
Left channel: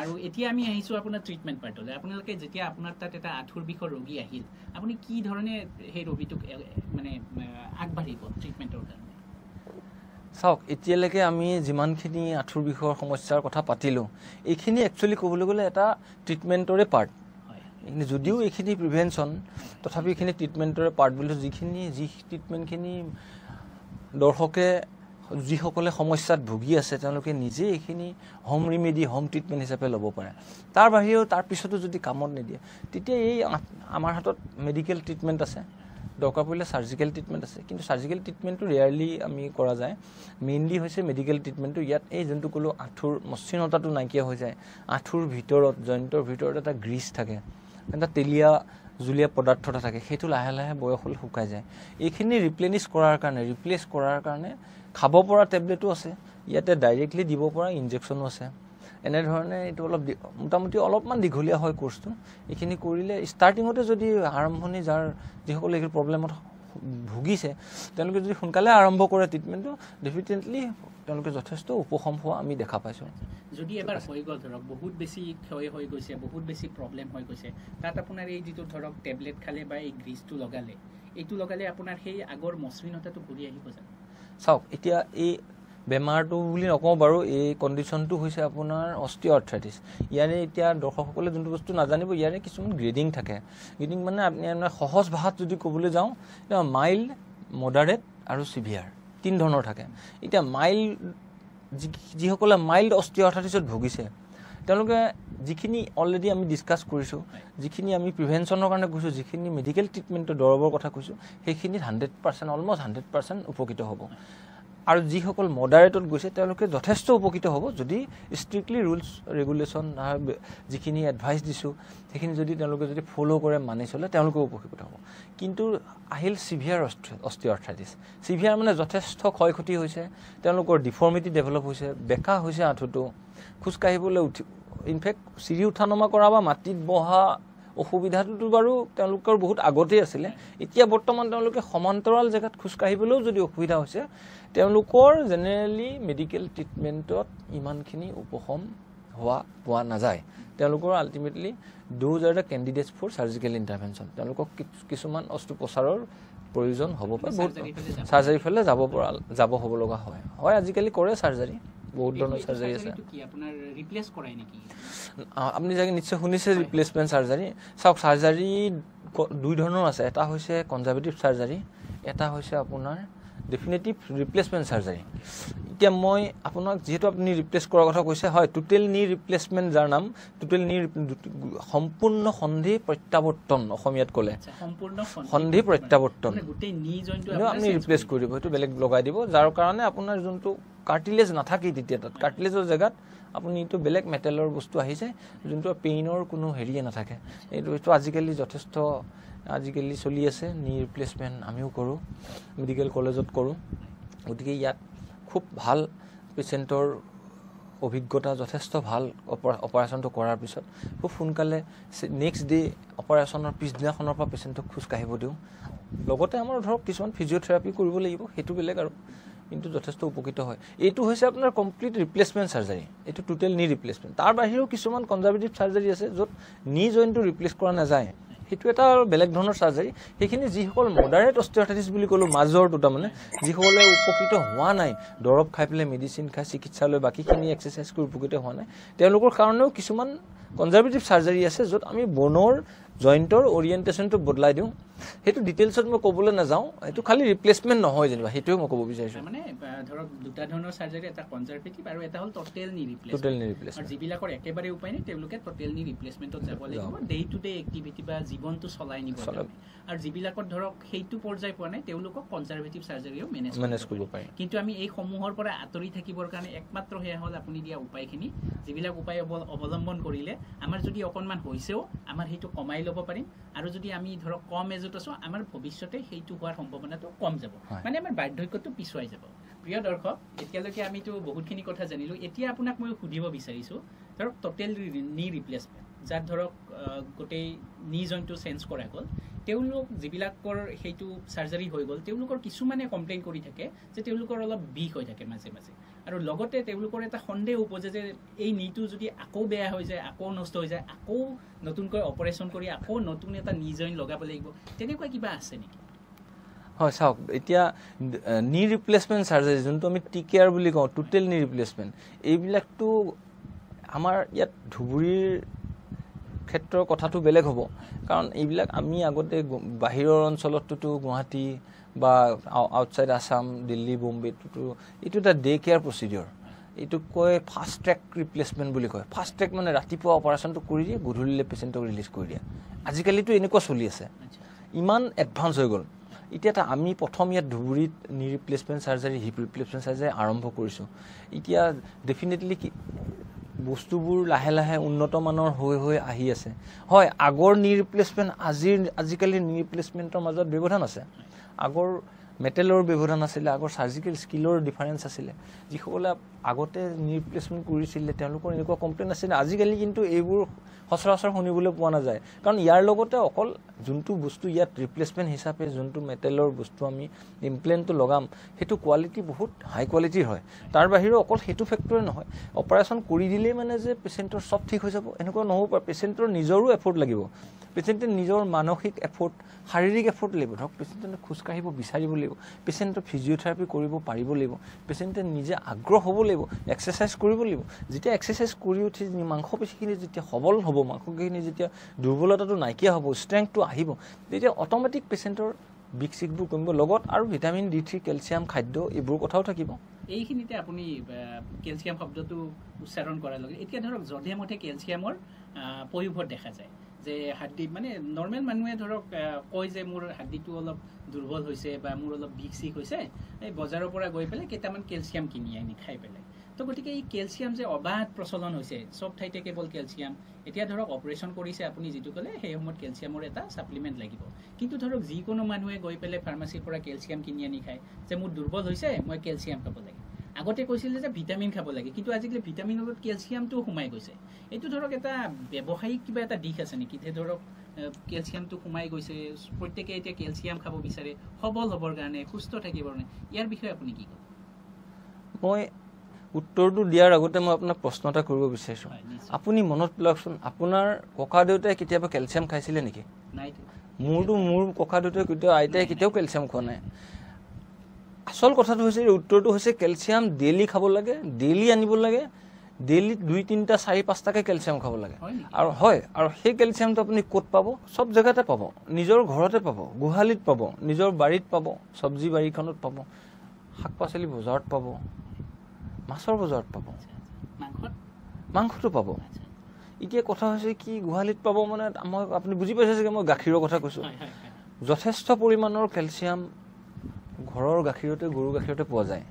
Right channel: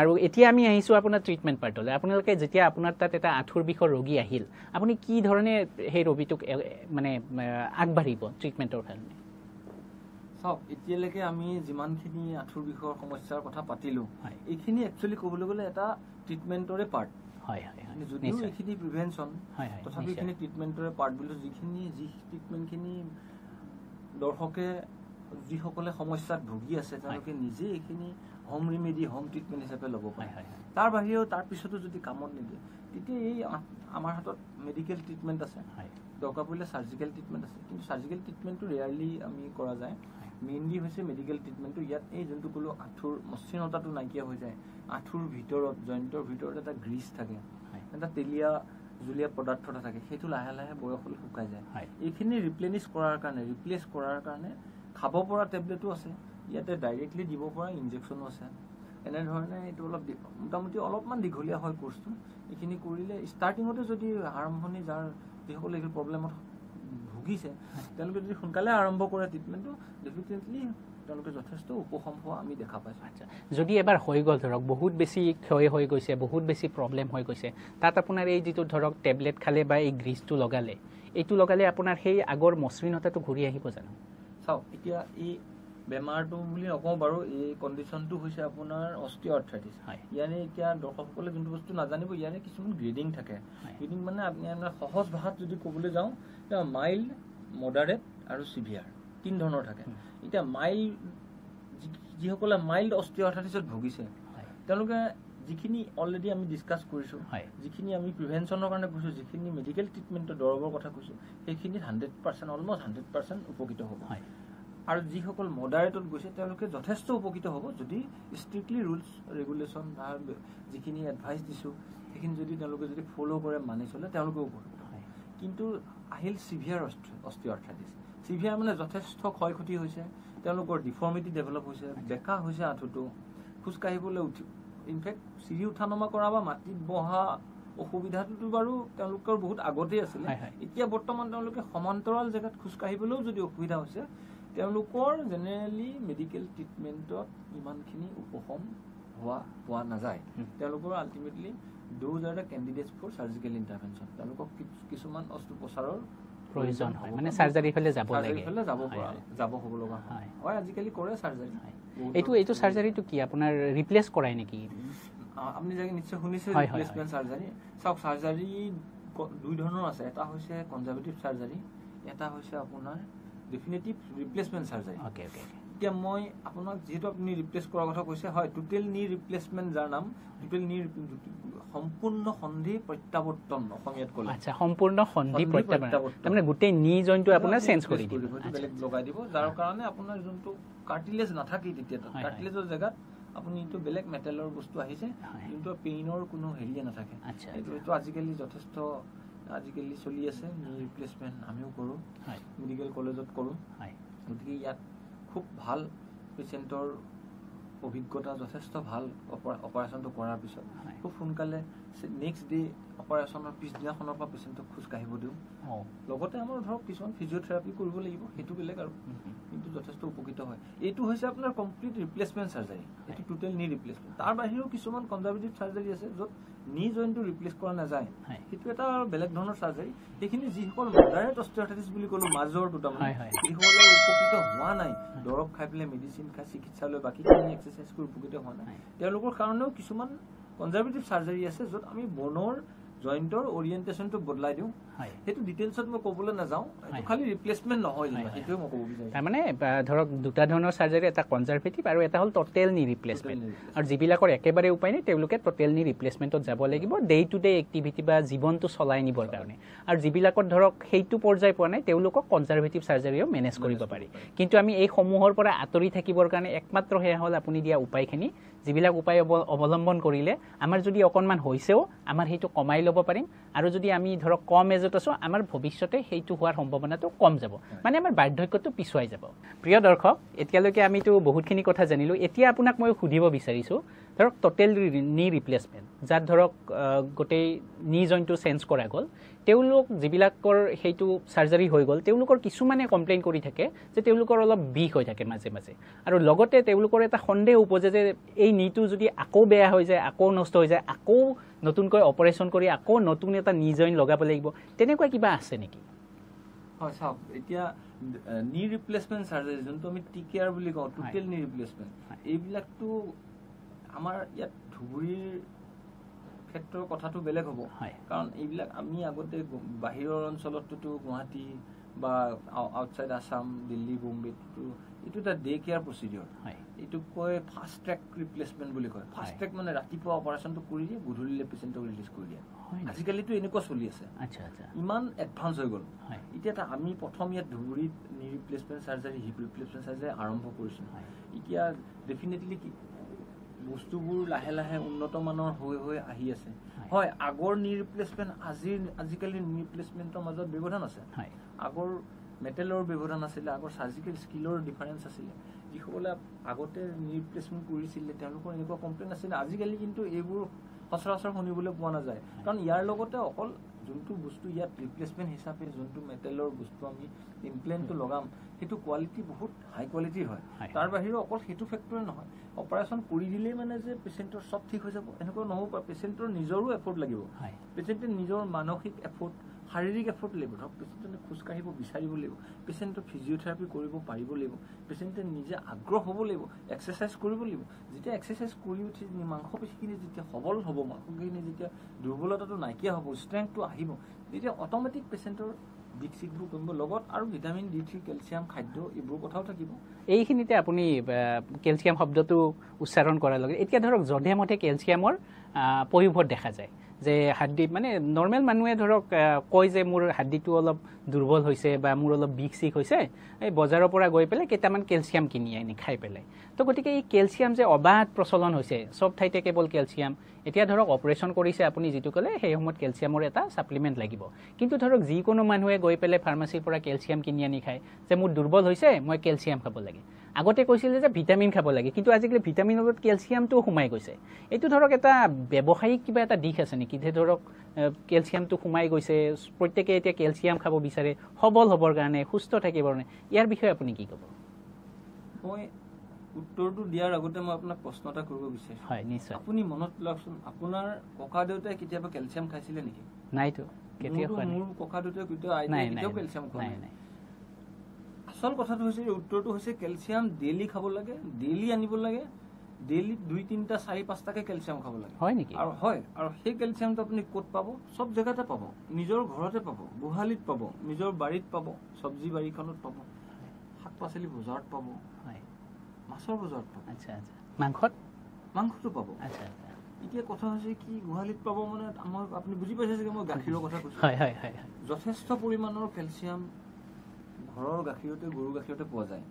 আৰু এতিয়া আমি আহিছোঁ আপোনাৰ ট্ৰিটমেণ্ট পাৰ্টলৈ আপোনালোকে যেতিয়া আপোনাৰ তাত এটা আঁঠুৰ বিষৰ ৰোগী আহিল আপুনি কি ধৰণে সেই ৰোগীটোক মানে আগবাঢ়িব ট্ৰিটমেণ্টৰ কাৰণে চাওক এতিয়ালৈকে আমি যিমানখিনি আঁঠুৰ বিষৰ সমস্যাৰ কথা পাতিলোঁ এইখিনি একচুৱেলি ক'বলৈ গ'লে এটা ট্ৰিটমেণ্টৰে পাৰ্ট হয় যদিও এইখিনি প্ৰিভেনশ্যন তথাপি এইখিনি ট্ৰিটমেণ্টৰে পাৰ্ট বুলি যি ট্ৰিটমেণ্টখিনি দৰ্শকে যিসকলে সমস্যাত ভুগি আছে তেওঁলোকে নিজে এইখিনি হোম ৰেমেডি হোম ট্ৰিটমেণ্ট হিচাপে ল'ব পাৰে তাৰ বাহিৰেও তাৰ পিছতো যদি কামত নিদিয়ে তেতিয়া এই আমাৰ হাতত মেডিকেল ট্ৰিটমেণ্ট আছে দৰকাৰ পৰিলে সাৰ্জিকেল ট্ৰিটমেণ্ট আছে কিন্তু সাৰ্জিকেল ট্ৰিটমেণ্টটো ৰেয়াৰলি আমি কৰা যায় মেইনলি হৈছে মেডিকেল ট্ৰিটমেণ্টটো ইয়াত এই যোনটো ক'লো আঁঠুৰ মসৃণতাটো নাইকিয়া হৈ যায় আঁঠুৰ ভিতৰত জইণ্টৰ ভিতৰত এটা গ্ৰীচ থাকে এটা তেলীয়া জুলীয়া পদাৰ্থ এটা থাকে সেইটো লাহে লাহে বয়স হ'লে শুকাই যায় এইখিনি ৰিপ্লেছ কৰাৰ কাৰণে খাব পৰা টেবলেটো আছে ইয়াতে ডাইৰেক্টলি দিব পৰা ইনজেকশ্যনো আছে এনেধৰণে এইটো অলপ মোটামুটি অলপমান দীঘলীয়া হয় কোৰ্চটো এইখিনি কৰিলে ষ্টাৰ্টিঙতে যদি আৰম্ভণি যিসকলে এই প্ৰব্লেমত ভুগিছে তেওঁলোকে যদি সোনকালে আৰম্ভ কৰে ট্ৰিটমেণ্টটো ডেফিনেটলি তেওঁলোকে যথেষ্ট উপশম হোৱা আমি দেখা পাইছোঁ যদি এবাৰ হৈ গ'ল ধৰক বহুত বেছি ক্ষয় হৈ গৈছে বহুত বেছি প্ৰব্লেম হৈ গৈছে তাত আপোনাৰ এই যিটো ধৰক টেবলেট খালে বা এই গ্ৰীচটো লগালে আপোনাৰ সেই আগৰ মসৃণতাটো ঘূৰি আহিব জানো চাওক এতিয়া এই বেমাৰটো বুলি নকওঁ বাৰু এই কণ্ডিশ্যনটো হৈছে আপোনাৰ অষ্টিঅআৰ্থ্ৰাইটিছ ইয়াৰে এতিয়া দৰ্শকসকলে যোনটো বস্তু নাজানিব ইয়াৰে কিছুমান গ্ৰেডিং থাকে গ্ৰেডিং মানে আপুনি সহজ ভাষাত যদি ক'বলৈ যাওঁ এতিয়া মাইল্ড মডাৰেট আৰু চিভিয়াৰ 3 ধৰণৰ থাকে এতিয়া যিসকলে মাইল্ড অষ্টিঅআৰ্থ্ৰাইটিছত ভুগিছে তেওঁলোকে যিখিনি অলৰেডি আমি ডিছকাছ কৰিছোঁ যিখিনি আমি প্ৰিভেনশ্যনৰ কাৰণে কৈছোঁ যিখিনি মেডিকেল ট্ৰিটমেণ্টৰ দৰৱৰ কথা কৈছোঁ সেইখিনিত 100% অলমষ্ট 100% উপকৃত হ'ব আৰু যিসকল মডাৰেটত গৈছে তেওঁলোকে যথেষ্ট উপকৃত হ'ব যদি ষ্ট্ৰিক্টলি ৰুলছ ৰেগুলেশ্যন যিখিনি এডভাইচ দিছোঁ সেইখিনি যদি তেওঁলোকে যদি ফ'ল' কৰে মানি চলে তেওঁলোকেও উপকৃত হ'ব কিন্তু আহিল চিভিয়াৰ অষ্টিঅআৰ্থ্ৰাইটিছ চিভিয়াৰ মানে যথেষ্ট ক্ষয় ক্ষতি হৈছে তেওঁলোকৰ ডিফৰ্মিটি ডেভেলপ হৈছে বেকা হৈছে আঁঠুটো খোজকাঢ়িবলৈ ইনফেক্ট চিৰি উঠা নমা কৰা বা মাটিত বহা অসুবিধাটো বাৰু তেওঁলোকৰ বহুত আগতেই আছিলে এতিয়া বৰ্তমান তেওঁলোকে সমান্তৰাল জেগাত খোজ কাঢ়িবলৈও যদি অসুবিধা হৈছে তেওঁলোকৰ জেনেৰেলি মেডিকেল ট্ৰিটমেণ্টত ইমানখিনি উপশম পোৱা নাযায় তেওঁলোকৰ ultimately those are the candidates for surgical intervention তেওঁলোকক কিছুমান অস্ত্ৰোপচাৰৰ প্ৰয়োজন হ'ব পাৰে সাৰ্জাৰী ফেলে যাব হ'ব লগা হয় আজিকালি কৰে সাৰ্জাৰী এইটো সাৰ্জাৰীটো কি আপোনাৰ ৰিপ্লেস কৰাই নেকি আপুনি জানি নিশ্চয় শুনিছে ৰিপ্লেসমেন্ট সাৰ্জাৰী সব সাৰ্জাৰী দুই ধৰণৰ আছে এটা হৈছে কনজাৰভেটিভ সাৰ্জাৰী এটা হৈছে আপোনাৰ ডেফিনেটিভ ৰিপ্লেসমেন্ট সাৰ্জাৰী এতিয়া মই আপোনাক যেহেতু আপুনি ৰিপ্লেস কৰাৰ কথা কৈছে হয় টোটেল নি ৰিপ্লেসমেন্ট যাৰ নাম টোটেল নি সম্পূৰ্ণ সন্ধি প্ৰত্যাৱৰ্তন অসমীয়াত ক'লে আচ্ছা সম্পূৰ্ণ সন্ধি প্ৰত্যাৱৰ্তন মানে গোটেই নি জইনটো আপোনাৰ চেঞ্জ কৰিব সেইটো বেলেগ লগাই দিব যাৰ কাৰণে আপোনাৰ যোনটো কাৰ্টিলেজ নাথাকি তেতিয়া তাত কাৰ্টিলেজৰ জেগাত আপুনি এইটো বেলেগ মেটেলৰ বস্তু আহিছে যোনটো পেইনৰ কোনো হেৰিয়ে নাথাকে এইটো আজিকালি যথেষ্ট আজিকালি চলি আছে নি ৰিপ্লেসমেন্ট আমিও কৰো মেডিকেল কলেজত কৰো গতিকে ইয়াত খুব ভাল পেশেন্টৰ অভিজ্ঞতা যথেষ্ট ভাল অপাৰেশনটো কৰাৰ পিছত খুব সোনকালে নেক্সট ডে অপাৰেশনৰ পিছদিনাখনৰ পৰা পেশেন্টক খোজ কাঢ়িব দিওঁ লগতে আমাৰ ধৰক কিছুমান ফিজিঅথেৰাপি কৰিব লাগিব সেইটো বেলেগ আৰু কিন্তু যথেষ্ট উপকৃত হয় এইটো হৈছে আপোনাৰ কমপ্লিট ৰিপ্লেসমেন্ট সাৰ্জাৰী এইটো টোটেল নি ৰিপ্লেসমেন্ট তাৰ বাহিৰেও কিছুমান কনজাৰভেটিভ সাৰ্জাৰী আছে য'ত নি জইনটো ৰিপ্লেস কৰা নাযায় সেইটো এটা বেলেগ ধৰণৰ সাৰ্জাৰী সেইখিনি যিসকল মডাৰেট অস্টিওআৰ্থৰাইটিছ বুলি ক'লো মাজৰ দুটা মানে যিসকলে উপকৃত হোৱা নাই দৰৱ খাই পেলাই মেডিচিন খাই চিকিৎসালয় বাকীখিনি এক্সাৰচাইজ কৰি উপকৃত হোৱা নাই তেওঁলোকৰ কাৰণেও কিছুমান কনজাৰভেটিভ সাৰ্জাৰী আছে য'ত আমি বনৰ জইন্টৰ ওৰিয়েন্টেশনটো বদলাই দিওঁ হেতু ডিটেইলছত মই ক'বলৈ না যাওঁ এটো খালি ৰিপ্লেসমেন্ট নহয় যেনিবা হেতুৱে মই ক'ব বিচাৰিছো মানে ধৰক দুটা ধৰণৰ সাৰ্জাৰী এটা কনজাৰভেটিভ আৰু এটা হল টোটেল নি ৰিপ্লেসমেন্ট আৰু যিবিলাকৰ একেবাৰে উপায় নাই তেওঁলোকে টোটেল নি ৰিপ্লেসমেন্টত যাব লাগিব ডে টু ডে এক্টিভিটি বা জীৱনটো চলাই নিবৰ কাৰণে আৰু যিবিলাকৰ ধৰক হেইটো পৰ্যায় পোৱা নাই তেওঁলোকক কনজাৰভেটিভ সাৰ্জাৰীও মেনেজ কৰিব পাৰি কিন্তু আমি এই সমূহৰ পৰা আতৰি থাকিবৰ কাৰণে একমাত্ৰ হেয়া হল আপুনি দিয়া উপায়খিনি যিবিলাক উপায় অৱলম্বন কৰিলে আমাৰ যদি অকনমান হৈছেও আমাৰ হেইটো কমাই লব পাৰিম আৰু যদি আমি ধৰক কম এজত আছো আমাৰ ভৱিষ্যতে হেইটো হোৱাৰ সম্ভাৱনাটো কম যাব মানে আমাৰ বাৰ্ধক্যটো পিছুৱাই যাব প্ৰিয় দৰ্শক এতিয়ালৈকে আমিতো বহুতখিনি কথা জানিলো এতিয়া আপোনাক মই সুধিব বিচাৰিছো ধৰক টোটেল নি ৰিপ্লেসমেন্ট যাত ধৰক গোটেই নি জইনটো চেঞ্জ কৰা গ'ল তেওঁলোক যিবিলাকৰ হেইটো সাৰ্জাৰী হৈ গ'ল তেওঁলোকৰ কিছুমানে কমপ্লেইন কৰি থাকে যে তেওঁলোকৰ অলপ বিষ হৈ থাকে মাজে মাজে আৰু লগতে তেওঁলোকৰ এটা সন্দেহ উপজে যে এই নিটো যদি আকৌ বেয়া হৈ যায় আকৌ নষ্ট হৈ যায় আকৌ নতুনকৈ অপাৰেশন কৰি আকৌ নতুন এটা নি জইন লগাব লাগিব তেনেকুৱা কিবা আছে নেকি হয় চাওক এতিয়া নি ৰিপ্লেসমেন্ট সাৰ্জাৰী যোনটো আমি টিকেয়াৰ বুলি কওঁ টোটেল নি ৰিপ্লেসমেন্ট এইবিলাকটো আমাৰ ইয়াত ধুবুৰীৰ ক্ষেত্ৰৰ কথাটো বেলেগ হ'ব কাৰণ এইবিলাক আমি আগতে বাহিৰৰ অঞ্চলতটো গুৱাহাটী বা আউটসাইড আসাম দিল্লী বোম্বেটো এইটো এটা ডে কেয়াৰ প্ৰচিডিউৰ এইটো কয় ফাষ্ট ট্ৰেক ৰিপ্লেসমেন্ট বুলি কয় ফাষ্ট ট্ৰেক মানে ৰাতিপুৱা অপাৰেশনটো কৰি দিয়ে গধূলিলে পেশেন্টক ৰিলিজ কৰি দিয়ে আজিকালিটো এনেকুৱা চলি আছে ইমান এডভান্স হৈ গ'ল এতিয়া আমি প্ৰথম ইয়াত ধুবুৰীত নি ৰিপ্লেসমেন্ট সাৰ্জাৰী হিপ ৰিপ্লেসমেন্ট সাৰ্জাৰী আৰম্ভ কৰিছো এতিয়া ডেফিনেটলি বস্তুবোৰ লাহে লাহে উন্নত মানৰ হৈ আহি আছে হয় আগৰ নি ৰিপ্লেসমেন্ট আজিকালি নি ৰিপ্লেসমেন্টৰ মাজত ব্যৱধান আছে আগৰ মেটেলৰ ব্যৱধান আছিল আগৰ সাৰ্জিকেল স্কিলৰ ডিফাৰেন্স আছিল যিসকলে আগতে নি ৰিপ্লেসমেন্ট কৰিছিল তেওঁলোকৰ এনেকুৱা কমপ্লেইন আছিল আজিকালি কিন্তু এইবোৰ সচৰাচৰ শুনিবলৈ পোৱা নাযায় কাৰণ ইয়াৰ লগতে অকল যোনটো বস্তু ইয়াত ৰিপ্লেসমেন্ট হিচাপে যোনটো মেটেলৰ বস্তু আমি ইমপ্লেন্টটো লগাম হেতু কোৱালিটি বহুত হাই কোৱালিটিৰ হয় তাৰ বাহিৰে অকল হেতু ফেক্টৰে নহয় অপাৰেশন কৰি দিলে মানে যে পেশেন্টৰ সব ঠিক হৈ যাব এনেকুৱা নহব পেশেন্টৰ নিজৰো এফৰ্ট লাগিব পেশেন্টৰ নিজৰ মানসিক এফৰ্ট শাৰীৰিক এফৰ্ট লাগিব ধৰক পেশেন্টে খোজ কাঢ়িব বিচাৰিব লাগিব পেশেন্টৰ ফিজিঅথেৰাপি কৰিব পাৰিব লাগিব পেশেন্টে নিজে আগ্ৰহ হ'ব লাগিব এক্সাৰসাইজ কৰিব লাগিব যেতিয়া এক্সাৰসাইজ কৰি উঠি মাংসপেশীখিনি যেতিয়া সবল হ'ব মাংসখিনি যেতিয়া দুৰ্বলতাটো নাইকিয়া হ'ব ষ্ট্ৰেংথটো আহিব তেতিয়া অটোমেটিক পেশেন্টৰ বিকশিকবোৰ কমিব লগত আৰু ভিটামিন D3 ক্যালসিয়াম খাদ্য এইবোৰ কথাও থাকিব এইখিনিতে আপুনি ক্যালসিয়াম শব্দটো উচ্চাৰণ কৰাৰ লগে এতিয়া ধৰক জধে মতে ক্যালসিয়ামৰ পয়োভৰ দেখা যায় যে হাড্ডি মানে নৰমাল মানুহে ধৰক কয় যে মোৰ হাড্ডিটো অলপ দুৰ্বল হৈছে বা মোৰ অলপ বিকশিক হৈছে এই বজাৰৰ পৰা গৈ পেলে কেইটামান ক্যালসিয়াম কিনি আনি খাই পেলে তো গতিকে এই ক্যালসিয়াম যে অবাধ প্ৰচলন হৈছে সব ঠাইতে কেৱল ক্যালসিয়াম এতিয়া ধৰক অপাৰেশন কৰিছে আপুনি যেটো কলে সেই সময়ত ক্যালসিয়ামৰ এটা সাপ্লিমেন্ট লাগিব কিন্তু ধৰক যি কোনো মানুহে গৈ পেলে ফাৰ্মাসীৰ পৰা ক্যালসিয়াম কিনি আনি খায় যে মোৰ দুৰ্বল হৈছে মই ক্যালসিয়াম খাব লাগে আগতে কৈছিলে যে ভিটামিন খাব লাগে কিন্তু আজিকালি ভিটামিনৰ লগত কেলছিয়ামটোও সোমাই গৈছে এইটো ধৰক এটা ব্যৱসায়িক কিবা এটা দিশ আছে নেকি যে ধৰক কেলছিয়ামটো সোমাই গৈছে প্ৰত্যেকে এতিয়া কেলছিয়াম খাব বিচাৰে সবল হ'বৰ কাৰণে সুস্থ থাকিবৰ কাৰণে ইয়াৰ বিষয়ে আপুনি কি ক'ব মই উত্তৰটো দিয়াৰ আগতে মই আপোনাক প্ৰশ্ন এটা কৰিব বিচাৰিছো হয় নিশ্চয় আপুনি মনত পেলাওকচোন আপোনাৰ ককা দেউতাই কেতিয়াবা কেলছিয়াম খাইছিলে নেকি নাইতো মোৰ ককা দেউতাই কেতিয়াও আইতাই কেতিয়াও কেলছিয়াম খোৱা নাই আসল কথাটো হৈছে উত্তৰটো হৈছে কেলছিয়াম ডেইলি খাব লাগে ডেইলি আনিব লাগে ডেইলি 2-3টা 4-5টাকে কেলছিয়াম খাব লাগে আৰু হয় আৰু সেই কেলছিয়ামটো আপুনি ক'ত পাব সব জেগাতে পাব নিজৰ ঘৰতে পাব গোহালিত পাব নিজৰ বাৰীত পাব সবজি বাৰীখনত পাব শাক পাচলি বজাৰত পাব মাছৰ বজাৰত পাব মাংসটো পাব এতিয়া কথা হৈছে কি গোহালিত পাব মানে আপুনি বুজি পাইছে যে মই গাখীৰৰ কথা কৈছো যথেষ্ট পৰিমাণৰ কেলছিয়াম ঘৰৰ গাখীৰতে গৰু গাখীৰতে পোৱা যায়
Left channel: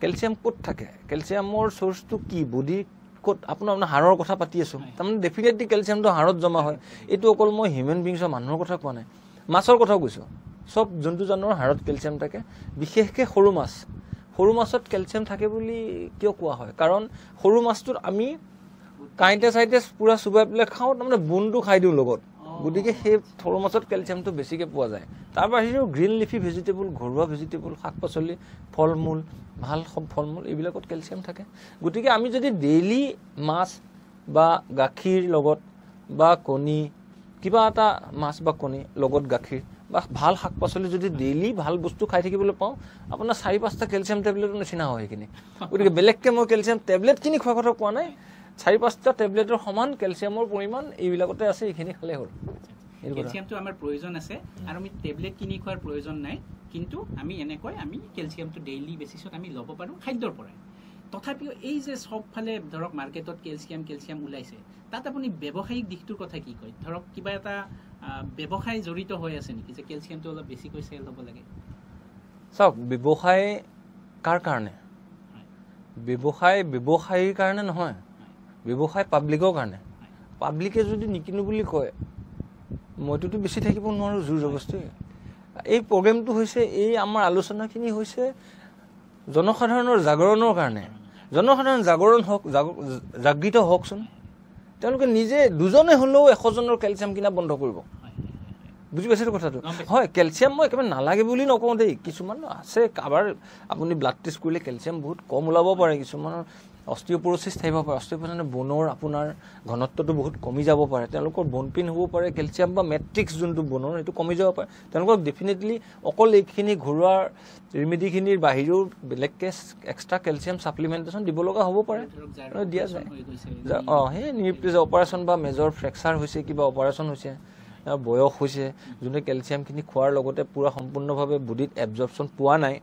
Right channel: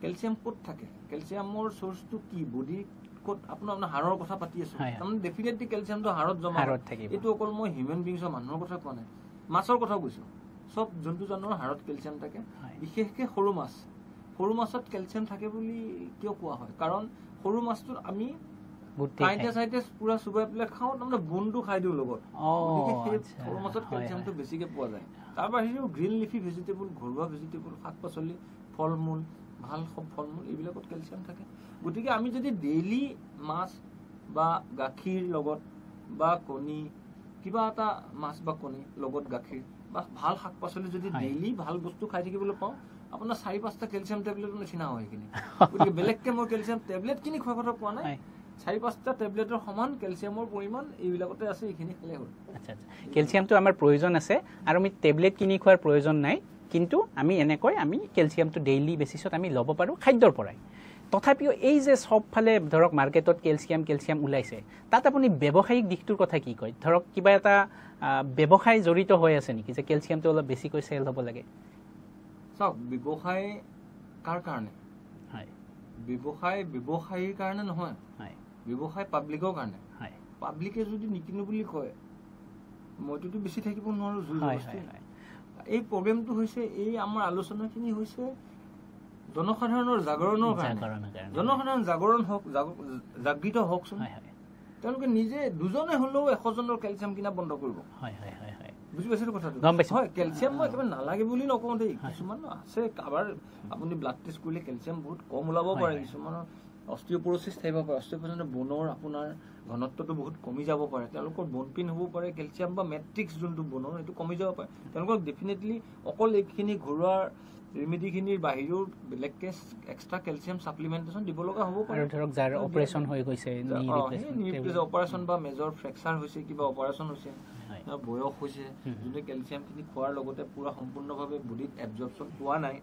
কেলছিয়াম ক'ত থাকে কেলছিয়ামৰ সোৰ্সটো কি বডি ক'ত আপোনাৰ হাড়ৰ কথা পাতি আছো তাৰমানে ডেফিনেটলি কেলছিয়ামটো হাড়ত জমা হয় এইটো অকল মই হিউমেন বিংছৰ মানুহৰ কথা কোৱা নাই মাছৰ কথাও কৈছো সব জন্তু জানোৱাৰ হাড়ত কেলছিয়াম থাকে বিশেষকৈ সৰু মাছত কেলছিয়াম থাকে বুলি কিয় কোৱা হয় কাৰণ সৰু মাছটোত আমি কাইটে চাইটে পুৰা চুবাই পেলাই খাওঁ তাৰমানে বোনটো খাই দিওঁ লগত গতিকে সেই সৰু মাছত কেলছিয়ামটো বেছিকৈ পোৱা যায় তাৰ বাহিৰেও গ্ৰীণ লিফি ভেজিটেবল ঘৰুৱা ভেজিটেবল শাক পাচলি ফল মূল ভাল সব ফল মূল এইবিলাকত কেলছিয়াম থাকে গতিকে আমি যদি ডেইলি মাছ বা গাখীৰ লগত বা কণী কিবা এটা মাছ বা কণী লগত গাখীৰ বা ভাল শাক পাচলি যদি ডেইলি ভাল বস্তু খাই থাকিবলৈ পাওঁ আপোনাৰ 4-5টা কেলছিয়াম টেবলেটৰ নিচিনা হয় সেইখিনি গতিকে বেলেগকৈ মই কেলছিয়াম টেবলেট কিনি খোৱাৰ কথা কোৱা নাই 4-5টা টেবলেটৰ সমান কেলছিয়ামৰ পৰিমাণ এইবিলাকতে আছে এইখিনি খালে হ'ল কেলছিয়ামটো আমাৰ প্ৰয়োজন আছে আৰু আমি টেবলেট কিনি খোৱাৰ প্ৰয়োজন নাই কিন্তু আমি এনেকৈ আমি কেলছিয়ামটো ডেইলি বেচিছত আমি ল'ব পাৰোঁ খাদ্যৰ পৰাই তথাপিও এই যে সবফালে ধৰক মাৰ্কেটত কেলছিয়াম ওলাইছে তাত আপুনি ব্যৱসায়িক দিশটোৰ কথা কি কয় ধৰক কিবা এটা ব্যৱসায় জড়িত হৈ আছে নেকি যে কেলছিয়ামটো অলপ বেছিকৈ চেল হ'ব লাগে চাওক ব্যৱসায় কাৰ কাৰণে ব্যৱসায়ীৰ কাৰণে নহয় ব্যৱসায় পাব্লিকৰ কাৰণে পাব্লিকে যদি নিকিনো বুলি কয় মইতো বেছি থাকিব নোৱাৰো জোৰ জবস্তি এই প্ৰগ্ৰেমটো হৈছে এই আমাৰ আলোচনাখিনি হৈছে জনসাধাৰণৰ জাগৰণৰ কাৰণে জনসাধাৰণ জাগৰণ হওক জাগৃত হওকচোন তেওঁলোকে নিজে দুজনে হ'লেও 100জনৰ কেলছিয়াম কিনা বন্ধ কৰিব বুজি পাইছে কথাটো হয় কেলছিয়াম মই একেবাৰে নালাগে বুলি নকওঁ দেই কিছুমান আছে কাবাৰ আপুনি ব্লাড টেষ্ট কৰিলে কেলছিয়াম বহুত কম ওলাব পাৰে কিছুমান অস্টিওপৰোচিছ থাকিব পাৰে অস্টিওপৰোচিছ বোনৰ আপোনাৰ ঘনত্বটো বহুত কমি যাব পাৰে তেওঁলোকৰ বোন পিন হ'ব পাৰে কেলছিয়াম বা মেট্ৰিক্স যোনটো বোনৰ সেইটো কমি যাব পাৰে তেওঁলোকক ডেফিনেটলি অকল এইখিনি ঘৰুৱা ৰেমেডিখিনিৰ বাহিৰেও বেলেগকৈ এক্সট্ৰা কেলছিয়াম ছাপ্লিমেণ্টেশ্যন দিব লগা হ'ব পাৰে ধৰক যাৰ অপাৰেশ্যন হৈ গৈছে সেই নিউপ্লেজ অপাৰেশ্যন বা মেজৰ ফ্ৰেকচাৰ হৈছে কিবা অপাৰেশ্যন হৈছে বয়স হৈছে যোনে কেলছিয়ামখিনি খোৱাৰ লগতে পূৰা সম্পূৰ্ণভাৱে বডিত এবজৰ্পশ্যন পোৱা নাই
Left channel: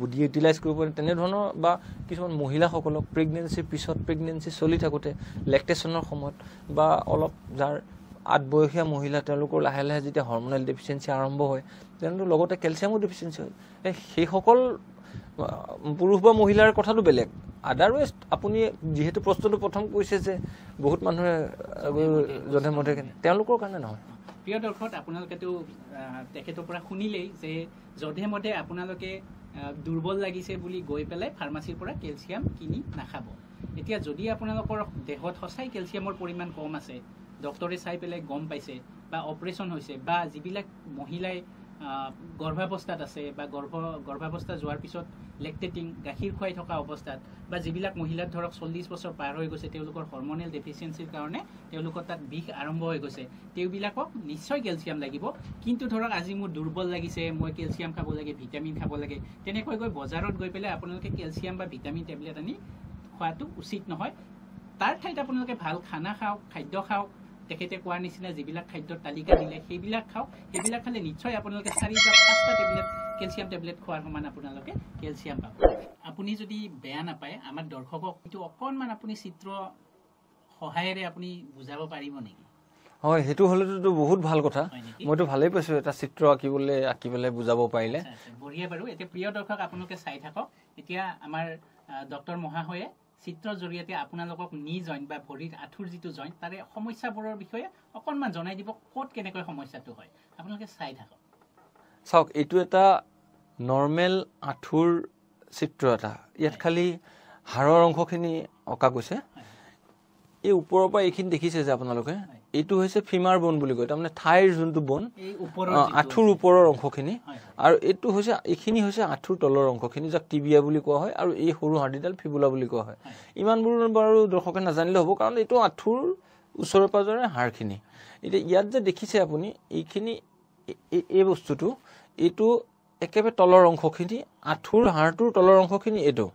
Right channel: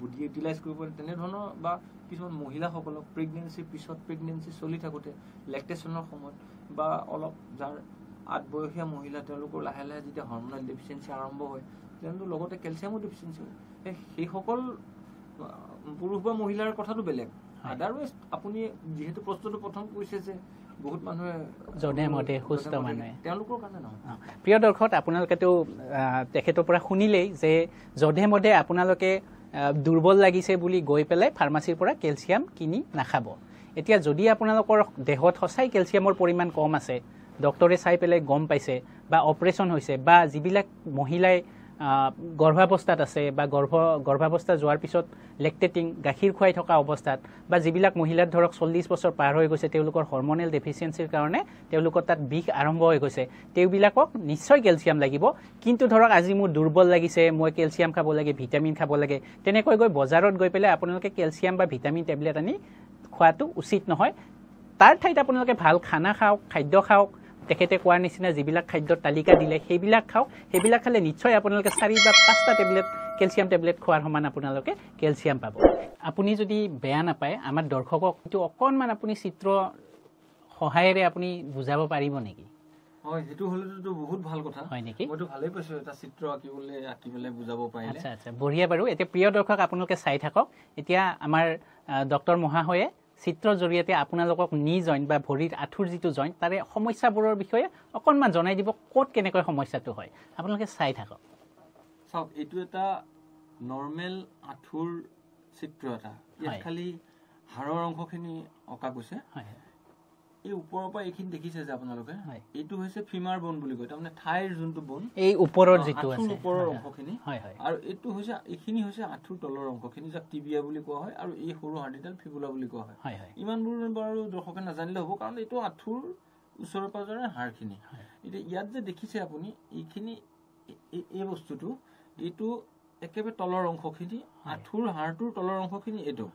বডি ইউটিলাইজ কৰিব পাৰে তেনেধৰণৰ বা কিছুমান মহিলাসকলক প্ৰেগনেঞ্চিৰ পিছত প্ৰেগনেঞ্চি চলি থাকোঁতে লেক্টেশ্যনৰ সময়ত বা অলপ যাৰ 8 বয়সীয়া মহিলা তেওঁলোকৰ লাহে লাহে যেতিয়া হৰমনেল ডেফিচিয়েঞ্চি আৰম্ভ হয় তেওঁলোকৰ লগতে কেলছিয়ামৰ ডেফিচিয়েঞ্চি হয় সেইসকল পুৰুষ বা মহিলাৰ কথাটো বেলেগ আদাৰৱাইজ আপুনি যেহেতু প্ৰশ্নটো প্ৰথম কৈছে যে বহুত মানুহে তেওঁলোকৰ কাৰণে নহয় প্ৰিয় দৰ্শক আপোনালোকেতো তেখেতৰ পৰা শুনিলেই যে যধে মধে আপোনালোকে দুৰ্বল লাগিছে বুলি গৈ পেলাই ফাৰ্মাচীৰ পৰা কেলছিয়াম কিনি নাখাব এতিয়া যদি আপোনালোকৰ দেহত সঁচাই কেলছিয়ামৰ পৰিমাণ কম আছে ডক্টৰে চাই পেলাই গম পাইছে বা অপাৰেশ্যন হৈছে বা যিবিলাক মহিলাই গৰ্ভাৱস্থাত আছে বা গৰ্ভাৱস্থা যোৱাৰ পিছত লেক্টেটিং গাখীৰ খুৱাই থকা অৱস্থাত বা যিবিলাক মহিলাৰ ধৰক 40 বছৰ পাৰ হৈ গৈছে তেওঁলোকৰ হৰমনেল ডেফিচিয়েঞ্চিৰ কাৰণে তেওঁলোকৰ তাত বিষ আৰম্ভ হৈ গৈছে তেওঁবিলাকক নিশ্চয় কেলছিয়াম লাগিব কিন্তু ধৰক আজি মোৰ দুৰ্বল লাগিছে মই কেলছিয়াম খাব লাগে ভিটামিন খাব লাগে তেনেকৈ গৈ বজাৰত গৈ পেলাই আপোনালোকে কেলছিয়াম বা ভিটামিন টেবলেট আনি খোৱাটো উচিত নহয় তাৰ ঠাইত আপোনালোকে ভাল খানা খাওক খাদ্য খাওক তেখেতে কোৱাৰ নিচিনা যিবিলাক খাদ্যৰ তালিকা দিলে সেইবিলাক খাওক সেইবিলাক খালে নিশ্চয় আপোনালোকে 4 বা 5টা টেবলেট কেলছিয়াম টেবলেট খোৱাৰ সমান আপোনালোকে কেলছিয়াম পাব আপুনি যদি বেয়া নাপায় আমাৰ দৰ্শকক এইটো অকণমান আপুনি চিত্ৰ সহায়েৰে আপুনি বুজাব পাৰিব নেকি হয় হেতু হলেতো বহুত ভাল কথা মইতো ভালেই পাইছো এটা চিত্ৰ আঁকিবলৈ বুজাব পাৰিলে আচ্ছা বঢ়িয়া বাৰু এতিয়া প্ৰিয় দৰ্শক আপোনালোকে চাই থাকক এতিয়া আমাৰ ডক্টৰ মহাশয়ে চিত্ৰৰ জৰিয়তে আপোনালোকক নি জইণ্ট বা ভৰিৰ আঁঠুৰ যিটো জইণ্ট তাৰে সমস্যাবোৰৰ বিষয়ে অকণমান জনাই দিব ক'ত কেনেকৈ সমস্যাটো হয় আপোনালোকে চাই থাকক চাওক এইটো এটা নৰ্মেল আঁঠুৰ চিত্ৰ এটা ইয়াত খালি হাড়ৰ অংশখিনি অঁকা গৈছে এই ওপৰৰ পৰা এইখিনি দেখিছে যে আপোনালোকে এইটো হৈছে ফিমাৰ বোন বুলি কয় তাৰমানে থাইৰ যোনটো বোন এই ওপৰৰ আঁঠুৰ ওপৰৰ অংশখিনি আৰু এইটো হৈছে এইখিনি হৈছে আঁঠুৰ তলৰ অংশখিনি যাক টিবিয়া বুলি কোৱা হয় আৰু এই সৰু হাৰ্ডিডাল ফিবুলা বুলি কোৱা হয় ইমানবোৰ বাৰু দৰ্শকে নাজানিলে হ'ব কাৰণ এইটো আঁঠুৰ ওচৰে পাজৰে হাড়খিনি এতিয়া ইয়াত যে দেখিছে আপুনি এইখিনি এই বস্তুটো এইটো একেবাৰে তলৰ অংশখিনি আঁঠুৰ হাড়টোৰ তলৰ অংশখিনি এইটো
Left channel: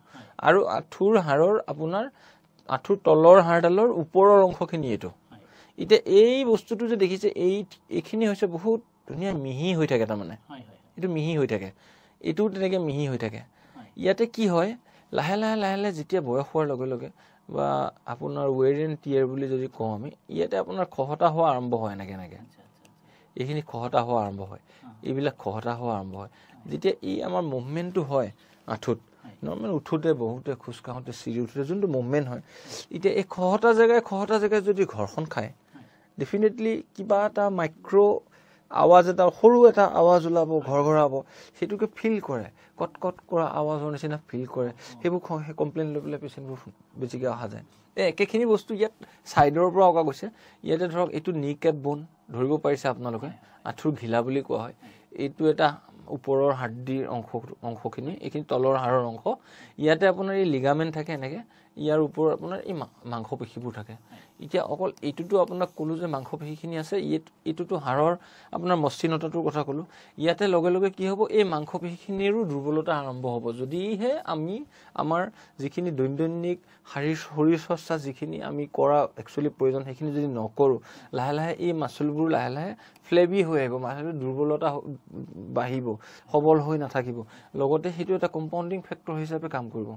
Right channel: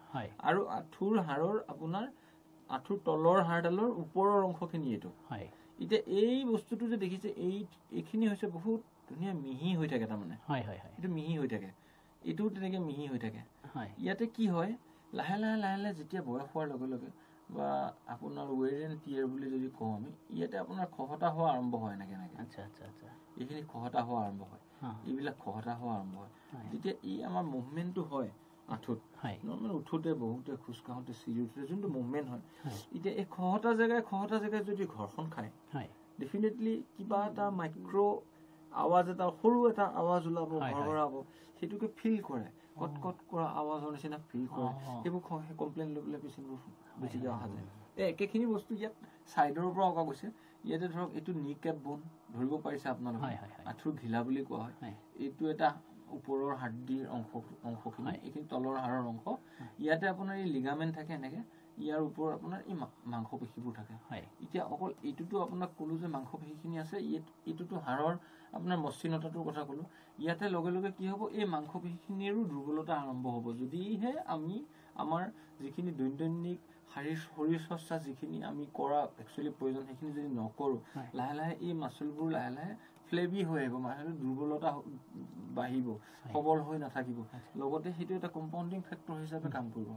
আৰু আঁঠুৰ হাড়ৰ আপোনাৰ আঁঠুৰ তলৰ হাড়ডালৰ ওপৰৰ অংশখিনি এইটো এতিয়া এই বস্তুটো যে দেখিছে এইখিনি হৈছে বহুত ধুনীয়া মিহি হৈ থাকে তাৰমানে এইটো মিহি হৈ থাকে এইটোও তেনেকৈ মিহি হৈ থাকে ইয়াতে কি হয় লাহে লাহে লাহে লাহে যেতিয়া বয়স হোৱাৰ লগে লগে বা আপোনাৰ ৱেৰ এণ্ড টিয়াৰ বুলি যদি কওঁ আমি ইয়াতে আপোনাৰ খহটা হোৱা আৰম্ভ হয় এনেকৈ এনেকৈ এইখিনি খহটা হোৱা আৰম্ভ হয় এইবিলাক খহটা হোৱা আৰম্ভ হয় যেতিয়া এই আমাৰ মুভমেণ্টটো হয় আঁঠুত নৰ্মেল উঠোঁতে বহুতে খোজ কাঢ়োঁতে চিৰি উঠোঁতে যোনটো মুভমেণ্ট হয় এতিয়া এই খহটা জেগাই যদি ঘৰখন খায় ডেফিনেটলি কিবা এটা মাইক্ৰ' আৱাজ এটা সৰু এটা আৱাজ ওলাব ঘৰঘৰাব সেইটোকে ফিল কৰে কট কট কৰা আৱাজৰ নিচিনা ফিল কৰে সেইবোৰ কমপ্লেইন লৈ পেলাই পেচেণ্টবোৰ বেছিকৈ অহা যায় একেখিনি বস্তু ইয়াত ছাইডৰ পৰা অঁকা গৈছে ইয়াতে ধৰক এইটো নি কেপ বোন ধৰিব পাৰিছে আপোনালোকে আঁঠুৰ ঘিলা বুলি কোৱা হয় এইটো এটা ওপৰৰ হাৰ্ডিৰ অংশখিনি এইখিনি তলৰ হাড়ৰ অংশ ইয়াতে আপোনাৰ এই লিগামেণ্ট থাকে এনেকৈ ইয়াৰ ওপৰত আপোনাৰ এই মাংসপেশীবোৰ থাকে এতিয়া অকল এইটোতো আপোনাক ক'লোঁ যে মাংসপেশীখিনি আছে এইটোতো হাড়ৰ আপোনাৰ মসৃণতাটোৰ কথা ক'লোঁ ইয়াতে লগে লগে কি হ'ব এই মাংসপেশীখিনিৰো দুৰ্বলতা আৰম্ভ হ'ব যদিহে আমি আমাৰ যিখিনি দৈনন্দিন শৰীৰ চৰ্চা যিখিনি আমি কৰা একচুৱেলি প্ৰয়োজন সেইখিনি যদি নকৰোঁ লাহে লাহে এই মাচুলবোৰ লাহে লাহে ফ্লেবি হৈ আহিব মাছটো দুৰ্বলতা বাঢ়িব সবল হৈ নাথাকিব লগতে সেইটো এটা কম্পাউণ্ডিং ফেক্টৰ হিচাপে কাম কৰিব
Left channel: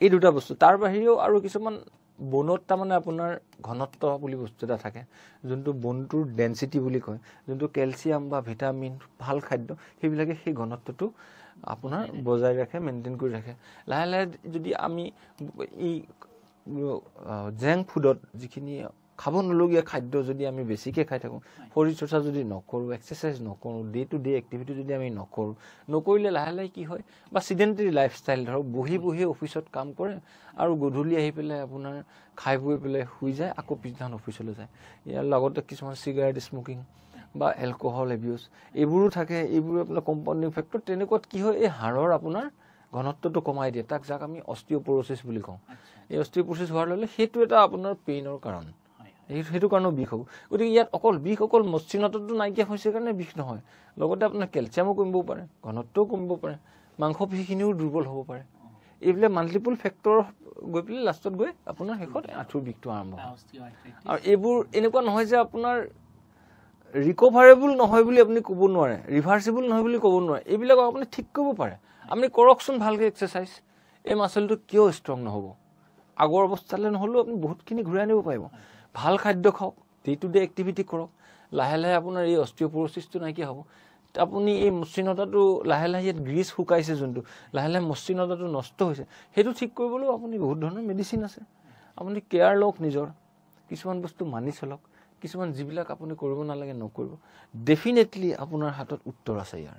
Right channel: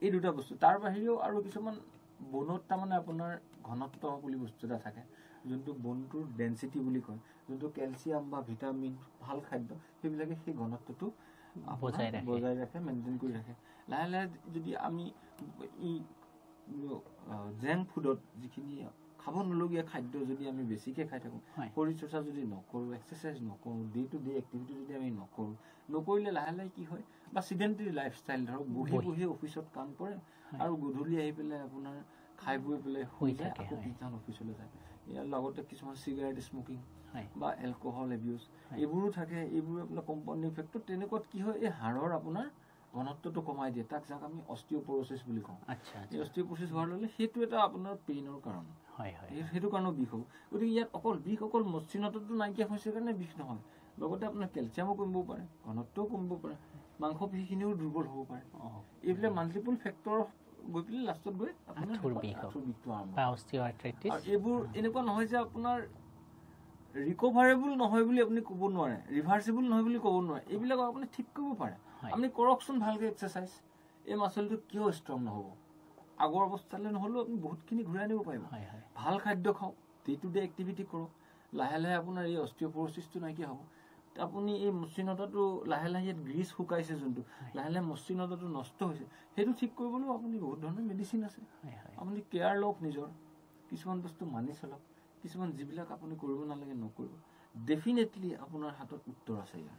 এই দুটা বস্তু তাৰ বাহিৰেও আৰু কিছুমান বনত তাৰমানে আপোনাৰ ঘনত্ব বুলি বস্তু এটা থাকে যোনটো বনটোৰ ডেনচিটি বুলি কয় যোনটো কেলছিয়াম বা ভিটামিন ভাল খাদ্য সেইবিলাকে সেই ঘনত্বটো আপোনাৰ বজাই ৰাখে মেইনটেইন কৰি ৰাখে লাহে লাহে যদি আমি এই জেংক ফুডত যিখিনি খাব নলগীয়া খাদ্য যদি আমি বেছিকৈ খাই থাকোঁ শৰীৰ চৰ্চা যদি নকৰোঁ এক্সাৰচাইজ নকৰোঁ ডে টু ডে এক্টিভিটি যদি আমি নকৰিলে লাহে লাহে কি হয় বা চিডেণ্টেৰী লাইফষ্টাইল ধৰক বহি অফিচত কাম কৰে আৰু গধূলি আহি পেলাই আপোনাৰ খাই বৈ পেলাই শুই যায় আকৌ পিছদিনাখন অফিচলৈ যায় ইয়াৰ লগতে কিছুমান চিগাৰেট স্মকিং বা এলকহল এবিউজ এইবোৰো থাকে এইবোৰ আপোনাৰ কম্পাউণ্ডিং ফেক্টৰ তেনেকুৱাত কি হয় এই হাড়ৰ আপোনাৰ ঘনত্বটো কমাই দিয়ে যাক আমি অষ্টিঅ'প'ৰচিছ বুলি কওঁ এই অষ্টিঅ'প'ৰচিছ হোৱাৰ লগে সেইটো এটা আপোনাৰ পেইনৰ কাৰণ সেইটো কাৰণেও বিষ হ'ব গতিকে ইয়াত অকল মসৃণতাটো নাইকিয়া হৈছে কাৰণে বিষ নহয় লগতে আপোনাৰ কেলছিয়ামো কমিব পাৰে ঘনত্বও কমিব পাৰে মাংসপেশীখিনিও দুৰ্বল হ'ব পাৰে এইবিলাক মাল্টিপল ফেক্টৰ গৈ পেলাই লাষ্টত গৈ আপোনাৰ শেষত আঁঠুৰ বিষটো আৰম্ভ হয় আৰু এইবোৰ এনেকুৱা নহয় যে আপোনাৰ ৰিকভাৰেবল নহয় বুলি আপুনি ক'ব নোৱাৰে ৰিভাৰ্চিবল নহয় বুলি ক'ব নোৱাৰে এইবিলাক আপুনি ঠিক কৰিব পাৰে আপুনি কৰকচোন ভালকৈ এক্সাৰচাইজ এই মাচলটো কিয় ষ্ট্ৰং নহ'ব আগৰ অৱস্থালৈ নহ'লেও আপুনি বহুতখিনি ঘূৰাই আনিব পাৰিব ভাল খাদ্য খাওক ডে টু ডে এক্টিভিটি কৰক লাহে লাহে আপোনাৰ এই অষ্টিঅ'প'ৰচিছটো নাইকিয়া হ'ব আপুনি এই মসৃণতাটো লাহে লাহে ইয়াত গ্ৰীজ শুকাইছে যোনটো লাহে লাহে মসৃণতাটো নষ্ট হৈছে সেইটো ঠিক কৰিবলৈও আপুনি বহুত ধৰণৰ মেডিচিন আছে আপুনি কেয়াৰ লওক নিজৰ কিছুমান বস্তু মানি চলক কিছুমান যিবিলাক আপুনি কৰিব নালাগে নকৰিব ডেফিনেটলি আপোনাৰ হাতত উত্তৰ আছে ইয়াৰ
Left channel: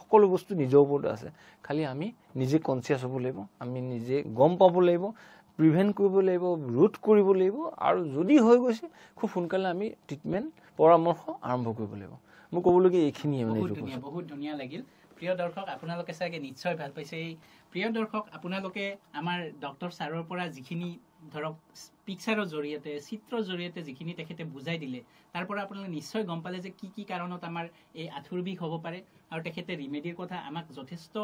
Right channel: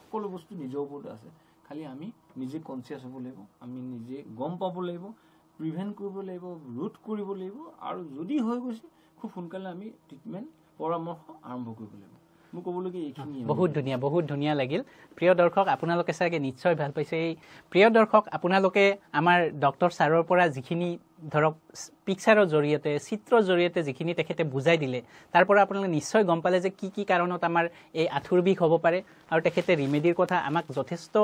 সকলো বস্তু নিজৰ ওপৰতে আছে খালি আমি নিজে কনচিয়াছ হ'ব লাগিব আমি নিজে গম পাব লাগিব প্ৰিভেণ্ট কৰিব লাগিব ৰোধ কৰিব লাগিব আৰু যদি হৈ গৈছে খুব সোনকালে আমি ট্ৰিটমেণ্ট পৰামৰ্শ আৰম্ভ কৰিব লাগিব মই ক'বলগীয়া এইখিনিয়ে বহুত ধুনীয়া লাগিল প্ৰিয় দৰ্শক আপোনালোকে চাগে নিশ্চয় ভাল পাইছে এই প্ৰিয় দৰ্শক আপোনালোকে আমাৰ ডক্টৰ ছাৰৰ পৰা যিখিনি ধৰক পিকচাৰৰ জৰিয়তে চিত্ৰৰ জৰিয়তে যিখিনি তেখেতে বুজাই দিলে তাৰ পৰা আপোনালোকে নিশ্চয় গম পালে যে কি কাৰণত আমাৰ এই আঁঠুৰ বিষ হ'ব পাৰে আৰু তেখেতে ৰিমেডিৰ কথা আমাক যথেষ্ট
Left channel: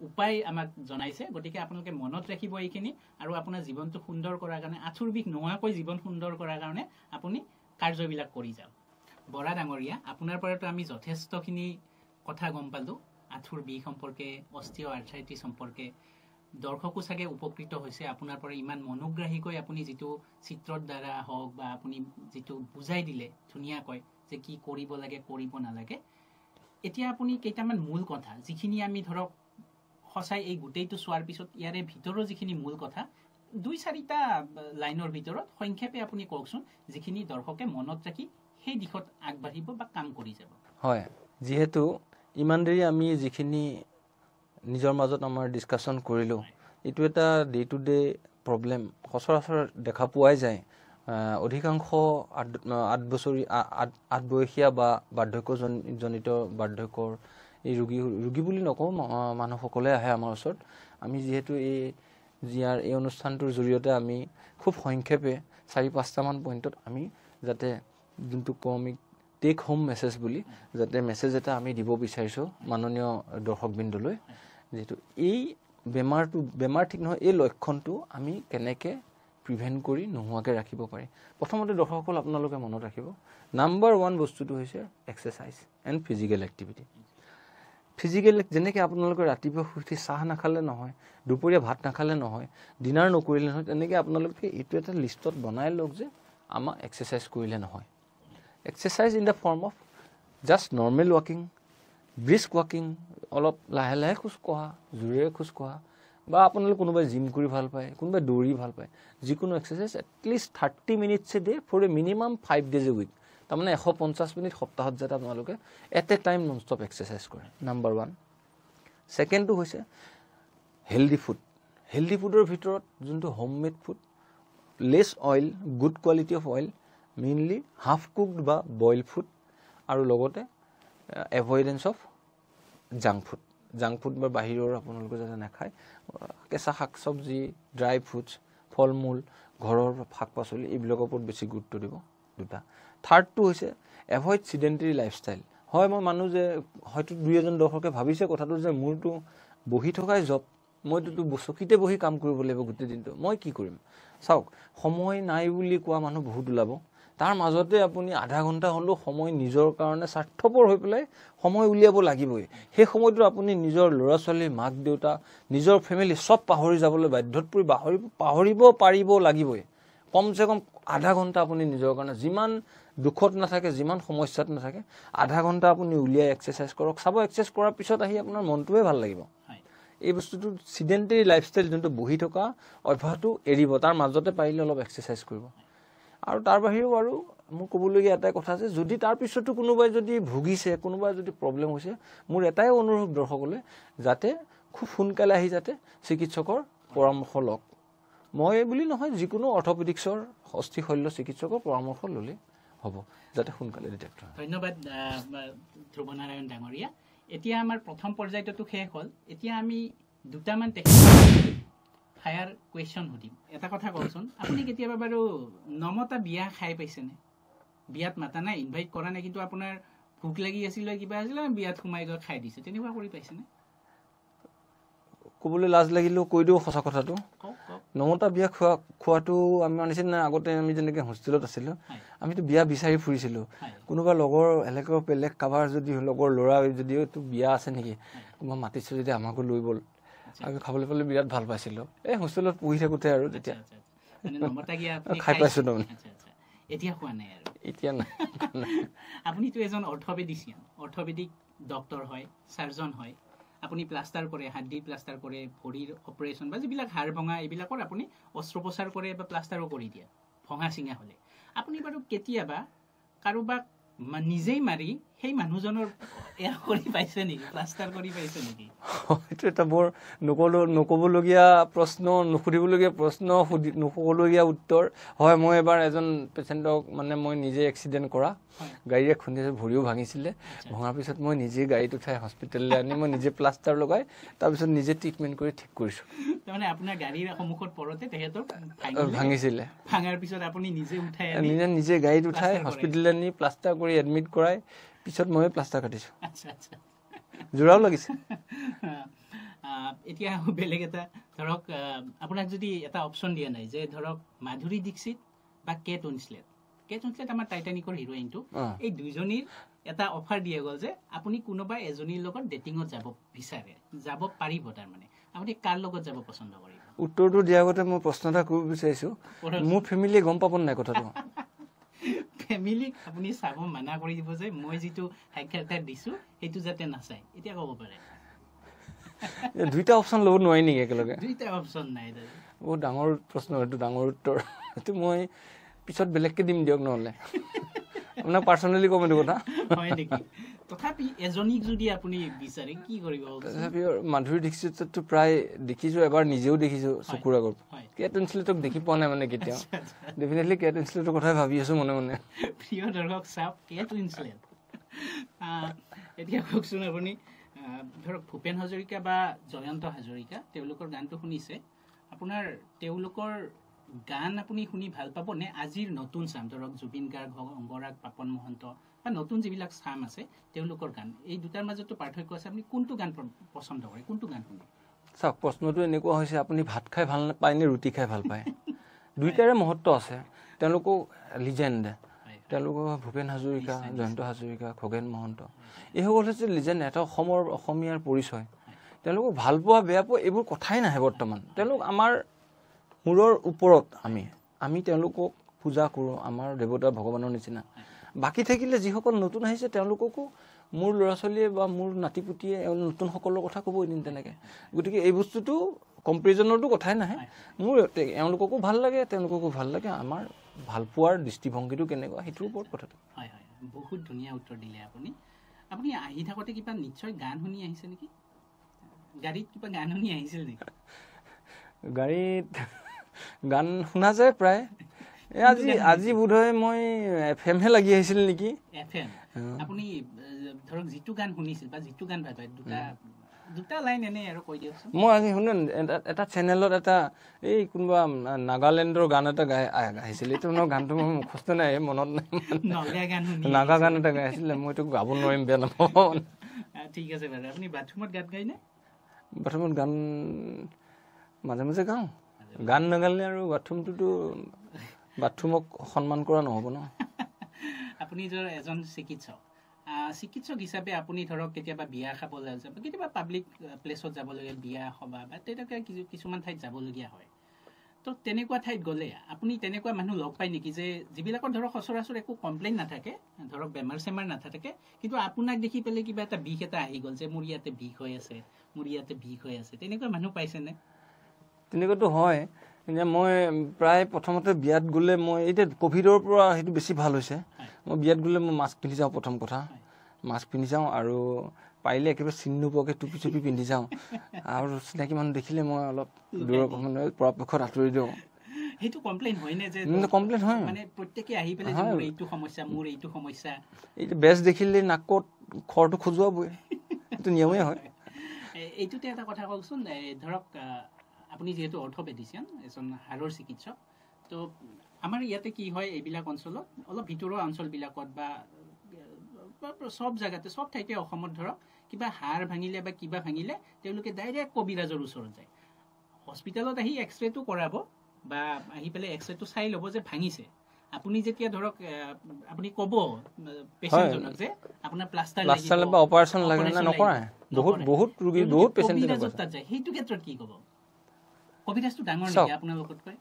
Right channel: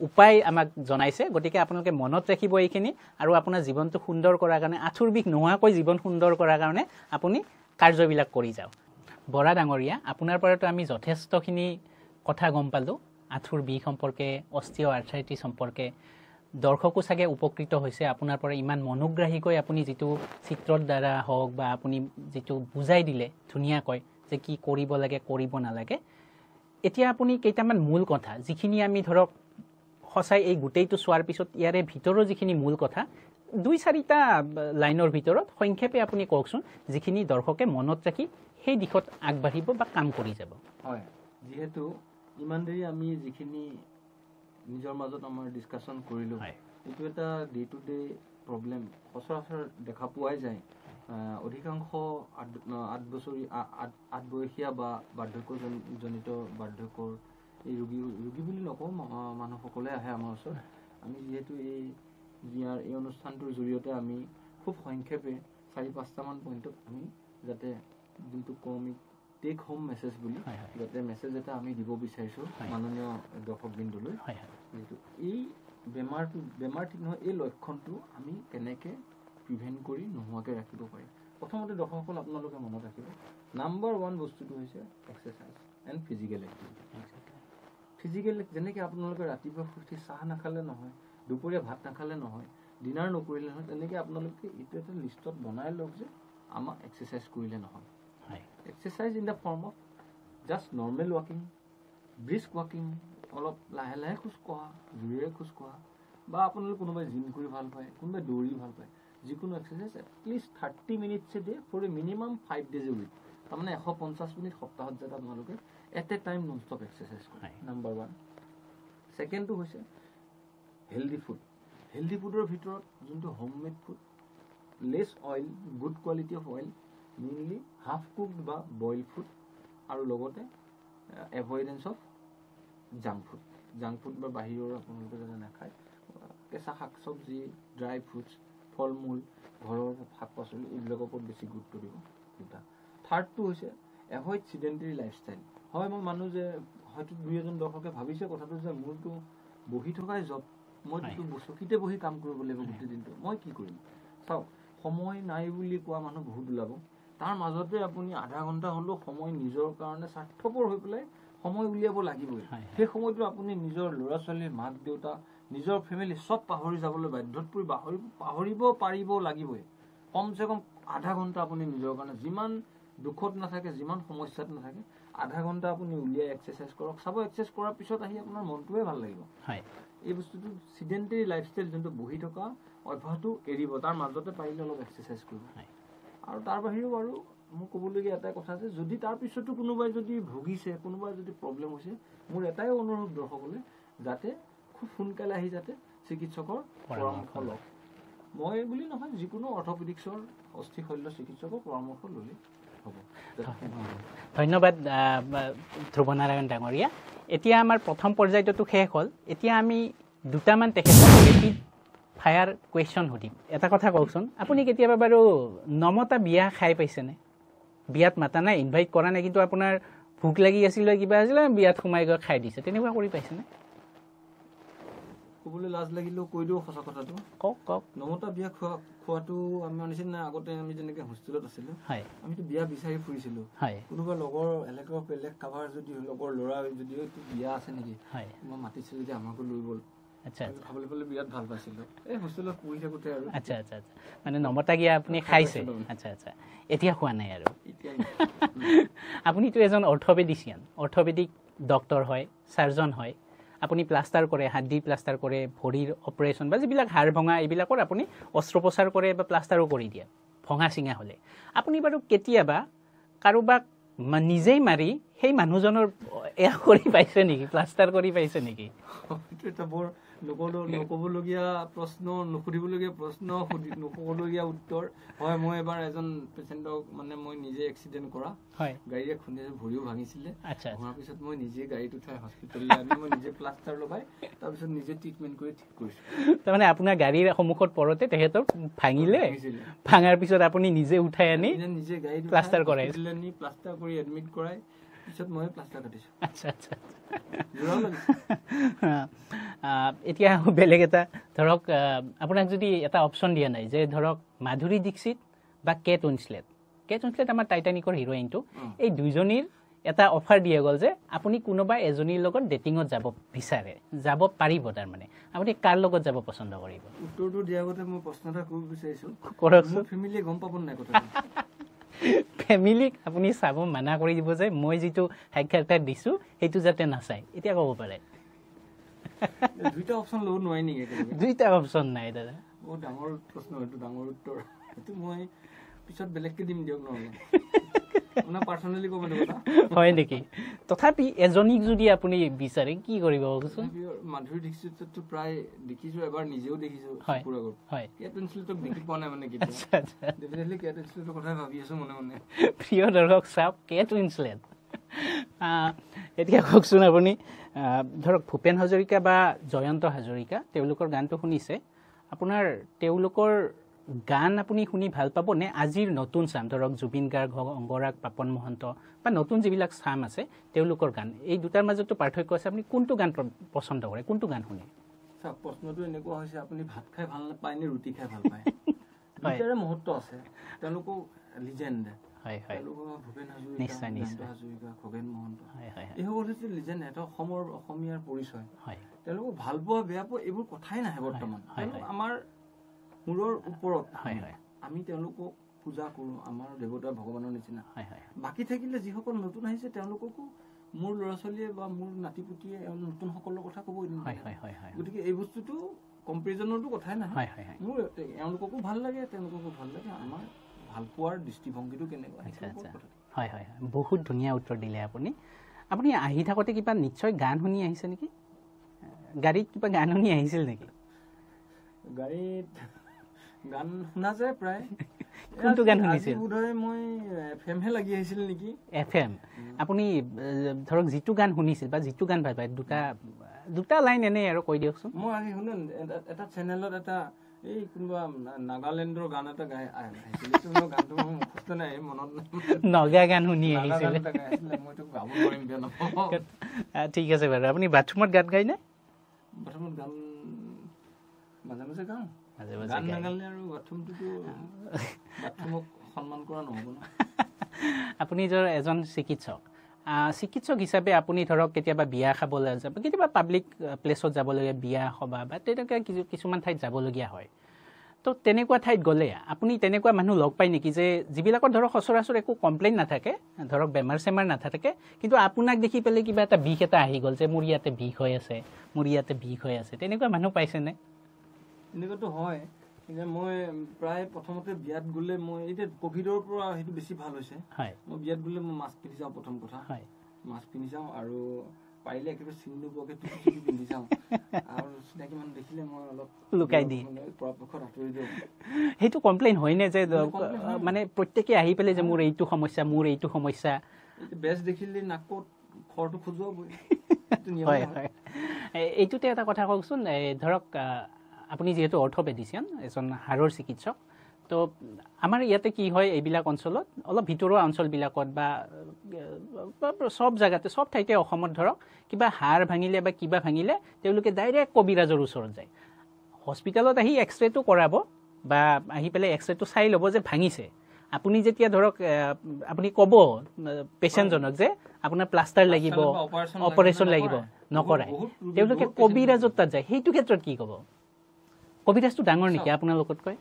উপায় আমাক জনাইছে গতিকে আপোনালোকে মনত ৰাখিব এইখিনি আৰু আপোনাৰ জীৱনটো সুন্দৰ কৰাৰ কাৰণে আঁঠুৰ বিষ নোহোৱাকৈ জীৱন সুন্দৰ কৰাৰ কাৰণে আপুনি কাৰ্যবিলাক কৰি যাওক বৰা ডাঙৰীয়া আপোনাৰ পৰাতো আমি যথেষ্টখিনি কথা গম পালোঁ আঁঠুৰ বিষ সম্পৰ্কে অষ্টিঅ'আৰ্থ্ৰাইটিছ সম্পৰ্কে দৰ্শকো চাগে উপকৃত হৈছে আপোনাৰ পৰা ইমান মনোগ্ৰাহীকৈ আপুনি যিটো চিত্ৰৰ দ্বাৰা হওক বা আপুনি যিটো বুজাই দিলে ধুনীয়াকৈ যে কি কৰিব লাগে কৰিব নালাগে এতিয়া আপুনি কেইটামান মূল কথা যিখিনি আমি ধৰক সঁচাই এই গোটেইটো চোৱাৰ পিছত ইয়াৰে ভিতৰৰ যিখিনি মূল কথা 2-4টা লাইনৰ ভিতৰত সংক্ষেপে আপুনি কওকচোন যিখিনি দৰ্শকে মনত ৰাখি সেই দিশত আগবাঢ়িব বা কাম কৰি যাব হয় যিহেতু ইমান দেৰি আমি যিখিনি নিজৰ মাজত আমাৰ ডিছকাশ্যন কৰিলোঁ এইটো এটা ডে টু ডে প্ৰব্লেম সচৰাচৰ দেখা পোৱাই যায় অধিকাংশ 8 বয়সীয়া বা বাৰ্ধক্যজনিত বাৰ্ধক্যৰ এই ৰোগী বুলি নকওঁ মানুহসকলে আহে আমাৰ ওচৰত আমি যিহেতু এই অনুষ্ঠানটোৰ জৰিয়তে আমি খুব সংক্ষেপে 4-5টামান পইণ্টত আমি যাতে যোনটো কমি টেক হোম মেছেজ বুলি যাতে মেছেজ এটা আমি দিব বিচাৰিছোঁ মাননীয় দৰ্শকবৃন্দলৈ যিহেতু এই বেমাৰ ঠিক নহয় এই লক্ষণটো আমি কেনেকৈ প্ৰিভেণ্ট কৰি নোহোৱাকৈ ৰাখিব পাৰি প্ৰথমতে দৰ্শকসকল আপোনালোকে মনত ৰাখিব নাম্বাৰ 1 বস্তুটো হৈছে exercise and physical activity physical যেনেকৈ আপোনালোকে ৰাতিপুৱা শুই চাহ নাখালে নহয় দুপৰীয়া ভাত নাখালে নহয় ডিনাৰ নকৰিলে নহয় তেনেকৈ আপোনালোকে এইটো এটা লিষ্টত বনাই লওক যে আমাৰ এক্সাৰচাইজ কৰিলে নহয় exercise in the form of just normal ৱাকিং brisk ৱাকিং অলপ লাহে লাহে খোজ কঢ়া জোৰেৰে খোজ কঢ়া বা আপোনালোকে কোনোবাই জিম কৰি ভাল পায় কোনোবাই দৌৰি ভাল পায় যিকোনো exercise at least 30 minutes a day for a minimum 5 days a week তাৰমানে 150 মিনিট সপ্তাহত যাতে আপোনালোকে at a time non stop exercise কৰে নাম্বাৰ 1 ছেকেণ্ডটো হৈছে হেল্ডি ফুডৰ ভিতৰত যোনটো homemade food less oil good quality of oil mainly half cooked বা বইল ফুড আৰু লগতে এভইডেঞ্চ অফ জাংক ফুড বা বাহিৰৰ আপোনালোকে যাতে নাখায় কেঁচা শাক চব্জি ড্ৰাই ফ্ৰুটছ ফল মূল ঘৰৰ শাক পাচলি এইবিলাকৰ ওপৰত বেছি গুৰুত্ব দিব দুটা থাৰ্ডটো হৈছে এভইড চিডেণ্টেৰী লাইফষ্টাইল হয় মই মানুহ যে হয়তো 2-এজন দৰ্শকে ভাবিছে কথাটো যে মোৰতো বহি থকাই জব মইতো চকীতে বহি কাম কৰিব লাগিব গোটেই দিনটো মই কি কৰিম চাওক সময় নাই বুলি কোৱা মানুহ বহুত ওলাব তাৰ মাজতে আপুনি আধা ঘণ্টা হ'লেও সময় নিজৰ কাৰণে স্বাৰ্থপৰ হৈ পেলাই সময় উলিয়াব লাগিবই সেই সময়টো আপুনি নিজৰ ল'ৰা ছোৱালী মাক দেউতা নিজৰ ফেমিলি সব পাহৰি যাবলৈ বাধ্যত পৰি পাহৰিব পাৰিব লাগিবই কমচে কম আধা ঘণ্টা আপুনি নিজৰ কাৰণে যিমান দুখত নাথাকে যিমান সমস্যাত নাথাকে আধা ঘণ্টা আপুনি উলিয়াই এক্সাৰচাইজ কৰক চাব এক্সাৰচাইজ কৰাৰ পিছত আহি আপোনাৰ মনটোৱে ভাল লাগিব এই বস্তুটো চিডেণ্টেৰী লাইফষ্টাইল যোনটো বহি থকা অভ্যাসটো এৰিব তাৰ মাজতে পাৰিলে অলপ এক্সাৰচাইজ কৰিব আৰু তাৰ বাহিৰেও আৰু মোৰ ক'বলগীয়া এটাই কথা আছে যদি তাৰ পিছতো কোনোবাই যদি ভুগিছে কোনোবাই যদি প্ৰব্লেম হৈছে মোৰ এটাই অনুৰোধ দৰ্শকলৈ যাতে খুব সোনকালে আহি যাতে চিকিৎসকৰ পৰামৰ্শ লওক মই বুলি নহয় যিকোনো অৰ্থপেডিক্সৰ অস্থি শল্য চিকিৎসকৰ পৰামৰ্শ ল'লে হ'ব যাতে সোনকালে ধন্যবাদ ধ্ৰুৱনাৰায়ণ ডাঙৰীয়া এতিয়া আমাৰ প্ৰথম পৰ্যায়টো শেষ হ'ল এতিয়া আমি দুটামান টেকনিক ফায়াৰ কুৱেশ্যন সুধিম এটা কথা কওকচোন আপুনি কেতিয়াবা বাৰু নমতা বিয়া খাই পাইছেনে বিয়াত মাতা নাই ইনভাইট কৰা নাই কিন্তু আপোনাৰ ভোক লাগি আছিল কিবা আছিল বিয়াত সোমাই গৈ খাই দিছে তেনেকুৱা কৰি পাইছেনে ক'বলৈ লাজ লাগিলেও কৈ দিওঁ সঁচা কথাটো কওক নমতা বিয়া খোৱাটো আমাৰ নিচিনা আগতে আমি যেনেকৈ হোষ্টেলত আছিলোঁ আমিতো বিয়া বিচাৰি ফুৰিছিলোঁ কোনোবা লগৰ এলেকাৰ বেলেগ কাৰোবাৰ যদি লগৰ ল'ৰা যদি এইটো বিয়া আছে নেকি মই মাতিছোঁ যদি আমাকো লৈ ব'ল আমি খাবলৈ পালে বিৰাট ভাল পাইছিলোঁ এই হোষ্টেলত পঢ়ি থাকোঁতে আৰু মানে নমতা গিয়া আপুনি খাই পাইছোঁ এতিয়া খোৱা নাই আৰু এতিয়া নাই আপুনিতো এজন অৰ্থপেডিক ডক্টৰ হয় চাৰ্জন হয় আপুনি প্লাষ্টাৰ কৰে হাড়দি প্লাষ্টাৰ কৰে ভৰিৰ অপাৰেশ্যন বা যিবিলাক হাড় ভঙা এইবিলাকৰ আপুনি অস্ত্ৰোপচাৰ কৰে বা প্লাষ্টাৰো কৰি দিয়ে ভঙা চিঙা হ'লে আপুনি বাৰু কেতিয়াবা কাৰোবাক নিজেই মাৰি সেই মানুহজনৰ এয়া কৰি পাইছে নেকি প্লাষ্টাৰ কৰি পাইছে নেকি এইটো এটা বৰ নক'বলগীয়া প্ৰশ্ন নুসুধিবলগীয়া প্ৰশ্ন নক'বলগীয়া উত্তৰ হয় মই এবাৰ এজন পেচেণ্টক মানে মই নিজে এক্সিডেণ্ট কৰা গাড়ীৰে খুন্দিছে ভৰিও ভাঙিছিলে ভঙাৰ পিছত মই নিজে গাড়ীত উঠাই হস্পিটেললৈ আনি মই নিজে প্লাষ্টাৰ লগাই তাৰপিছত নিজে ট্ৰিটমেণ্ট কৰি ঠিক কৰিছোঁ তাৰমানে আপোনাৰ গাড়ীৰ সন্মুখত পৰোঁতে তেখেতক ভাঙিছিলে ভাঙাৰ পিছত আপুনি নিজে উঠাই আনি নিজে গাড়ীত উঠাই হস্পিটেললৈ আনি প্লাষ্টাৰ কৰি এডমিট কৰাই পিছত মই প্লাষ্টাৰ কাটিছোঁ জোৰাও লাগিছে এতিয়া বেলেগ এটা ধৰক আপোনাক যদি এটা অপশ্যন দিয়া নাই যে ধৰক মাধুৰী দীক্ষিত বা কেট উইনছলেট আমাৰ টাইটানিকৰ হিৰোইনটো এই দুইজনীৰ এটা অফাৰ দিয়া গ'ল যে আপুনি কোনোবা এজনীৰ লগত ডেটিঙত যাব বিচাৰে যাব পাৰিব তাৰমানে আপুনি কাৰ লগত যাব পচন্দ কৰিব উত্তৰটো দিয়াৰ আগতে মই প্ৰশ্ন এটা কৰিব বিচাৰিছোঁ মোৰ ফেমিলিয়ে গম পাব নাই কথাটো ফেমিলিক আপুনি চাব মানা কৰি দিব যে মই যিটো সাক্ষাৎকাৰ দিছোঁ সেইটো যাতে নাচায় এতিয়া ক'ব পাৰে দুইটা অপশ্যন ল'ব নোৱাৰি নেকি একেলগে দুইটা অপশ্যন নাই দাদা বহুত ডাঙৰ প্ৰশ্ন এইটো ডাঙৰ উত্তৰ এইটো মই পিছত বেলেগকৈ দিম দিয়ক নহ'লে আপোনাক পাৰ্চনেলি ক'ম এইটো কথা হয় নেকি তথাপি এজনীক যদি আপুনি বিচাৰে কি কৰিব তথাপিও মাধুৰী দীক্ষিতটো প্ৰায় দেখিছোঁ এবাৰ নিজেও দেখিছোঁ চকুৰ আগত কেট উইনছলেটক দেখি পোৱা নাই মানে কেতিয়াও ডেফিনেটলি কেট উইনছলেটৰ কথাই ভাবি আছোঁ মনে মনে প্ৰিয় দৰ্শক চাওক কেট উইনছলেট এতিয়া কওকচোন আপুনি ধৰক ভূপেন হাজৰিকা বা জয়ন্ত হাজৰিকা তেওঁলোকৰ গানটো শুনিছে আপোনাৰ তেওঁলোকৰ গান আপুনি শুনি ভাল পাব নে আজিৰ নতুন চাম ধৰক জুবিন গাৰ্গ হওক অংগৰাগ পাপন মহন্ত বা নতুন যিবিলাক চাম আছে তেওঁলোকৰ গান এই দুটাৰ মাজতো পাৰ্থক্য আছে আপুনি কোনটো গান পচন্দ কৰে কোনটো গান শুনে চাওক প্ৰশ্নটো এনেকুৱা হৈছে আপুনি ভাত খাই ভাল পায় নে ৰুটি খাই ভাল পায় দুইটাৰে মহত্ব আছে তেওঁলোকো লিজেণ্ড তেওঁলোকৰ ভূপেন হাজৰিকা জয়ন্ত হাজৰিকা খগেন মহন্ত এইসকল হৈছে লিজেণ্ড এটা অসমীয়াৰ পৰিচয় তেওঁলোকক ভাল পোৱা বেয়া পোৱা এইবোৰ কথাই নাহে বৰ্তমান তেওঁলোক আমাৰ মূৰৰ ওপৰত আমি তেওঁলোকক পূজা কৰোঁ আমাৰ দেৱতা ভগৱানৰ নিচিনা বাকী থাকিলে যিসকল নতুন আহিছে তেওঁলোককো মোৰ ল'ৰা ছোৱালীয়ে বা মোৰ নাতিপুতিয়ে নতুনসকলৰ কথা ক'ব এদিন তেনেকৈ গতিকে এই বস্তুটো কম্পেৰিজনৰটো কথাই নাহে মোৰ এওঁলোককো ভাল লাগে আমাৰ ভাল পোৱাৰ দৃষ্টিভংগীটো কেনেকুৱা সেইটোৰ ওপৰত কথাটো হয় হয় বহুত ধুনীয়া উত্তৰ দিলে আপুনি আহি থাকোঁতে কিবা নিশ্চয় গান শুনি আহিছে নেকি গাড়ীত কিবা গান শুনি আহিছিল নেকি গাড়ীত গান শুনা যায় প্ৰায় আজি বোধহয় মই FM হে লাগি আহিছিল নেকি FM আপুনি ধৰক যিটো গান শুনিছিল বা যিটো গান ভাল পায় দুটা লাইন এনেই আৰু কৈ দিয়কচোন মই আজি শুনো এটা চেনেলত এটা এই কোনোবা নাগালেণ্ডৰ গান এটা গাই আহিছিল এইটো মোৰ গানটো মোৰ মুখস্থ নাই মনত নাই নগা গান শুনি নাগা গান এটা গাই আছিলে মই এইটো গাব নোৱাৰিম বেয়া নাপাওঁ ঠিক আছে বাৰু আপুনি বাথৰুমত গান গায়নে বাথৰুমত গান মাজে মাজে গাওঁ গান নাগালে আৰু বাথৰুমক সন্মান কৰা নহ'ব ন আপুনি এজন চিকিৎসক হিচাপে আপুনি ধৰক কেতিয়াবা বিয়া খাবলৈ যাব কেতিয়াবা পাব্লিক প্লেচত যাবলগীয়া বিয়া সভা বা তেনেকুৱা কিছুমান ঠাইত যাবলগীয়া হয় তো তেনেকুৱা ঠাইত গ'লে আপুনি তেনেকুৱা মানুহ লগ পায় নেকি যে যিবিলাকৰ ধৰক সচৰাচৰ একো কমপ্লেইন নাথাকে ধৰক বেমাৰ চেমাৰ নাথাকে কিন্তু আপোনাক দেখি পেলাই কিবা এটা বিষ এটা আহি গ'ল যে মোৰ ইয়াতে বিষ হৈ আছে তেনেকুৱা মানুহ পাইছেনে তেনেকুৱাতো হয় কিন্তু মই প্ৰায় প্ৰথমতে বিয়াত গ'লে মই এতিয়া ক'ভিডৰ পৰা সেইটো বেছি ভাল হৈছে মই বিয়াত গ'লে মই মাস্ক পিন্ধি যাওঁ প্ৰথম কথা মাস্ক পিন্ধি যাওঁ আৰু পাৰিলে একেবাৰে চিনি নোপোৱাকৈ টুপি চুপি পিন্ধি যাওঁ আৰু চিনাকি মানুহ দেখিলে মই অলপ পৰাপক্ষত আঁতৰি দিওঁ সেইটো কমপ্লেইন হয়নে যে কমপ্লেইন হয় মানে প্ৰত্যেকে আহি পেলাই যে মোৰ এইটো সমস্যা এইটো বেজ দেখিলে নাকত খৰটো খজুৱাবই এইটো নিয়মেই হয় এইটোতে এটা কথা কওকচোন ধৰক আপুনি যিহেতু অৰ্থপেডিচিয়ান এজন হাড়ৰ চিকিৎসক তো আমাৰ ইয়াতে কি হয় এইবিলাক অঞ্চলত অলপ ভিতৰুৱা অঞ্চলবিলাকত বা সব জায়গাতে সব ঠাইতে অসমত ধৰক কিবা হাড় ভাঙিলে বা কিবা ভাঙিলে তেওঁলোকে ডাইৰেক্ট কবিৰাজৰ ওচৰত যায় হস্পিটেলত আহি এক্সৰেটো কৰাব বা আহি পেলাই এক্সৰেটো চাই ল'ব যে ভাঙিছে আপুনি যেতিয়া ধৰক আপুনি ক'ব পেচেণ্টজনক যে আপোনাৰ প্লাষ্টাৰ লাগিব অপাৰেশ্যন লাগিব নকৰে তেওঁলোকে কবিৰাজত তাত যায় সেইটো ক্ষেত্ৰত কি ক'ব কবিৰাজটো ডাঙৰ নেকি আপোনালোকতকৈ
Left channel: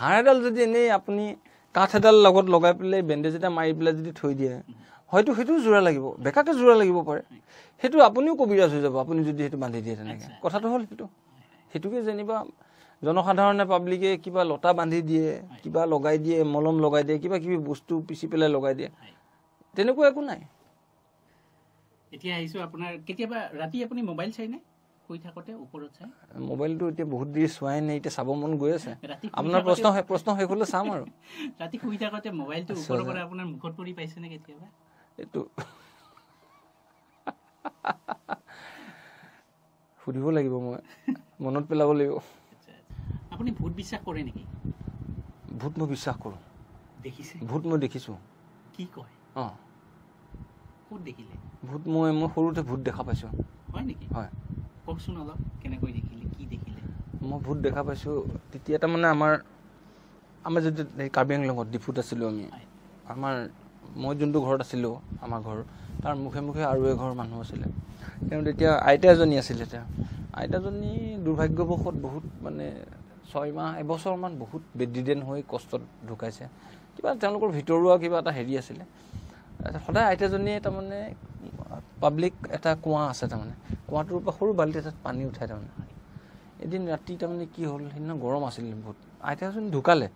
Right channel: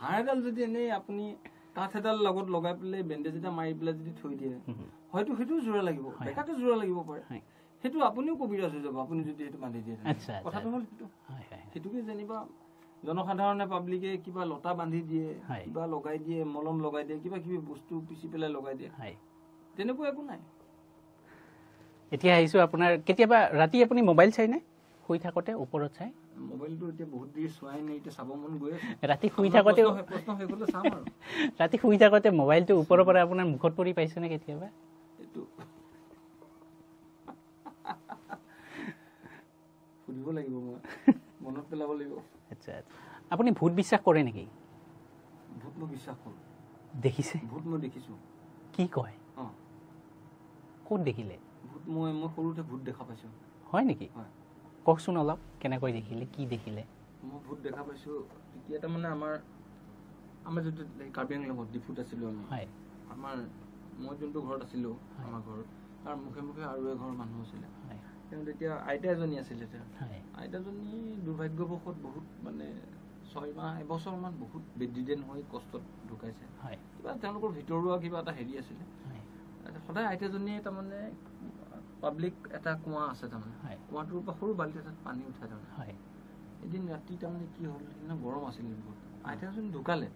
হাড় এডাল যদি এনেই আপুনি কাঠ এডাল লগত লগাই পেলাই বেণ্ডেজ এটা মাৰি পেলাই যদি থৈ দিয়ে হয়তো সেইটো জোৰা লাগিব বেকাকে জোৰা লাগিব পাৰে সেইটো আপুনিও কবিৰাজ হৈ যাব আপুনি যদি সেইটো বান্ধি দিয়ে কথাটো হ'ল সেইটোকে যেনিবা জনসাধাৰণে পাব্লিকে কিবা লতা বান্ধি দিয়ে কিবা লগাই দিয়ে মলম লগাই দিয়ে কিবা কিবি বস্তু পিচি পেলাই লগাই দিয়ে তেনেকুৱা একো নাই এতিয়া আহিছোঁ আপোনাৰ কেতিয়াবা ৰাতি আপুনি মোবাইল চাইনে শুই থাকোঁতে ওপৰত চাই মোবাইলটো এতিয়া বহুত দেৰি চোৱাই নাই এতিয়া চাব মন গৈ আছে ৰাতি শুই থাকোঁতে প্ৰশ্ন শেষ হ'লে চাম আৰু ৰাতি শুই থাকোঁতে মোবাইলটো ওপৰৰ পৰা আপোনাৰ মুখত পৰি পাইছেনে কেতিয়াবা এইটো সুধিব লাগিব মই মনত পেলাব লাগিব আচ্ছা আপুনি ভূত বিশ্বাস কৰে নেকি ভূত মই বিশ্বাস কৰোঁ দেখিছে ভূত মই দেখিছোঁ কি কয় অঁ ক'ত দেখিলে ভূত মই সৰুতে ভূত দেখা পাইছোঁ হয় নেকি হয় কওকচোন অলপ কেনেকৈ দেখিলে কি দেখিলে মই ভূত দেখা পাইছোঁ তেতিয়া তাৰমানে আমাৰ যদি কাৰ্বি আংলঙত ডিফুত আছিলোঁ আমি মই যোনটো ঘৰত আছিলোঁ আমাৰ ঘৰ তাৰ মুখে মুখে আৰু এঘৰ মানুহ আছিলে তেওঁ তেতিয়া আইতা এজনী আছিলে আইতাজনী দুৰ্ভাগ্যবশত বহুত মানে 6 মাহ এবছৰমান বহুত বেডিডেন হৈ কষ্টত ঢুকাইছে কিবা তেওঁলোকৰ ভিতৰুৱা কিবা এটা হেৰি আছিলে সদায় আইতাজনীয়ে তাৰমানে পাব্লিক এটা কুঁৱা আছে তাৰমানে কুঁৱাটোৰ পৰা সৰু বাল্টি এটাত পানী উঠাই তাৰমানে এদিন ৰাতি তাৰমানে কি হ'ল সেইদিনা গৰম আছিল বহুত আইতাজন ঢুকালে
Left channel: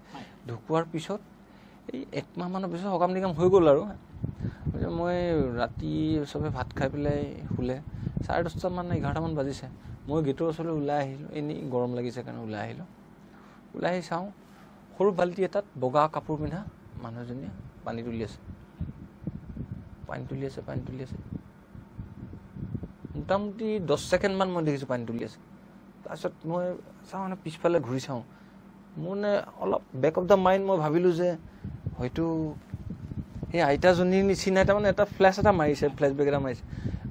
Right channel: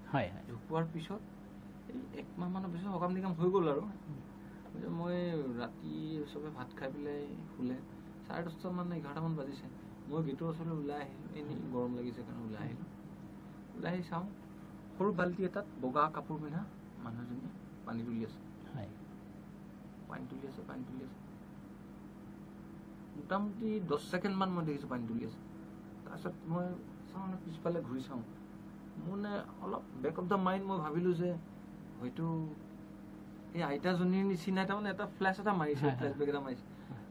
ঢুকোৱাৰ পিছত এই 1 মাহ মানৰ পিছত সকাম নিকাম হৈ গ'ল আৰু মই ৰাতি চবে ভাত খাই পেলাই শুলে 10:30 মান 11 মান বাজিছে মই গেটৰ ওচৰলৈ ওলাই আহিলোঁ এনেই গৰম লাগিছে কাৰণে ওলাই আহিলোঁ ওলাই আহি চাওঁ সৰু বাল্টি এটাত বগা কাপোৰ পিন্ধা মানুহ এজনীয়ে পানী তুলি আছে মোটামুটি 10 ছেকেণ্ড মান মই দেখিছোঁ পানী তুলি আছে তাৰপিছত মই চাওঁ মানে পিছফালে ঘূৰি চাওঁ মোৰ মানে অলপ বেক অফ দ্য মাইণ্ড মই ভাবিলোঁ যে হয়তো সেই আইতাজনীৰ নিচিনা তাৰমানে এটা ফ্লেছ এটা মাৰিছে ফ্লেছবেক এটা মাৰিছে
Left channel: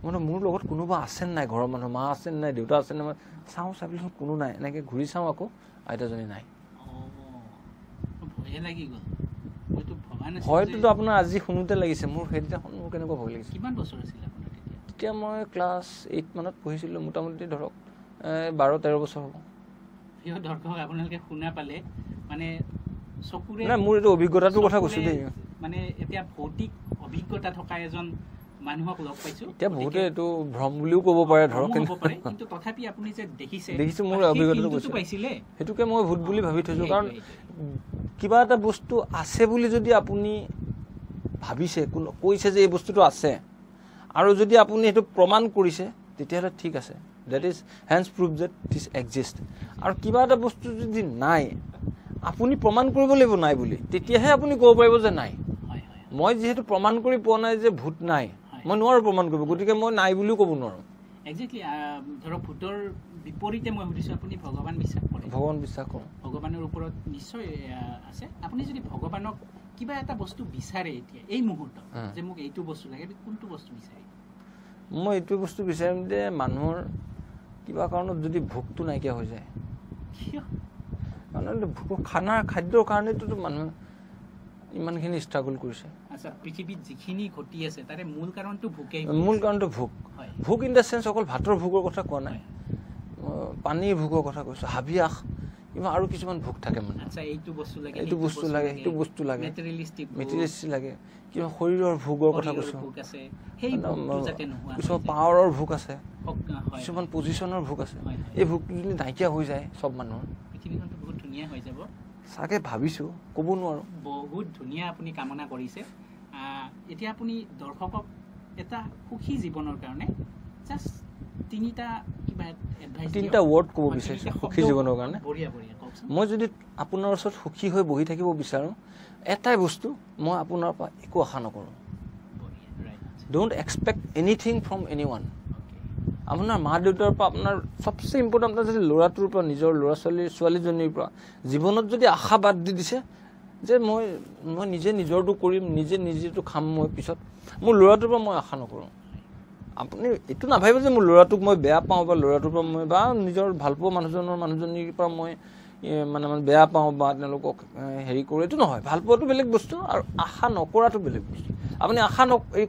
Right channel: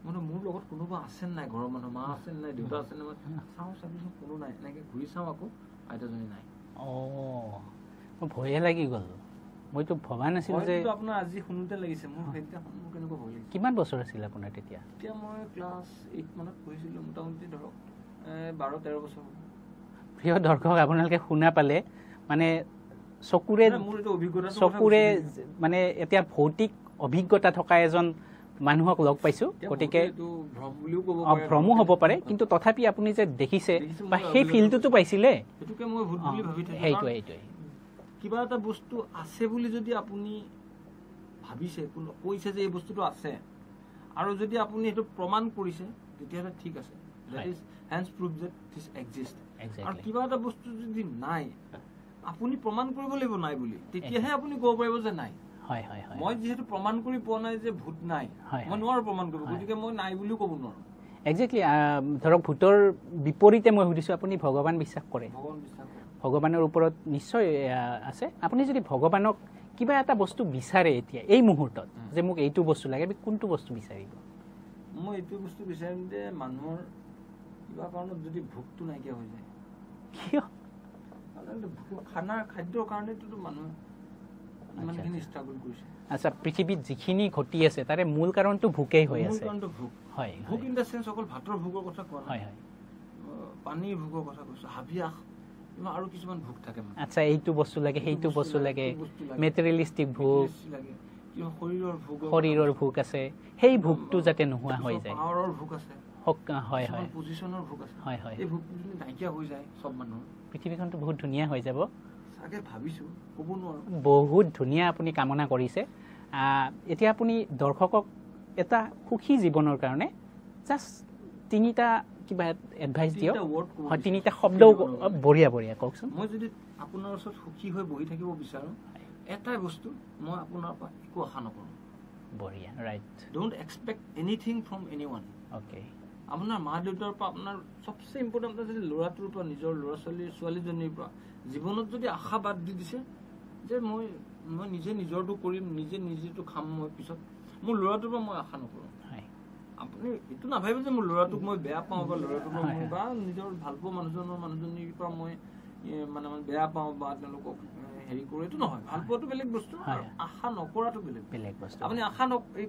মানে মোৰ লগত কোনোবা আছে নাই ঘৰৰ মানুহ মা আছে নাই দেউতা আছে নাই চাওঁ চাবিলোঁ কোনো নাই এনেকৈ ঘূৰি চাওঁ আকৌ আইতাজনী নাই ভয়ে লাগি গ'ল মইতো ভবা নাছিলোঁ হয়তো আপোনাৰ আজি শুনোতে লাগিছে মোৰ সেইদিনাখন মোৰ কেনেকুৱা ভয় লাগিছে কিমান বছৰ আছিল আপোনাৰ তেতিয়া মই ক্লাছ 8 মানত পঢ়িছিলোঁ মোটামুটি ধৰক 12-13 বছৰ হ'ব প্ৰিয় দৰ্শক আপোনালোকে শুনা পালে মানে চকুৰে মোৰ এইটো অভিজ্ঞতাটোৰ কথা কৈছোঁ মানে এতিয়া ভৌতিক অভিজ্ঞতা থকা এজন মানুহক লগ পাইছোঁ গতিকে এইটো ভ্ৰম বুলিও ক'ব পাৰে ভ্ৰম হ'ব পাৰে কিন্তু তথাপি আপুনি যে দেখিছে সেই ফিলটো পাইছিলে সেইটোকে মই ভূত বুলি ভাবি থৈছোঁ কাৰণ কিবা এটা বস্তু আছে বুলি যদি আপুনি ভাবিছে কৈছে যে এই বস্তুটো আছে আৰু যদি আপুনি এইটো প্ৰমাণ কৰিছে তেতিয়াহ'লে ঠিক আছে that is hence proof that this exists আৰু কিবা এটা বস্তু যদি নাই আপুনি প্ৰমাণ কৰিব লাগিব নাই বুলি তেতিয়াহে আপুনি ক'ব পাৰিব যে নাই মই যেহেতু প্ৰমাণ কৰি পোৱা নাই যে ভূত নাই মই নোৱাৰোঁ প্ৰমাণ কৰিব গতিকে মই নাই বুলিও ক'ব নোৱাৰোঁ একজেক্টলি ধৰক ভূতৰ বিপৰীতে মই সুধিছোঁ আপুনি ভগৱান বিশ্বাস কৰে ভগৱান বিশ্বাস কৰোঁ ভগৱানৰ ওপৰত নিশ্চয় আছে আপুনি যদি ভগৱানক কিবা এটা বস্তু বিচাৰে এতিয়া এই মুহূৰ্তত যে মোক এইটো বস্তু লাগে কোনটো বস্তু বিচাৰিব মই এইটো বস্তু বিচাৰিম যে মানুহৰ কিবা কাৰণত যদি ভোকটো নাইকিয়া হৈ যায় কিয় মানে খাদ্যৰ কাৰণেতো মানুহ ইমানখিনি ষ্ট্ৰাগল কৰিছে আচ্ছা পৃথিৱীত যিখিনি ঘটি আছে তাৰে মূল কাৰণটো ভোকেই হয় মূল কাৰণটো ভোক হয় ভোক ইন দ্য চেন্স অকল ভাতৰ ভোকৰ কথা কোৱা নাই পানীৰ ভোকৰ কথা কৈছোঁ হাবিয়াস কিবা আৰু কিছুমান ভোক থাকে মানে আচ্ছা এইটো বস্তু লাগে এইটো বস্তু লাগে মেটেৰিয়েলিষ্টিক লাগে কিবা শৰীৰৰ ভোক আছে সেই ভোকটো যাতে নোহোৱা হৈ যায় পাৱাৰৰ ভোক আছে হয় কিছুমান পজিশ্যনৰ ভোক আছে এই ভোকটো যদি নাইকিয়া হৈ যায় চব মানুহৰ পৃথিৱীখনটো বহুত ধুনীয়া হৈ যাব চাগে ভাবিছোঁ ক'ব নোৱাৰোঁ বহুত ধুনীয়া আপুনি কামনা কৰিছে এতিয়া আপুনি দৰ্শকক এটা সুখী জীৱনৰ কাৰণে জাষ্ট 3টা কিবা এডভাইচ দিয়ক 3টা ৱৰ্ড ক'ব বিচাৰিছোঁ 3টা শব্দ জীৱনৰ কাৰণে বঢ়িয়া কওকচোন মই যদি আপোনাৰ ওচৰত সুখী হৈ বহি থাকিব বিচাৰোঁ এটাই বস্তু মই আপোনাৰ পৰা একো আশা নকৰোঁ বঢ়িয়া right don't expect anything from এনিৱান অ'কে আপোনাৰ মা দেউতাৰ পৰা আপোনাৰ চবচে ইম্পৰ্টেণ্ট যদি ল'ৰাটোৰ পৰা নিজৰ ল'ৰা ছোৱালীজনীৰ পৰা জীৱনত যদি আশা বাদ দি দিছে যে মই নিজে নিজৰটো কৰিম নিজেটো খাম মই পিছত মোৰ ল'ৰাটোৰ পৰা মই আশা নকৰোঁ আপুনি এইটো নাভাবিব যে মোৰ ল'ৰাটোক মই বেয়া পাওঁ বা ল'ৰাটোৰ পৰা মই বা নিজৰ ভালপোৱা মানুহজনীৰ পৰা মই মানে বেয়া পাওঁ বা তেওঁলোকক হেৰি কৰোঁ এইটো নহয় ভালপোৱাটো বেলেগ বস্তু আৰু আশা নকৰাটো বেলেগ আপুনি আশা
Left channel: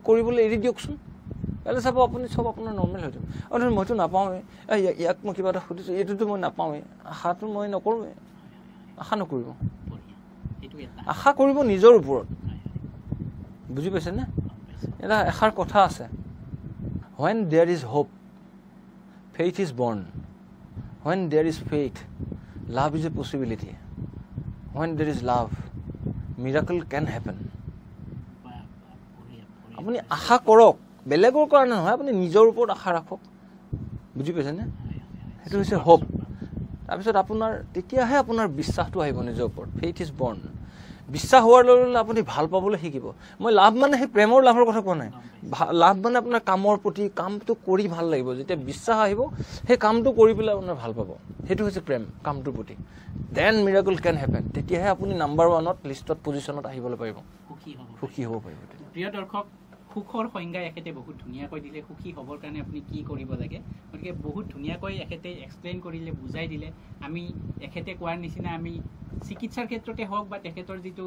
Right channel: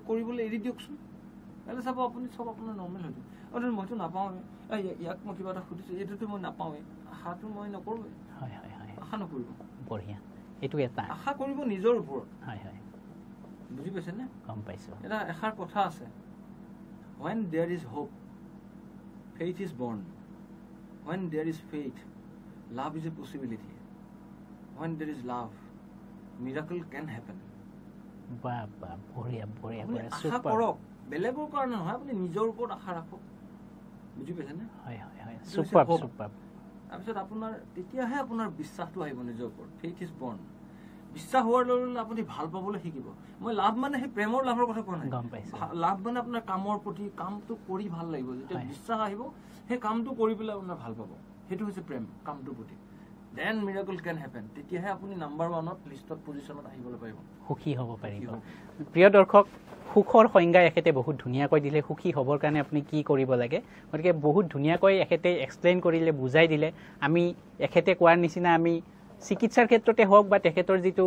কৰিবলৈ এৰি দিয়কচোন কাইলৈ চাব আপুনি চব আপোনাৰ নৰ্মেল হৈ যাব আৰু মইতো নাপাওঁৱে ইয়াক মই কিবা এটা সুধিছোঁ এইটোতো মই নাপাওঁৱে আশাটো মই নকৰোঁৱে আশা নকৰিব বঢ়িয়া এইটো এটা আশা কৰিব নিজৰ ওপৰত বুজি পাইছেনে গম পাইছোঁ এটা এষাৰ কথা আছে when there is hope faith is born when there is faith love is a possibility when there is love miracle can happen আপুনি আশা কৰক বেলেগৰ কাৰণে নহয় আপুনি নিজৰ ওপৰত আশা ৰাখক বুজি পাইছেনে সেইটো হৈছে হোপ তাৰপিছত আপোনাৰ তেতিয়াহে আপোনাৰ বিশ্বাসটো আহিব নিজৰ ওপৰত ফেইথ ইজ বৰ্ণ বিশ্বাস হোৱাৰ লগে লগে আপুনি ভাল পাবলৈ শিকিব মই লাভ মানে সেই প্ৰেমৰ লাভৰ কথা কোৱা নাই লাভ মানে আপোনাৰ কামৰ প্ৰতি কামটো কৰি ভাল লাগিব যেতিয়া বিশ্বাস আহিব সেই কামটো কৰি পেলাই আপোনাৰ ভাল পাব সেইটো হৈছে প্ৰেম কামটোৰ প্ৰতি দেন মিৰাকল কেন হেপেন তেতিয়াহে আপুনি নাম্বাৰ 1ত লিষ্টত পজিশ্যনত আহিবলৈ পাৰিব সুখী হ'ব পাৰিব প্ৰিয় দৰ্শক সুখৰ সংজ্ঞা এখেতে বহুত ধুনীয়াকৈ দিলে সুখী হ'বৰ কাৰণে আপুনি কি কৰিব লাগে গতিকে বহুত ধুনীয়াকৈ এখেতে এক্সপ্লেইন কৰিলে বুজাই দিলে আমি এখেতে কোৱাৰ নিচিনা আমি চিকিৎসাৰ ক্ষেত্ৰতে হওক বা তেখেতৰ যিটো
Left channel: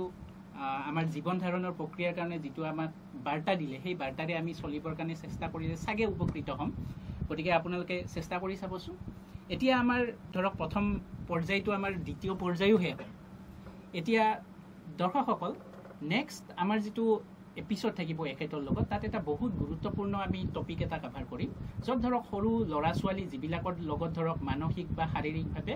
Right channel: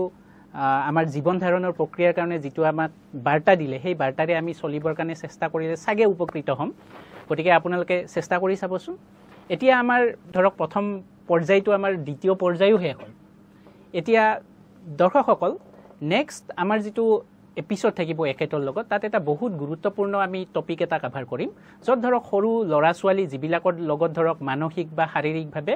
আমাৰ জীৱন ধাৰণৰ প্ৰক্ৰিয়াৰ কাৰণে যিটো আমাক বাৰ্তা দিলে সেই বাৰ্তাৰে আমি চলিবৰ কাৰণে চেষ্টা কৰিলে চাগে উপকৃত হ'ম গতিকে আপোনালোকে চেষ্টা কৰি চাবচোন এতিয়া আমাৰ ধৰক প্ৰথম পৰ্যায়টো আমাৰ দ্বিতীয় পৰ্যায়ো শেষ হ'ল এতিয়া দৰ্শকসকল নেক্সট আমাৰ যিটো এপিসোড থাকিব একেটাৰ লগত তাত এটা বহুত গুৰুত্বপূৰ্ণ আমি টপিক এটা কভাৰ কৰিম য'ত ধৰক সৰু ল'ৰা ছোৱালী যিবিলাকৰ লগত ধৰক মানসিক বা শাৰীৰিকভাৱে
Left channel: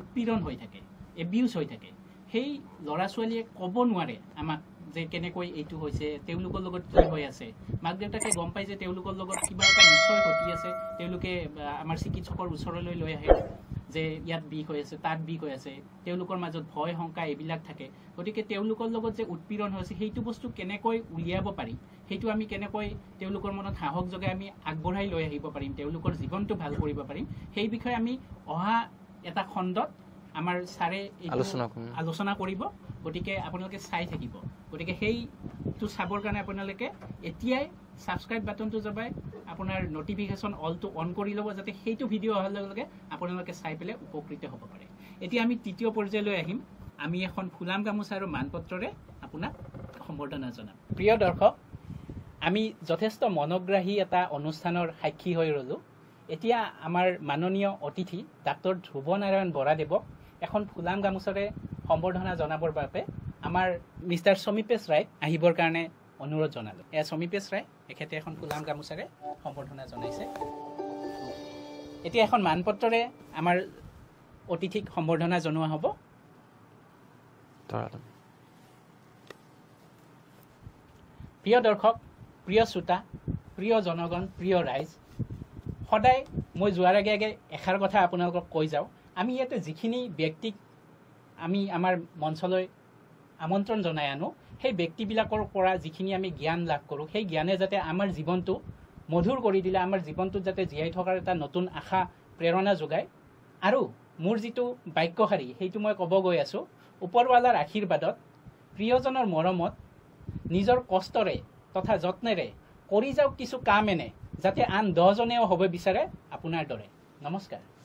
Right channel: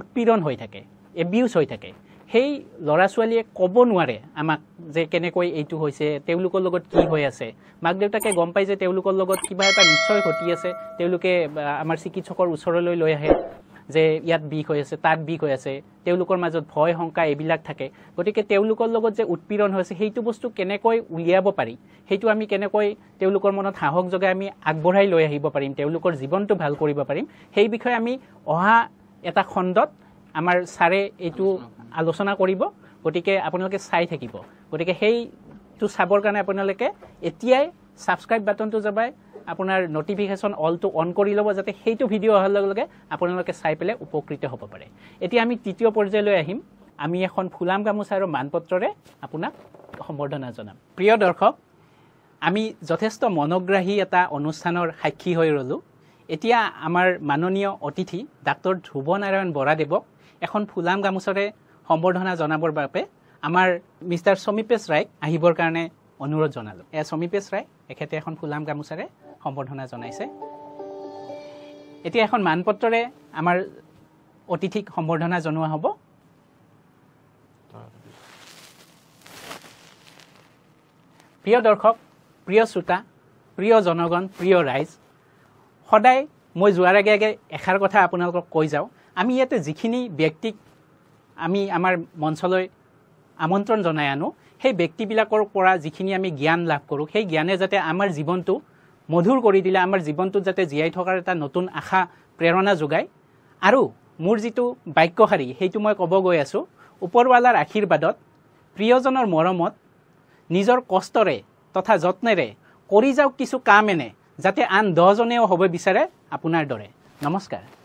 উৎপীড়ন হৈ থাকে এবিউজ হৈ থাকে সেই ল'ৰা ছোৱালীয়ে ক'ব নোৱাৰে আমাক যে কেনেকৈ এইটো হৈছে তেওঁলোকৰ লগত কি হৈ আছে মাক দেউতাকে গম পাই যে তেওঁলোকৰ লগত কিবা এটা নিশ্চয় ঘটি আছে তেওঁলোকে আমাৰ চিকিৎসকৰ ওচৰলৈ লৈ আহে যে ইয়াত বিষ হৈ আছে তাত বিষ হৈ আছে তেওঁলোকৰ মাজত ভয় শংকা এইবিলাক থাকে গতিকে তেওঁলোকৰ লগত যে উৎপীড়ন হৈছে সেইটো বস্তু কেনেকৈ উলিয়াব পাৰি সেইটো আমি কেনেকৈ তেওঁলোকৰ মনত সাহস যোগাই আমি আগবঢ়াই লৈ আহিব পাৰিম তেওঁলোকৰ জীৱনটো ভাল কৰিব পাৰিম সেই বিষয়ে আমি অহা এটা খণ্ডত আমাৰ ছাৰে এইটো আলোচনা কৰিব গতিকে আপোনালোকে চাই থাকিব গতিকে সেইটো চাবৰ কাৰণে আপোনালোকে এতিয়াই সাবস্ক্ৰাইব বাটনটো দবাই আপোনাৰ নটিফিকেশন অলটো অন কৰি ল'ব যাতে সেইটো ভিডিঅ' অহাৰ লগে লগে আপোনালোকে চাই পেলে উপকৃত হ'ব পাৰে এতিয়া আমি তৃতীয় পৰ্যায়লৈ আহিম আমি এখন ফুলাম গামোচা আৰু মানপত্ৰৰে আপোনাক সম্বৰ্ধনা জনাম প্ৰিয় দৰ্শক আমি যথেষ্ট মনোগ্ৰাহী এটা অনুষ্ঠানৰ সাক্ষী হৈ ৰলো এতিয়া আমাৰ মাননীয় অতিথি ডাক্তৰ ধ্ৰুৱ নাৰায়ণ বৰাদেৱক এখন ফুলাম গামোচাৰে সম্বৰ্ধনা জনাবৰ বাবে আমাৰ মিষ্টাৰ সমীপেশ ৰায়ক আহিবৰ কাৰণে অনুৰোধ জনালো সমীপেশ ৰায় এখেতে এখন ফুলাম গামোচাৰে সম্বৰ্ধনা জনাইছে এতিয়া এখন মানপত্ৰৰে আমাৰ অতিথিক সম্বৰ্ধনা জনোৱা হ'ব প্ৰিয় দৰ্শক প্ৰিয় শ্ৰোতা প্ৰিয় জনগণ প্ৰিয় ৰাইজ সদায় মই যোৱাৰ আগে আগে এষাৰ কথা আপোনালোকক কৈ যাওঁ আমি ইয়াতে যিখিনি ব্যক্তিক আমি আমাৰ মঞ্চলৈ আমন্ত্ৰণ জনাই আনো সেই ব্যক্তিবিলাকৰ পৰা যিখিনি আমি জ্ঞান লাভ কৰোঁ সেই জ্ঞানে যাতে আমাৰ জীৱনটো মধুৰ কৰি দিলে আমাৰ জীৱনটোত যাতে জীয়াই থকাৰ এটা নতুন আশা প্ৰেৰণা যোগায় আৰু মোৰ যিটো বাক্যশাৰী সেইটো মই ক'ব গৈ আছোঁ ওপৰৱালাৰ আশীৰ্বাদত প্ৰিয়জনৰ মৰমত নিজৰ কষ্টৰে তথা যত্নেৰে কৰি যাওক কিছু কাম এনে যাতে আন 10 জনেও হ'ব বিচাৰে আপোনাৰ দৰে নমস্কাৰ